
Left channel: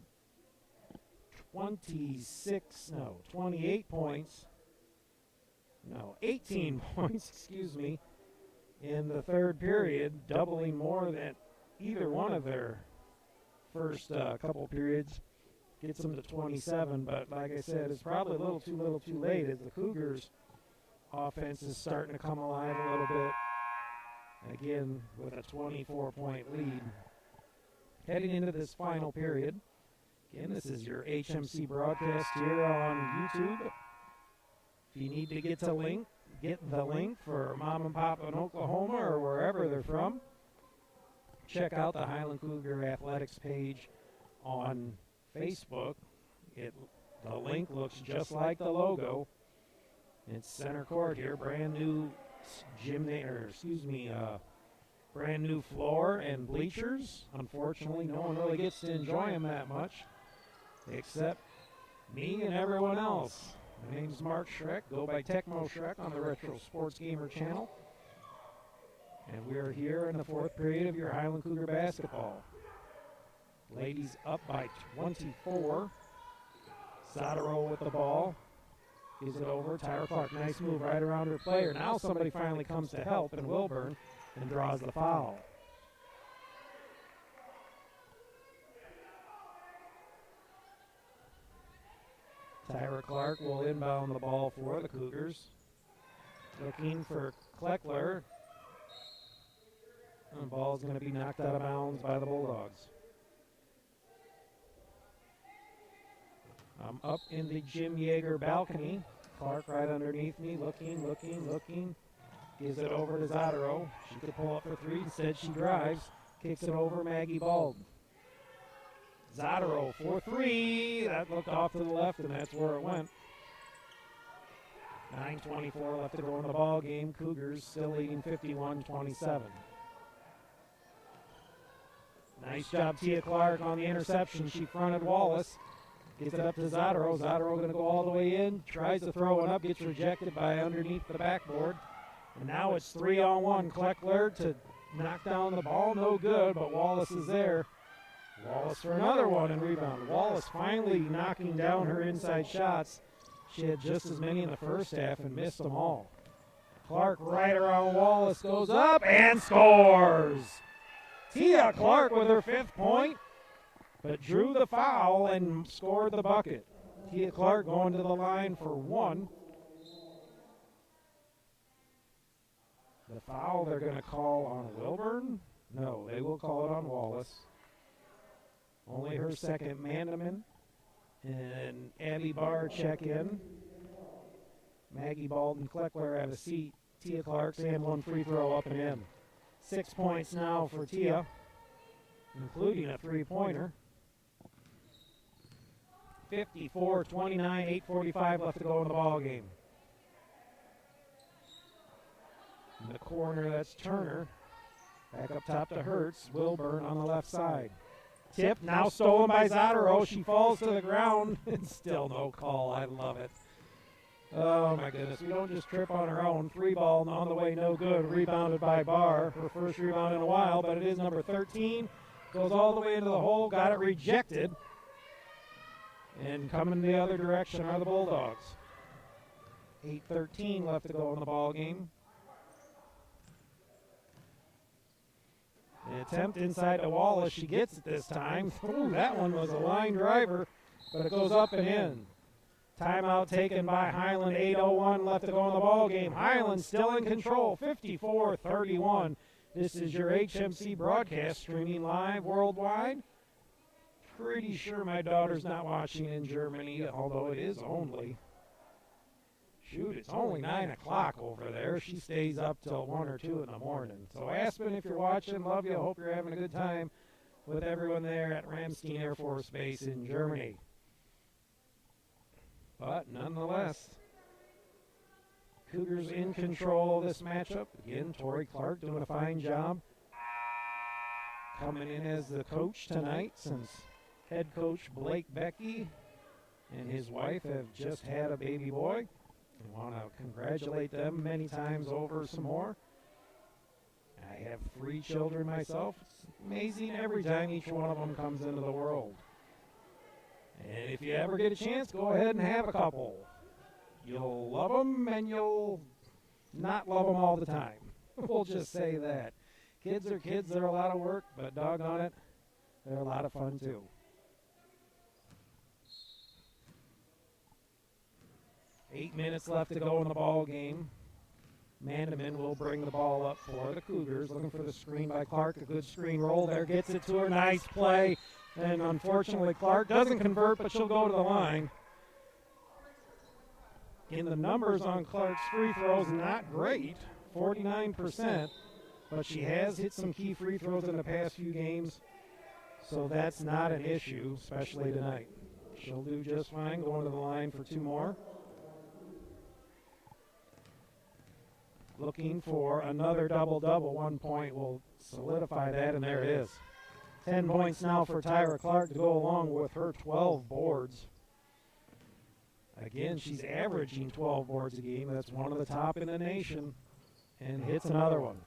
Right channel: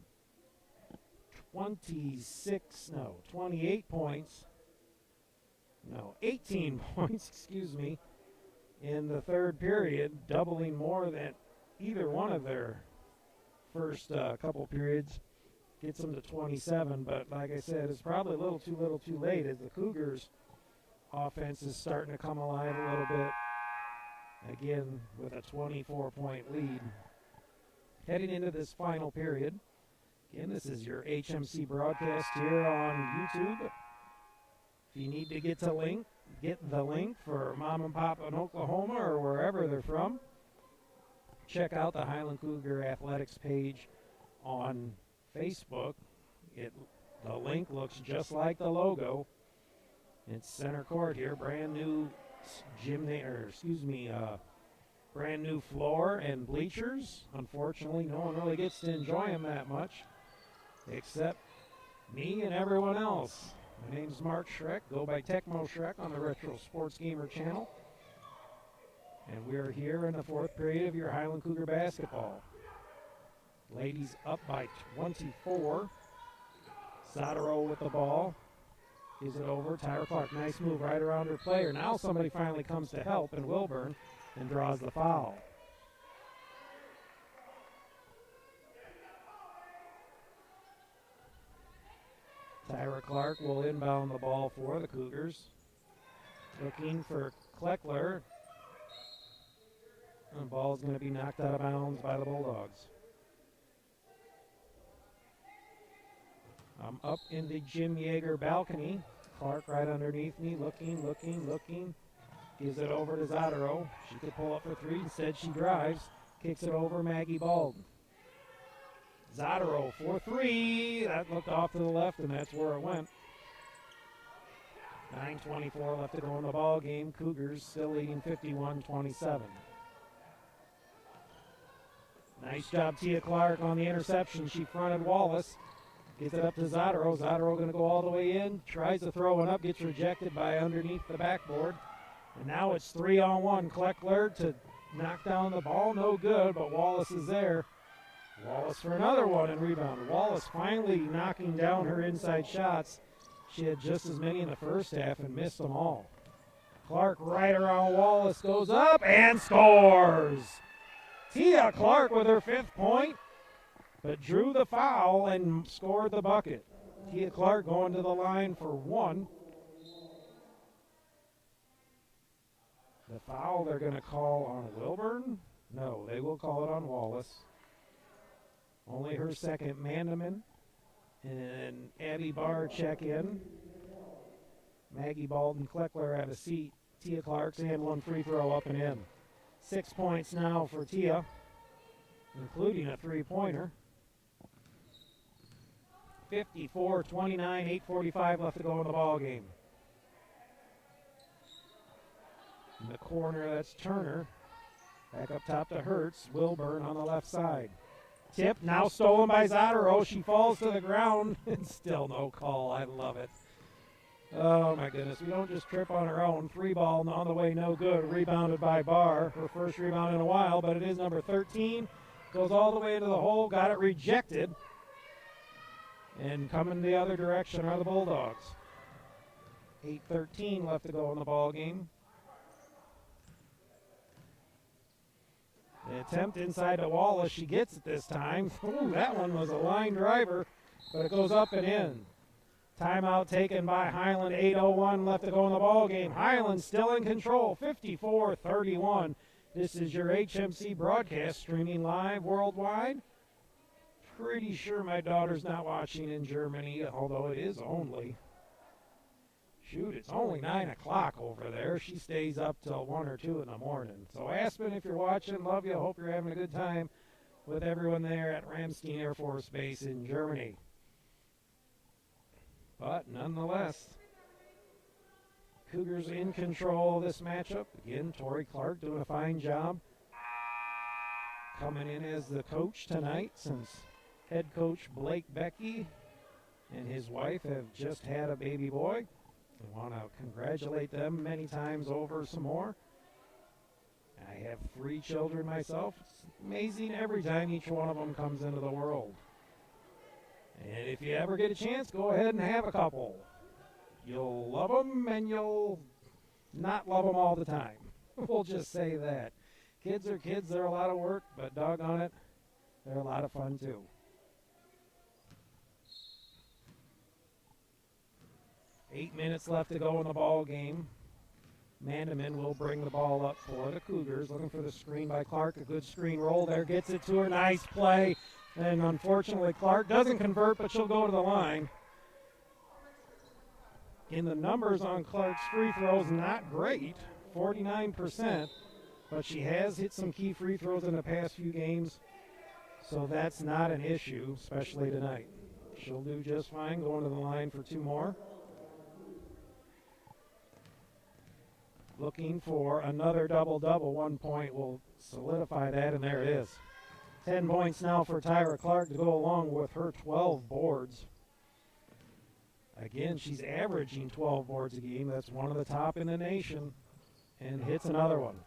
18 points, excuse me, in the third period, doubling more than either one of their first couple periods. Gets them to 27, but like I said, it's probably a little too late as the Cougars' offense is starting to come alive a little bit. Again, with a 24-point lead. Heading into this final period. Again, this is your HMC broadcast here on YouTube. If you need to get the link for Mom and Pop in Oklahoma or wherever they're from, check out the Highland Cougar Athletics page on Facebook. The link looks just like the logo. It's center court here, brand new brand new floor and bleachers. Unfortunately, no one really gets to enjoy them that much, except me and everyone else. My name's Mark Schreck, go by Tecmo Schreck on the Retro Sports Gamer channel. And we are here in the fourth period of your Highland Cougar basketball. Ladies up by 24. Zadro with the ball. Gives it over. Tyra Clark, nice move right around her player. Now somebody finally comes to help, and Wilburn, and draws the foul. Tyra Clark will inbound the ball for the Cougars. Looking for Kleckler. And the ball's going to be knocked out of bounds by the Bulldogs. I'm up in the Jim Yeager balcony. Clark right underneath me, looking. Gives it over to Zadaro. She could pull up for three. Instead, she drives. Kicks it over Maggie Baldwin. Zadaro for three. That looked off to the left, and that's where it went. 9:24 left to go in the ball game. Cougars still leading 51-27. Nice job, Tia Clark on the interception. She fronted Wallace. Gets it up to Zadaro. Zadaro going to go all the way in. Tries to throw it up. Gets rejected by underneath the backboard. And now it's 3-on-1. Kleckler to knock down the ball. No good, but Wallace is there. Wallace for another one and rebound. Wallace finally knocking down her inside shots. She had just as many in the first half and missed them all. Clark right around Wallace goes up and scores. Tia Clark with her 5th point, but drew the foul and scored the bucket. Tia Clark going to the line for 1. The foul they're going to call on Wilburn? No, they will call it on Wallace. Only her 2nd. Mandeman and Abby Barr check in. Maggie Baldwin Kleckler have a seat. Tia Clark's and 1 free throw up and in. 6 points now for Tia, including a 3-pointer. 54-29, 8:45 left to go in the ball game. In the corner, that's Turner. Back up top to Hertz. Wilburn on the left side. Tip now stolen by Zadaro. She falls to the ground and still no call. I love it. Oh my goodness. We don't just trip on our own. 3 ball on the way, no good. Rebounded by Barr. Her first rebound in a while, but it is number 13. Goes all the way into the hole. Got it rejected. And coming the other direction are the Bulldogs. 8:13 left to go in the ball game. The attempt inside to Wallace. She gets it this time. Ooh, that one was a line driver, but it goes up and in. Timeout taken by Highland. 8:01 left to go in the ball game. Highland still in control. 54-31. This is your HMC broadcast streaming live worldwide. Pretty sure my daughter's not watching in Germany, although it is only. Shoot, it's only 9 o'clock over there. She stays up till 1 or 2 in the morning. So Aspen, if you're watching, love you. Hope you're having a good time with everyone there at Ramstein Air Force Base in Germany. But nonetheless, Cougars in control of this matchup. Again, Tori Clark doing a fine job. Coming in as the coach tonight, since head coach Blake Becky and his wife have just had a baby boy. I want to congratulate them many times over some more. I have 3 children myself. It's amazing every time each one of them comes into the world. And if you ever get a chance, go ahead and have a couple. You'll love them and you'll not love them all the time. We'll just say that. Kids are kids. They're a lot of work, but doggone it, they're a lot of fun too. Eight minutes left to go in the ball game. Mandeman will bring the ball up for the Cougars. Looking for the screen by Clark. A good screen roll there. Gets it to her. Nice play. And unfortunately, Clark doesn't convert, but she'll go to the line. In the numbers on Clark's free throws, not great. 49%. But she has hit some key free throws in the past few games. So that's not an issue, especially tonight. She'll do just fine going to the line for 2 more. Looking for another double-double. 1 point will solidify that, and there it is. 10 points now for Tyra Clark to go along with her 12 boards. Again, she's averaging 12 boards a game. That's one of the top in the nation, and hits another one.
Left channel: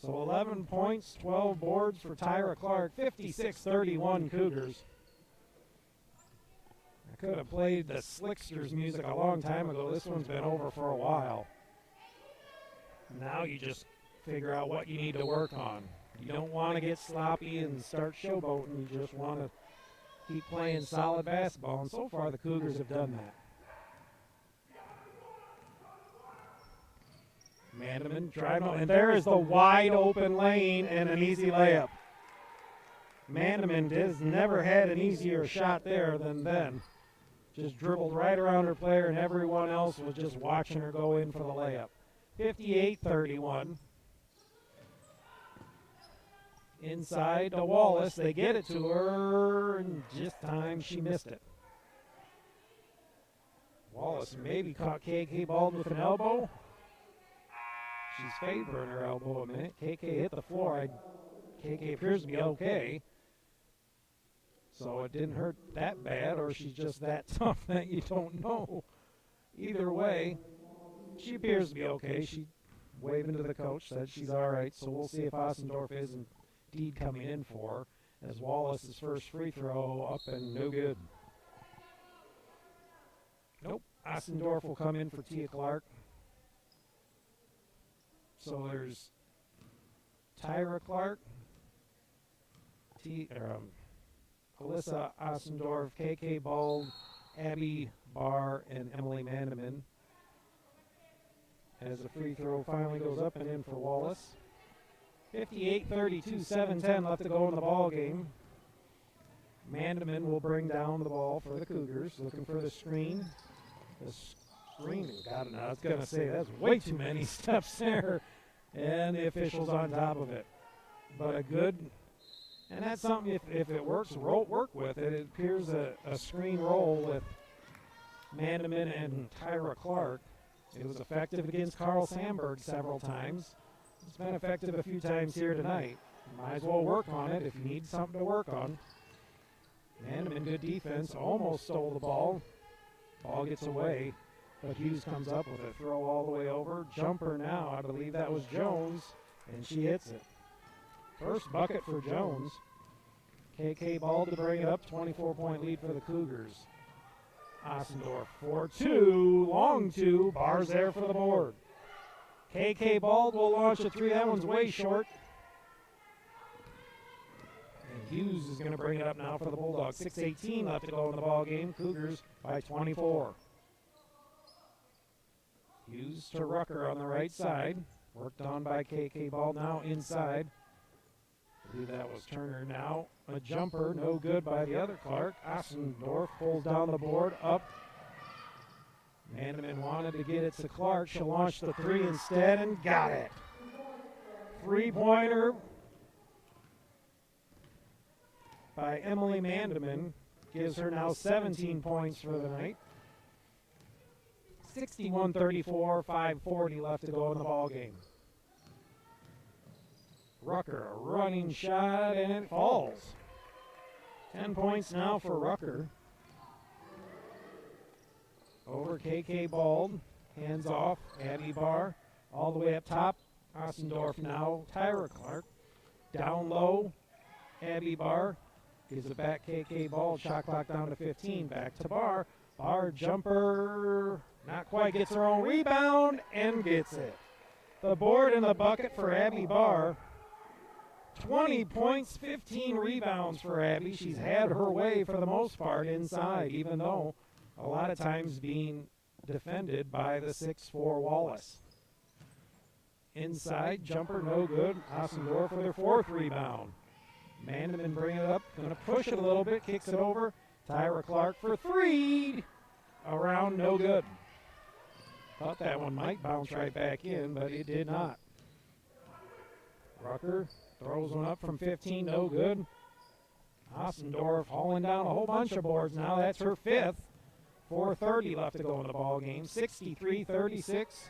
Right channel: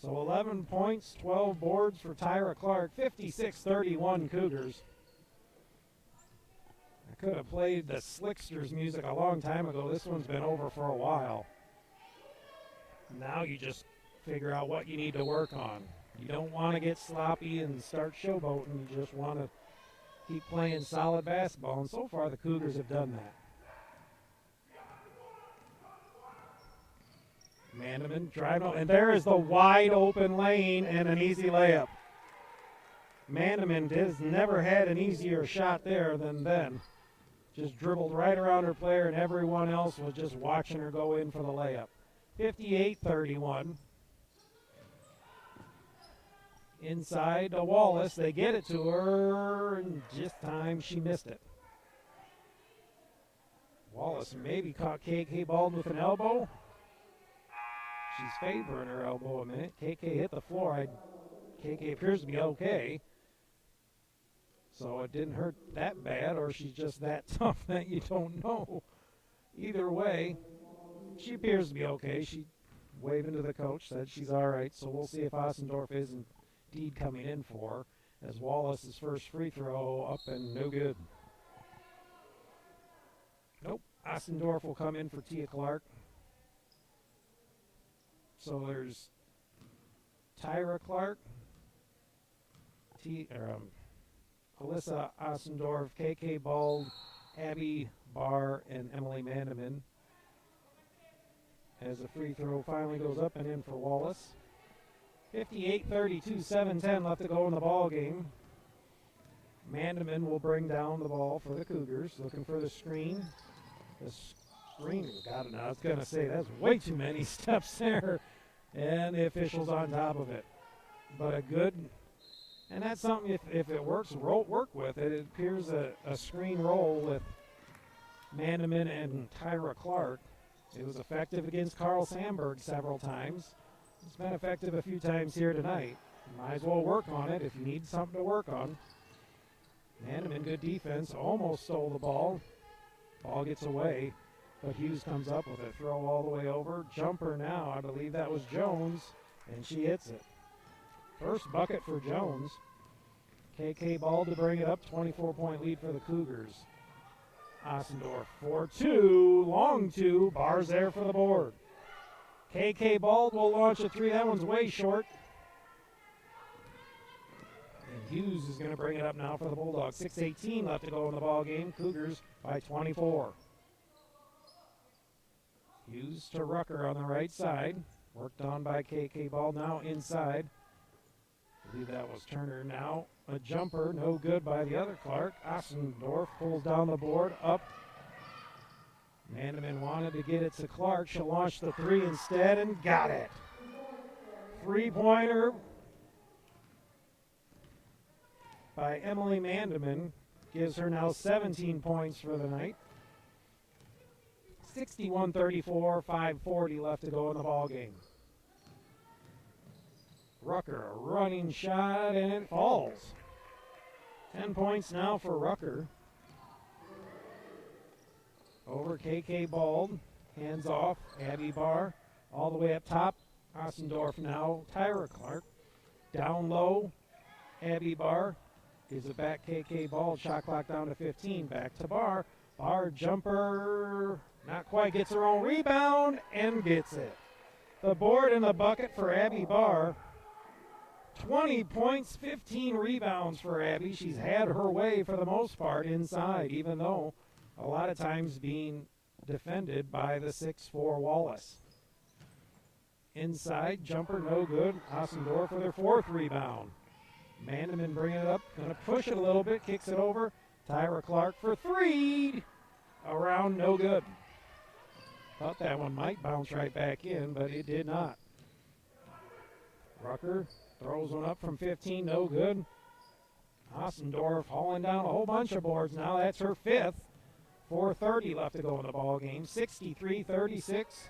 So 11 points, 12 boards for Tyra Clark. 56-31 Cougars. I could have played the Slicksters music a long time ago. This one's been over for a while. Now you just figure out what you need to work on. You don't want to get sloppy and start showboating. You just want to keep playing solid basketball. And so far the Cougars have done that. Manneman driving on, and there is the wide open lane and an easy layup. Manneman has never had an easier shot there than then. Just dribbled right around her player, and everyone else was just watching her go in for the layup. 58-31. Inside to Wallace. They get it to her, and this time she missed it. Wallace maybe caught KK Baldwin with an elbow. She's favoring her elbow a minute. KK hit the floor. KK appears to be okay. So it didn't hurt that bad, or she's just that tough that you don't know. Either way, she appears to be okay. She waving to the coach, said she's all right. So we'll see if Ossendorf is indeed coming in for her, as Wallace's first free throw up and no good. Nope. Ossendorf will come in for Tia Clark. So there's Tyra Clark, Alyssa Ossendorf, KK Bald, Abby Barr, and Emily Manneman. As the free throw finally goes up and in for Wallace. 58-32, 7-10 left to go in the ball game. Manneman will bring down the ball for the Cougars, looking for the screen. The screen, God, I was going to say, that's way too many steps there. And the official's on top of it. But a good, and that's something, if it works, work with it. It appears a screen roll with Manneman and Tyra Clark. It was effective against Carl Sandberg several times. It's been effective a few times here tonight. You might as well work on it if you need something to work on. Manneman, good defense, almost stole the ball. Ball gets away, but Hughes comes up with a throw all the way over. Jumper now, I believe that was Jones, and she hits it. First bucket for Jones. KK Ball to bring it up, 24-point lead for the Cougars. Ossendorf 4-2, long two, Barr's there for the board. KK Ball will launch a three, that one's way short. And Hughes is going to bring it up now for the Bulldogs. 6:18 left to go in the ball game. Cougars by 24. Hughes to Rucker on the right side. Worked on by KK Ball, now inside. I believe that was Turner now. A jumper, no good by the other Clark. Ossendorf pulls down the board, up. Manneman wanted to get it to Clark. She'll launch the three instead and got it. Three-pointer by Emily Mandeman gives her now 17 points for the night. 61-34, 5:40 left to go in the ball game. Rucker, a running shot, and it falls. 10 points now for Rucker. Over KK Bald, hands off, Abby Barr, all the way up top. Ossendorf now, Tyra Clark. Down low, Abby Barr gives it back, KK Bald, shot clock down to 15, back to Barr. Barr jumper, not quite, gets her own rebound, and gets it. The board in the bucket for Abby Barr. 20 points, 15 rebounds for Abby. She's had her way for the most part inside, even though a lot of times being defended by the 6'4 Wallace. Inside, jumper no good. Ossendorf with her fourth rebound. Mandeman bringing it up, going to push it a little bit, kicks it over. Tyra Clark for three. Around, no good. Thought that one might bounce right back in, but it did not. Rucker throws one up from 15, no good. Ossendorf hauling down a whole bunch of boards now. That's her fifth. 4:30 left to go in the ball game. 63-36.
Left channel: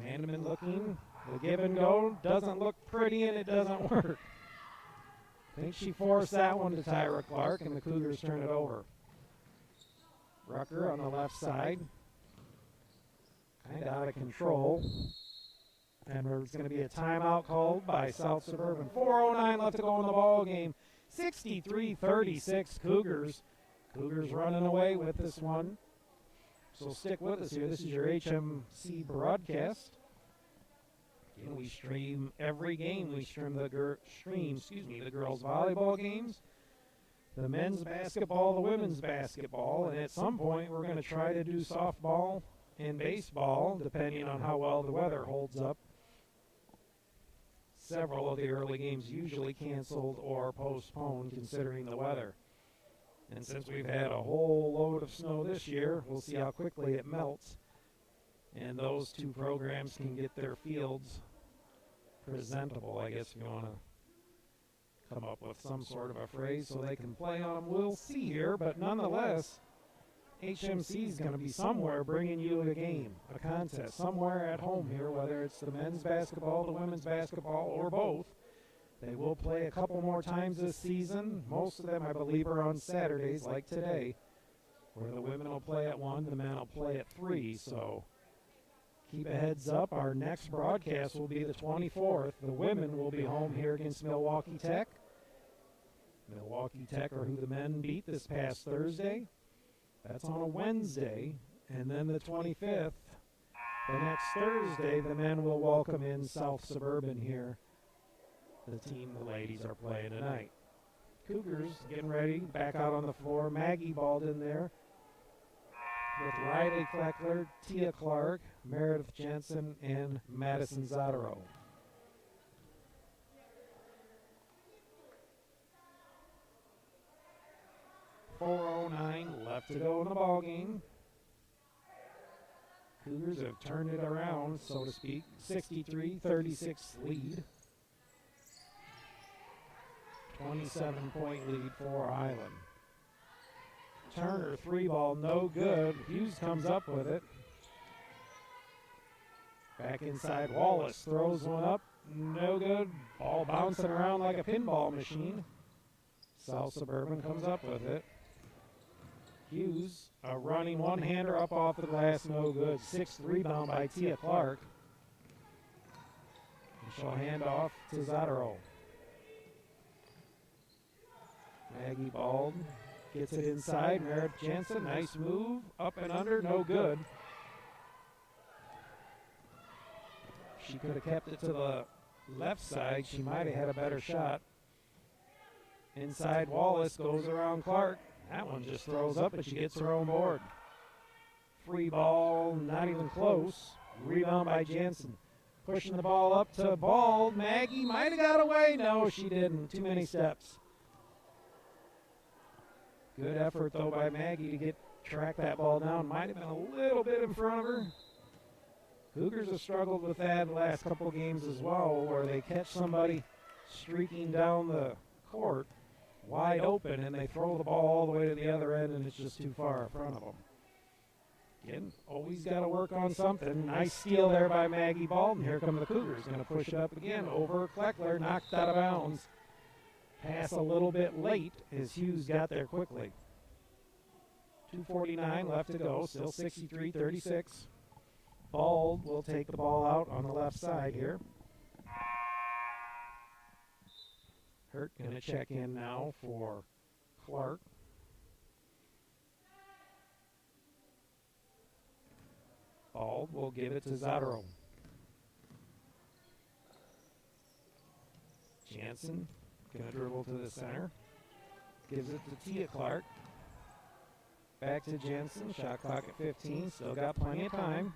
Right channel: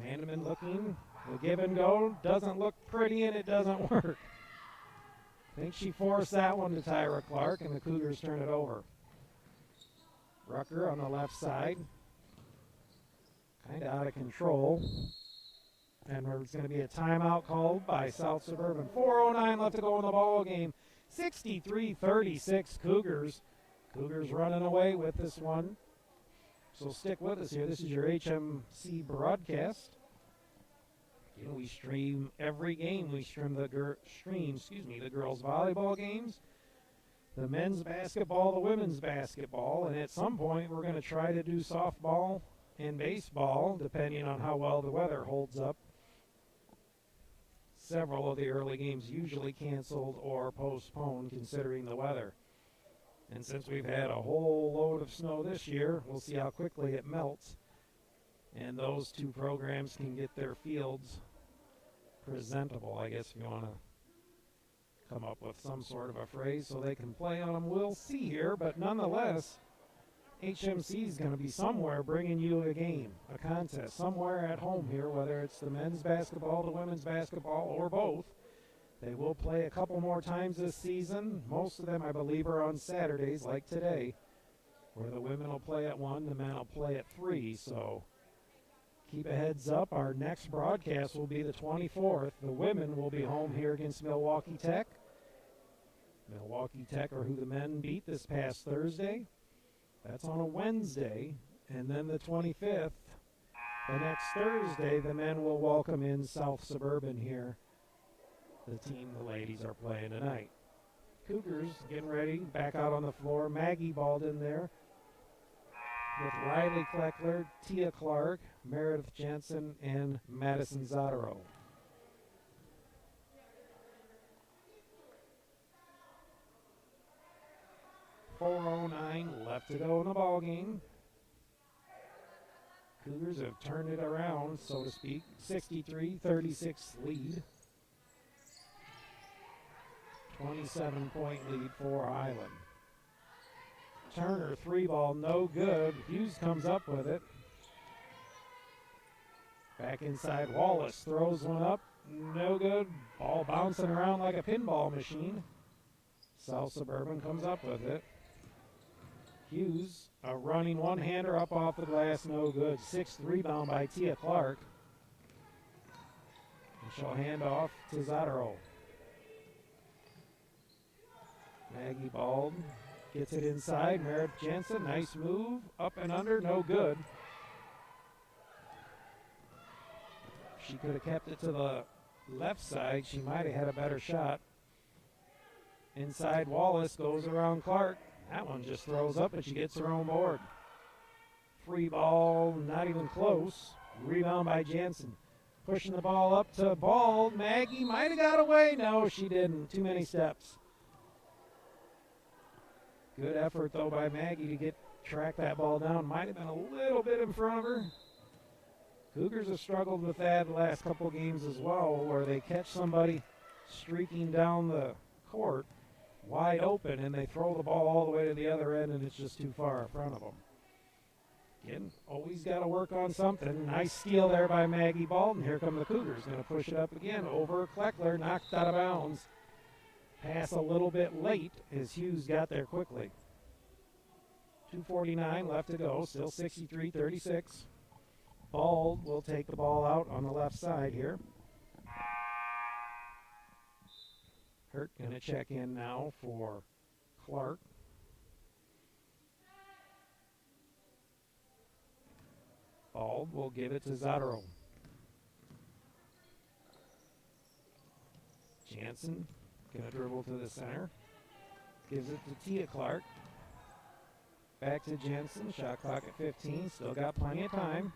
Mandeman looking. The give and go doesn't look pretty, and it doesn't work. I think she forced that one to Tyra Clark, and the Cougars turn it over. Rucker on the left side. Kind of out of control. And there's going to be a timeout called by South Suburban. 4:09 left to go in the ball game. 63-36 Cougars. Cougars running away with this one. So stick with us here. This is your HMC broadcast. You know, we stream every game. We stream the girls' volleyball games, the men's basketball, the women's basketball, and at some point we're going to try to do softball in baseball, depending on how well the weather holds up, several of the early games usually canceled or postponed considering the weather. And since we've had a whole load of snow this year, we'll see how quickly it melts. And those two programs can get their fields presentable, I guess, if you want to come up with some sort of a phrase so they can play on. We'll see here, but nonetheless, HMC is going to be somewhere bringing you a game, a contest, somewhere at home here, whether it's the men's basketball, the women's basketball, or both. They will play a couple more times this season. Most of them, I believe, are on Saturdays, like today, where the women will play at 1, the men will play at 3. So keep a heads up. Our next broadcast will be the 24th. The women will be home here against Milwaukee Tech. Milwaukee Tech are who the men beat this past Thursday. That's on a Wednesday. And then the 25th, the next Thursday, the men will welcome in South Suburban here. The team the ladies are playing tonight. Cougars getting ready, back out on the floor. Maggie balled in there with Riley Kleckler, Tia Clark, Meredith Jensen, and Madison Zataro. .409 left to go in the ball game. Cougars have turned it around, so to speak. 63-36 lead. 27-point lead for Highland. Turner, 3-ball, no good. Hughes comes up with it. Back inside, Wallace throws one up, no good. Ball bouncing around like a pinball machine. South Suburban comes up with it. Hughes, a running one-hander up off the glass, no good. 6th rebound by Tia Clark. And she'll hand off to Zataro. Maggie Bald gets it inside. Meredith Jensen, nice move. Up and under, no good. She could have kept it to the left side. She might have had a better shot. Inside, Wallace goes around Clark. That one just throws up, but she gets her own board. Free ball, not even close. Rebound by Jensen. Pushing the ball up to Bald. Maggie might have got away. No, she didn't. Too many steps. Good effort, though, by Maggie to track that ball down. Might have been a little bit in front of her. Cougars have struggled with that the last couple games as well, where they catch somebody streaking down the court wide open, and they throw the ball all the way to the other end, and it's just too far in front of them. Again, always got to work on something. Nice steal there by Maggie Baldwin. Here come the Cougars. Going to push it up again over Kleckler, knocked out of bounds. Pass a little bit late as Hughes got there quickly. 2:49 left to go, still 63-36. Bald will take the ball out on the left side here. Hurt going to check in now for Clark. Bald will give it to Zataro. Jansen going to dribble to the center. Gives it to Tia Clark. Back to Jensen. Shot clock at 15. Still got plenty of time.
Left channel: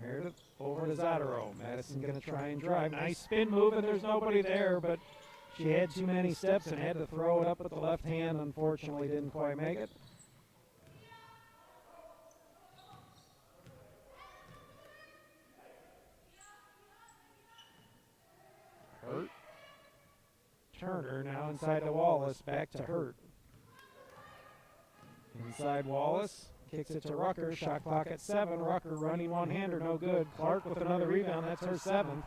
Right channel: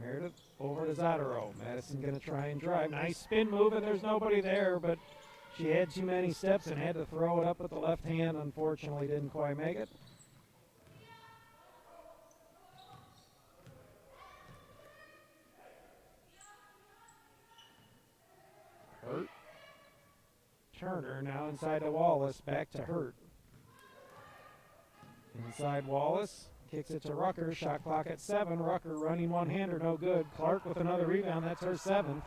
Meredith over to Zataro. Madison going to try and drive. Nice spin move, and there's nobody there, but she had too many steps and had to throw it up with the left hand. Unfortunately, didn't quite make it. Hurt. Turner now inside to Wallace. Back to Hurt. Inside Wallace. Kicks it to Rucker. Shot clock at 7. Rucker running one-hander, no good. Clark with another rebound. That's her 7th.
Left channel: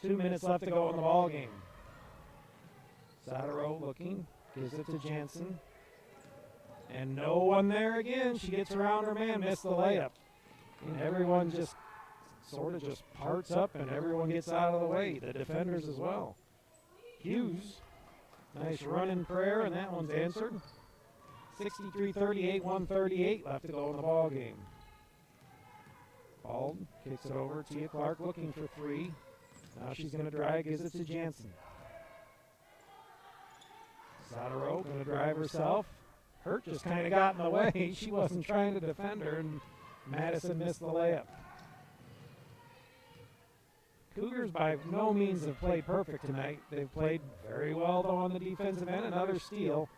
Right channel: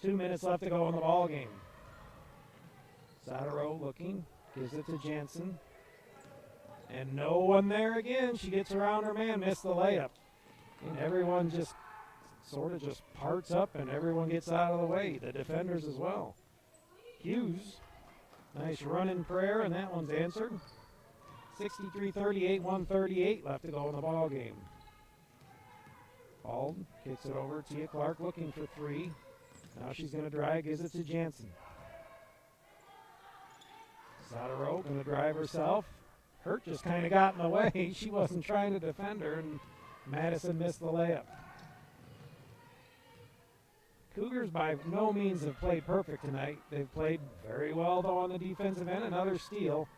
2 minutes left to go in the ball game. Zataro looking. Gives it to Jansen. And no one there again. She gets around her man. Missed the layup. And everyone just sort of just parts up and everyone gets out of the way. The defenders as well. Hughes. Nice run in prayer, and that one's answered. 63-38, 1:38 left to go in the ball game. Bald kicks it over. Tia Clark looking for 3. Now she's going to drive, gives it to Jansen. Zataro going to drive herself. Hurt just kind of got in the way. She wasn't trying to defend her, and Madison missed the layup. Cougars by no means have played perfect tonight. They've played very well, though, on the defensive end. Another steal.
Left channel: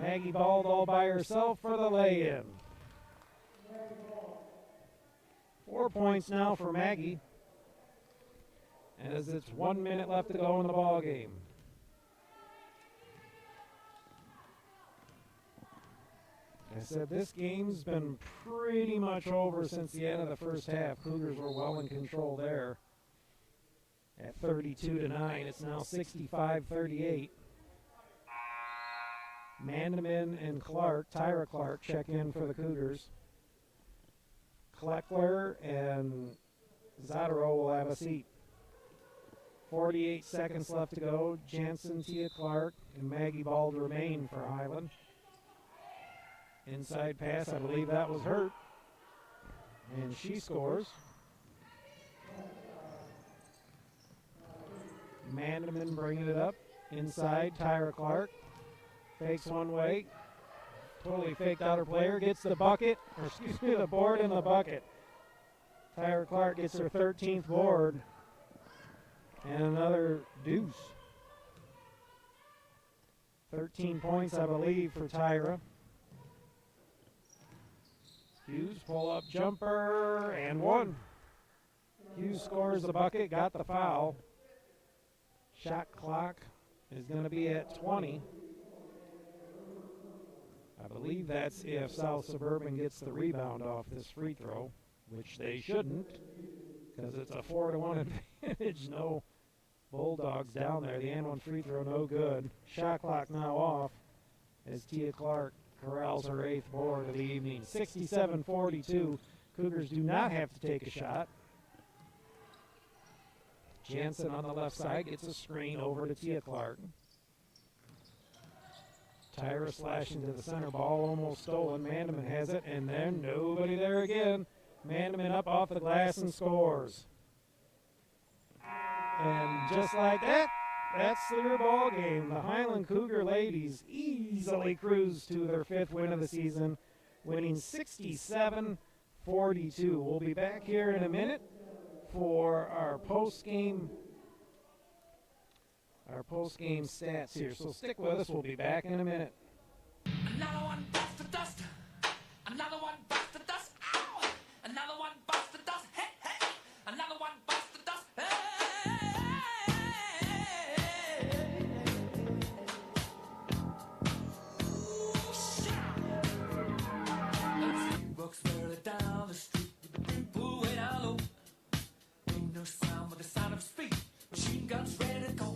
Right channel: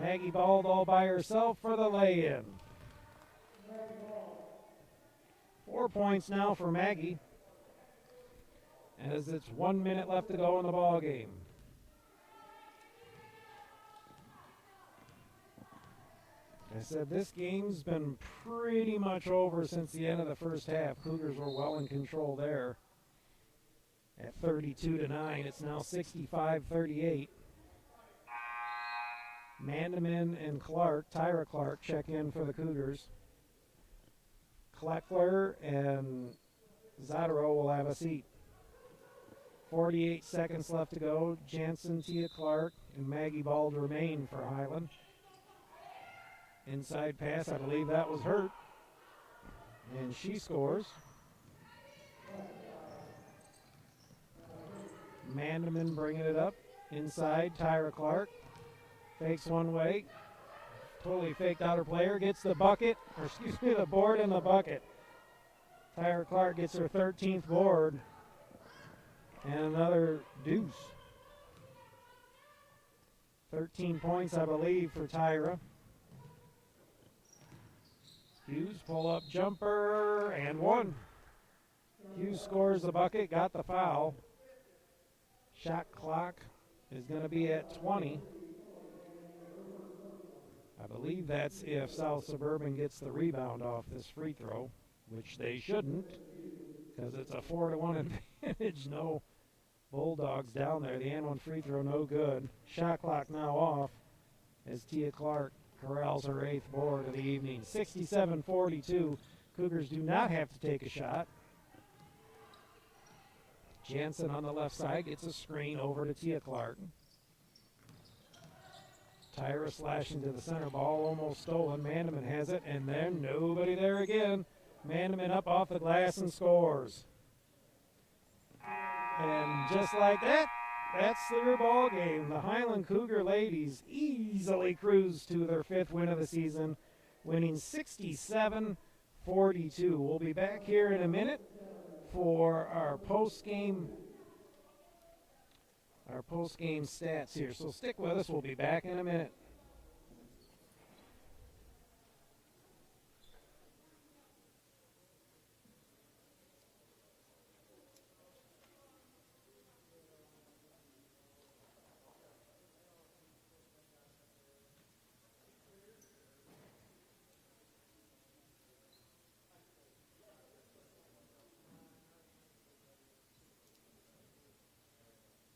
Maggie Bald all by herself for the lay-in. 4 points now for Maggie, as it's 1 minute left to go in the ball game. I said this game's been pretty much over since the end of the first half. Cougars were well in control there at 32-9. It's now 65-38. Mandeman and Tyra Clark check in for the Cougars. Kleckler and Zadaro will have a seat. 48 seconds left to go. Jansen, Tia Clark, and Maggie Bald remain for Highland. Inside pass, I believe that was Hurt. And she scores. Mandeman bringing it up. Inside, Tyra Clark. Fakes one way. Totally faked out her player. Gets the bucket. Or excuse me, the board and the bucket. Tyra Clark gets her 13th board. And another deuce. 13 points, I believe, for Tyra. Hughes pull-up jumper and one. Hughes scores the bucket, got the foul. Shot clock is going to be at 20. I believe that's if South Suburban gets the rebound off this free throw, which they shouldn't, because it's a 4-1 advantage. No Bulldogs down there. The and one free throw, no good. Shot clock now off as Tia Clark corrals her 8th board of the evening. 67-42. Cougars do not have to take a shot. Jansen on the left side gets a screen over to Tia Clark. Tyra slashing to the center. Ball almost stolen. Mandeman has it, and then nobody there again. Mandeman up off the glass and scores. And just like that, that's their ball game. The Highland Cougar ladies easily cruise to their 5th win of the season, winning 67-42. We'll be back here in a minute for our post-game stats here. So stick with us. We'll be back in a minute. Another one busts the dust. Another one busts the dust. Ow! Another one busts the dust. Hey, hey! Another one busts the dust. Walks barely down the street with the brim pulled way down low. Ain't no sound but the sound of speed. Machine guns ready to go.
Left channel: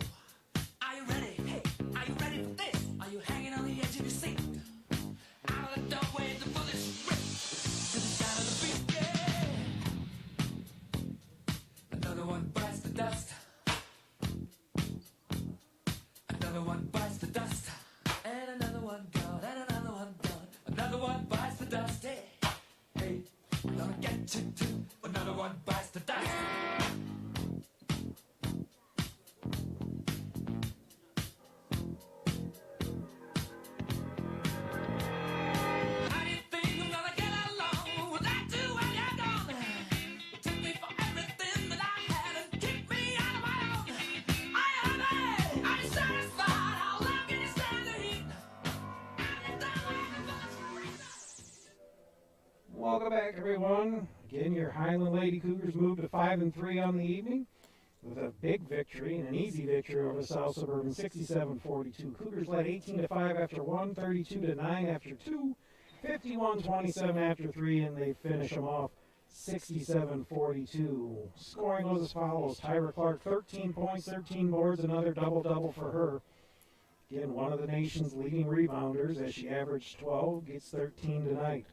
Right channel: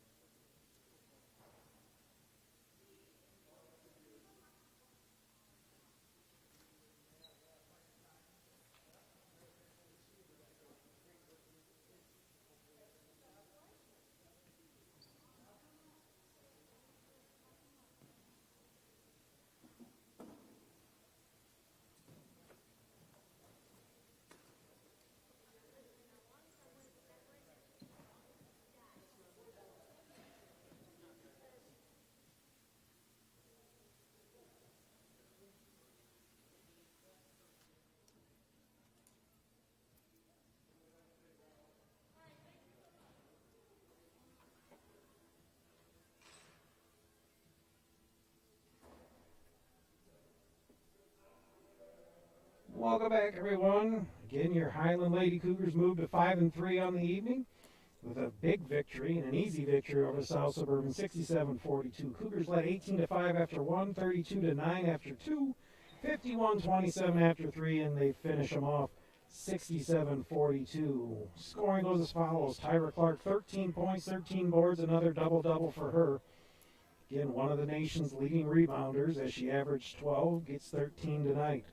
Are you ready? Hey, are you ready for this? Are you hanging on the edge of your seat? Out of the doorway, the bullets rip to the sound of the beat. Yeah. Another one bites the dust. Another one bites the dust. And another one gone. And another one gone. Another one bites the dust. Hey, hey, I'm gonna get you too. Another one bites the dust. How do you think I'm gonna get along without you when you're gone? You took me for everything that I had and kicked me out of my own. Are you happy? Are you satisfied? How long can you stand the heat? Welcome back, everyone. Again, your Highland Lady Cougars moved to 5-3 on the evening with a big victory and an easy victory over South Suburban, 67-42. Cougars led 18-5 after 1, 32-9 after 2, 51-27 after 3, and they finish them off 67-42. Scoring goes as follows. Tyra Clark, 13 points, 13 boards, another double-double for her. Again, one of the nation's leading rebounders as she averaged 12, gets 13 tonight.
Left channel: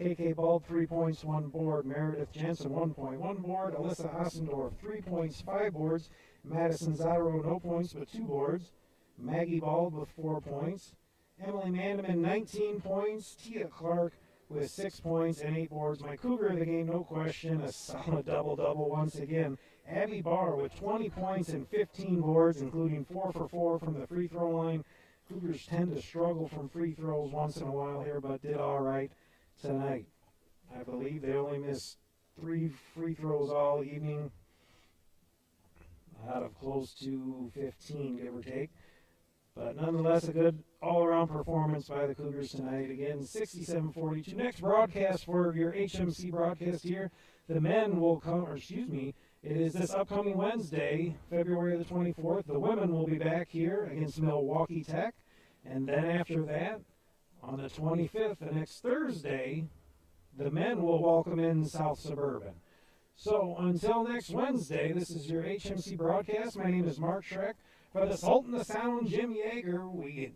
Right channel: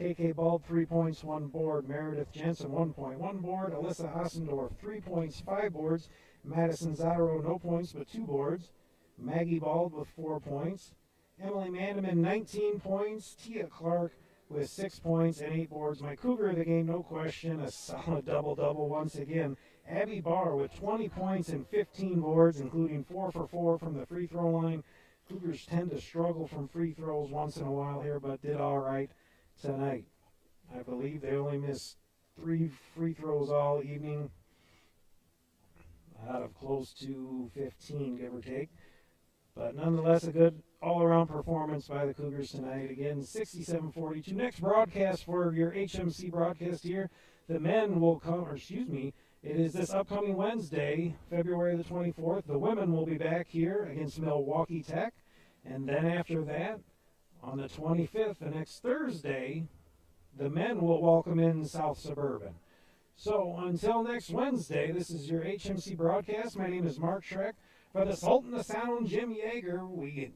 KK Bald, 3 points, 1 board. Meredith Jensen, 1 point, 1 board. Alyssa Ossendorf, 3 points, 5 boards. Madison Zadaro, no points, but 2 boards. Maggie Bald with 4 points. Emily Mandeman, 19 points. Tia Clark with 6 points and 8 boards. My Cougar of the game, no question, a solid double-double once again. Abby Barr with 20 points and 15 boards, including 4 for 4 from the free throw line. Cougars tend to struggle from free throws once in a while here, but did all right tonight. I believe they only missed 3 free throws all evening out of close to 15, give or take. But nonetheless, a good all-around performance by the Cougars tonight. Again, 67-42. Next broadcast for your HMC broadcast here, the men will come, or excuse me, it is this upcoming Wednesday, February the 24th. The women will be back here against Milwaukee Tech. And then after that, on the 25th, the next Thursday, the men will welcome in South Suburban. So until next Wednesday, this is your HMC broadcast. My name is Mark Schreck. For the Sultan of Sound, Jim Yeager, we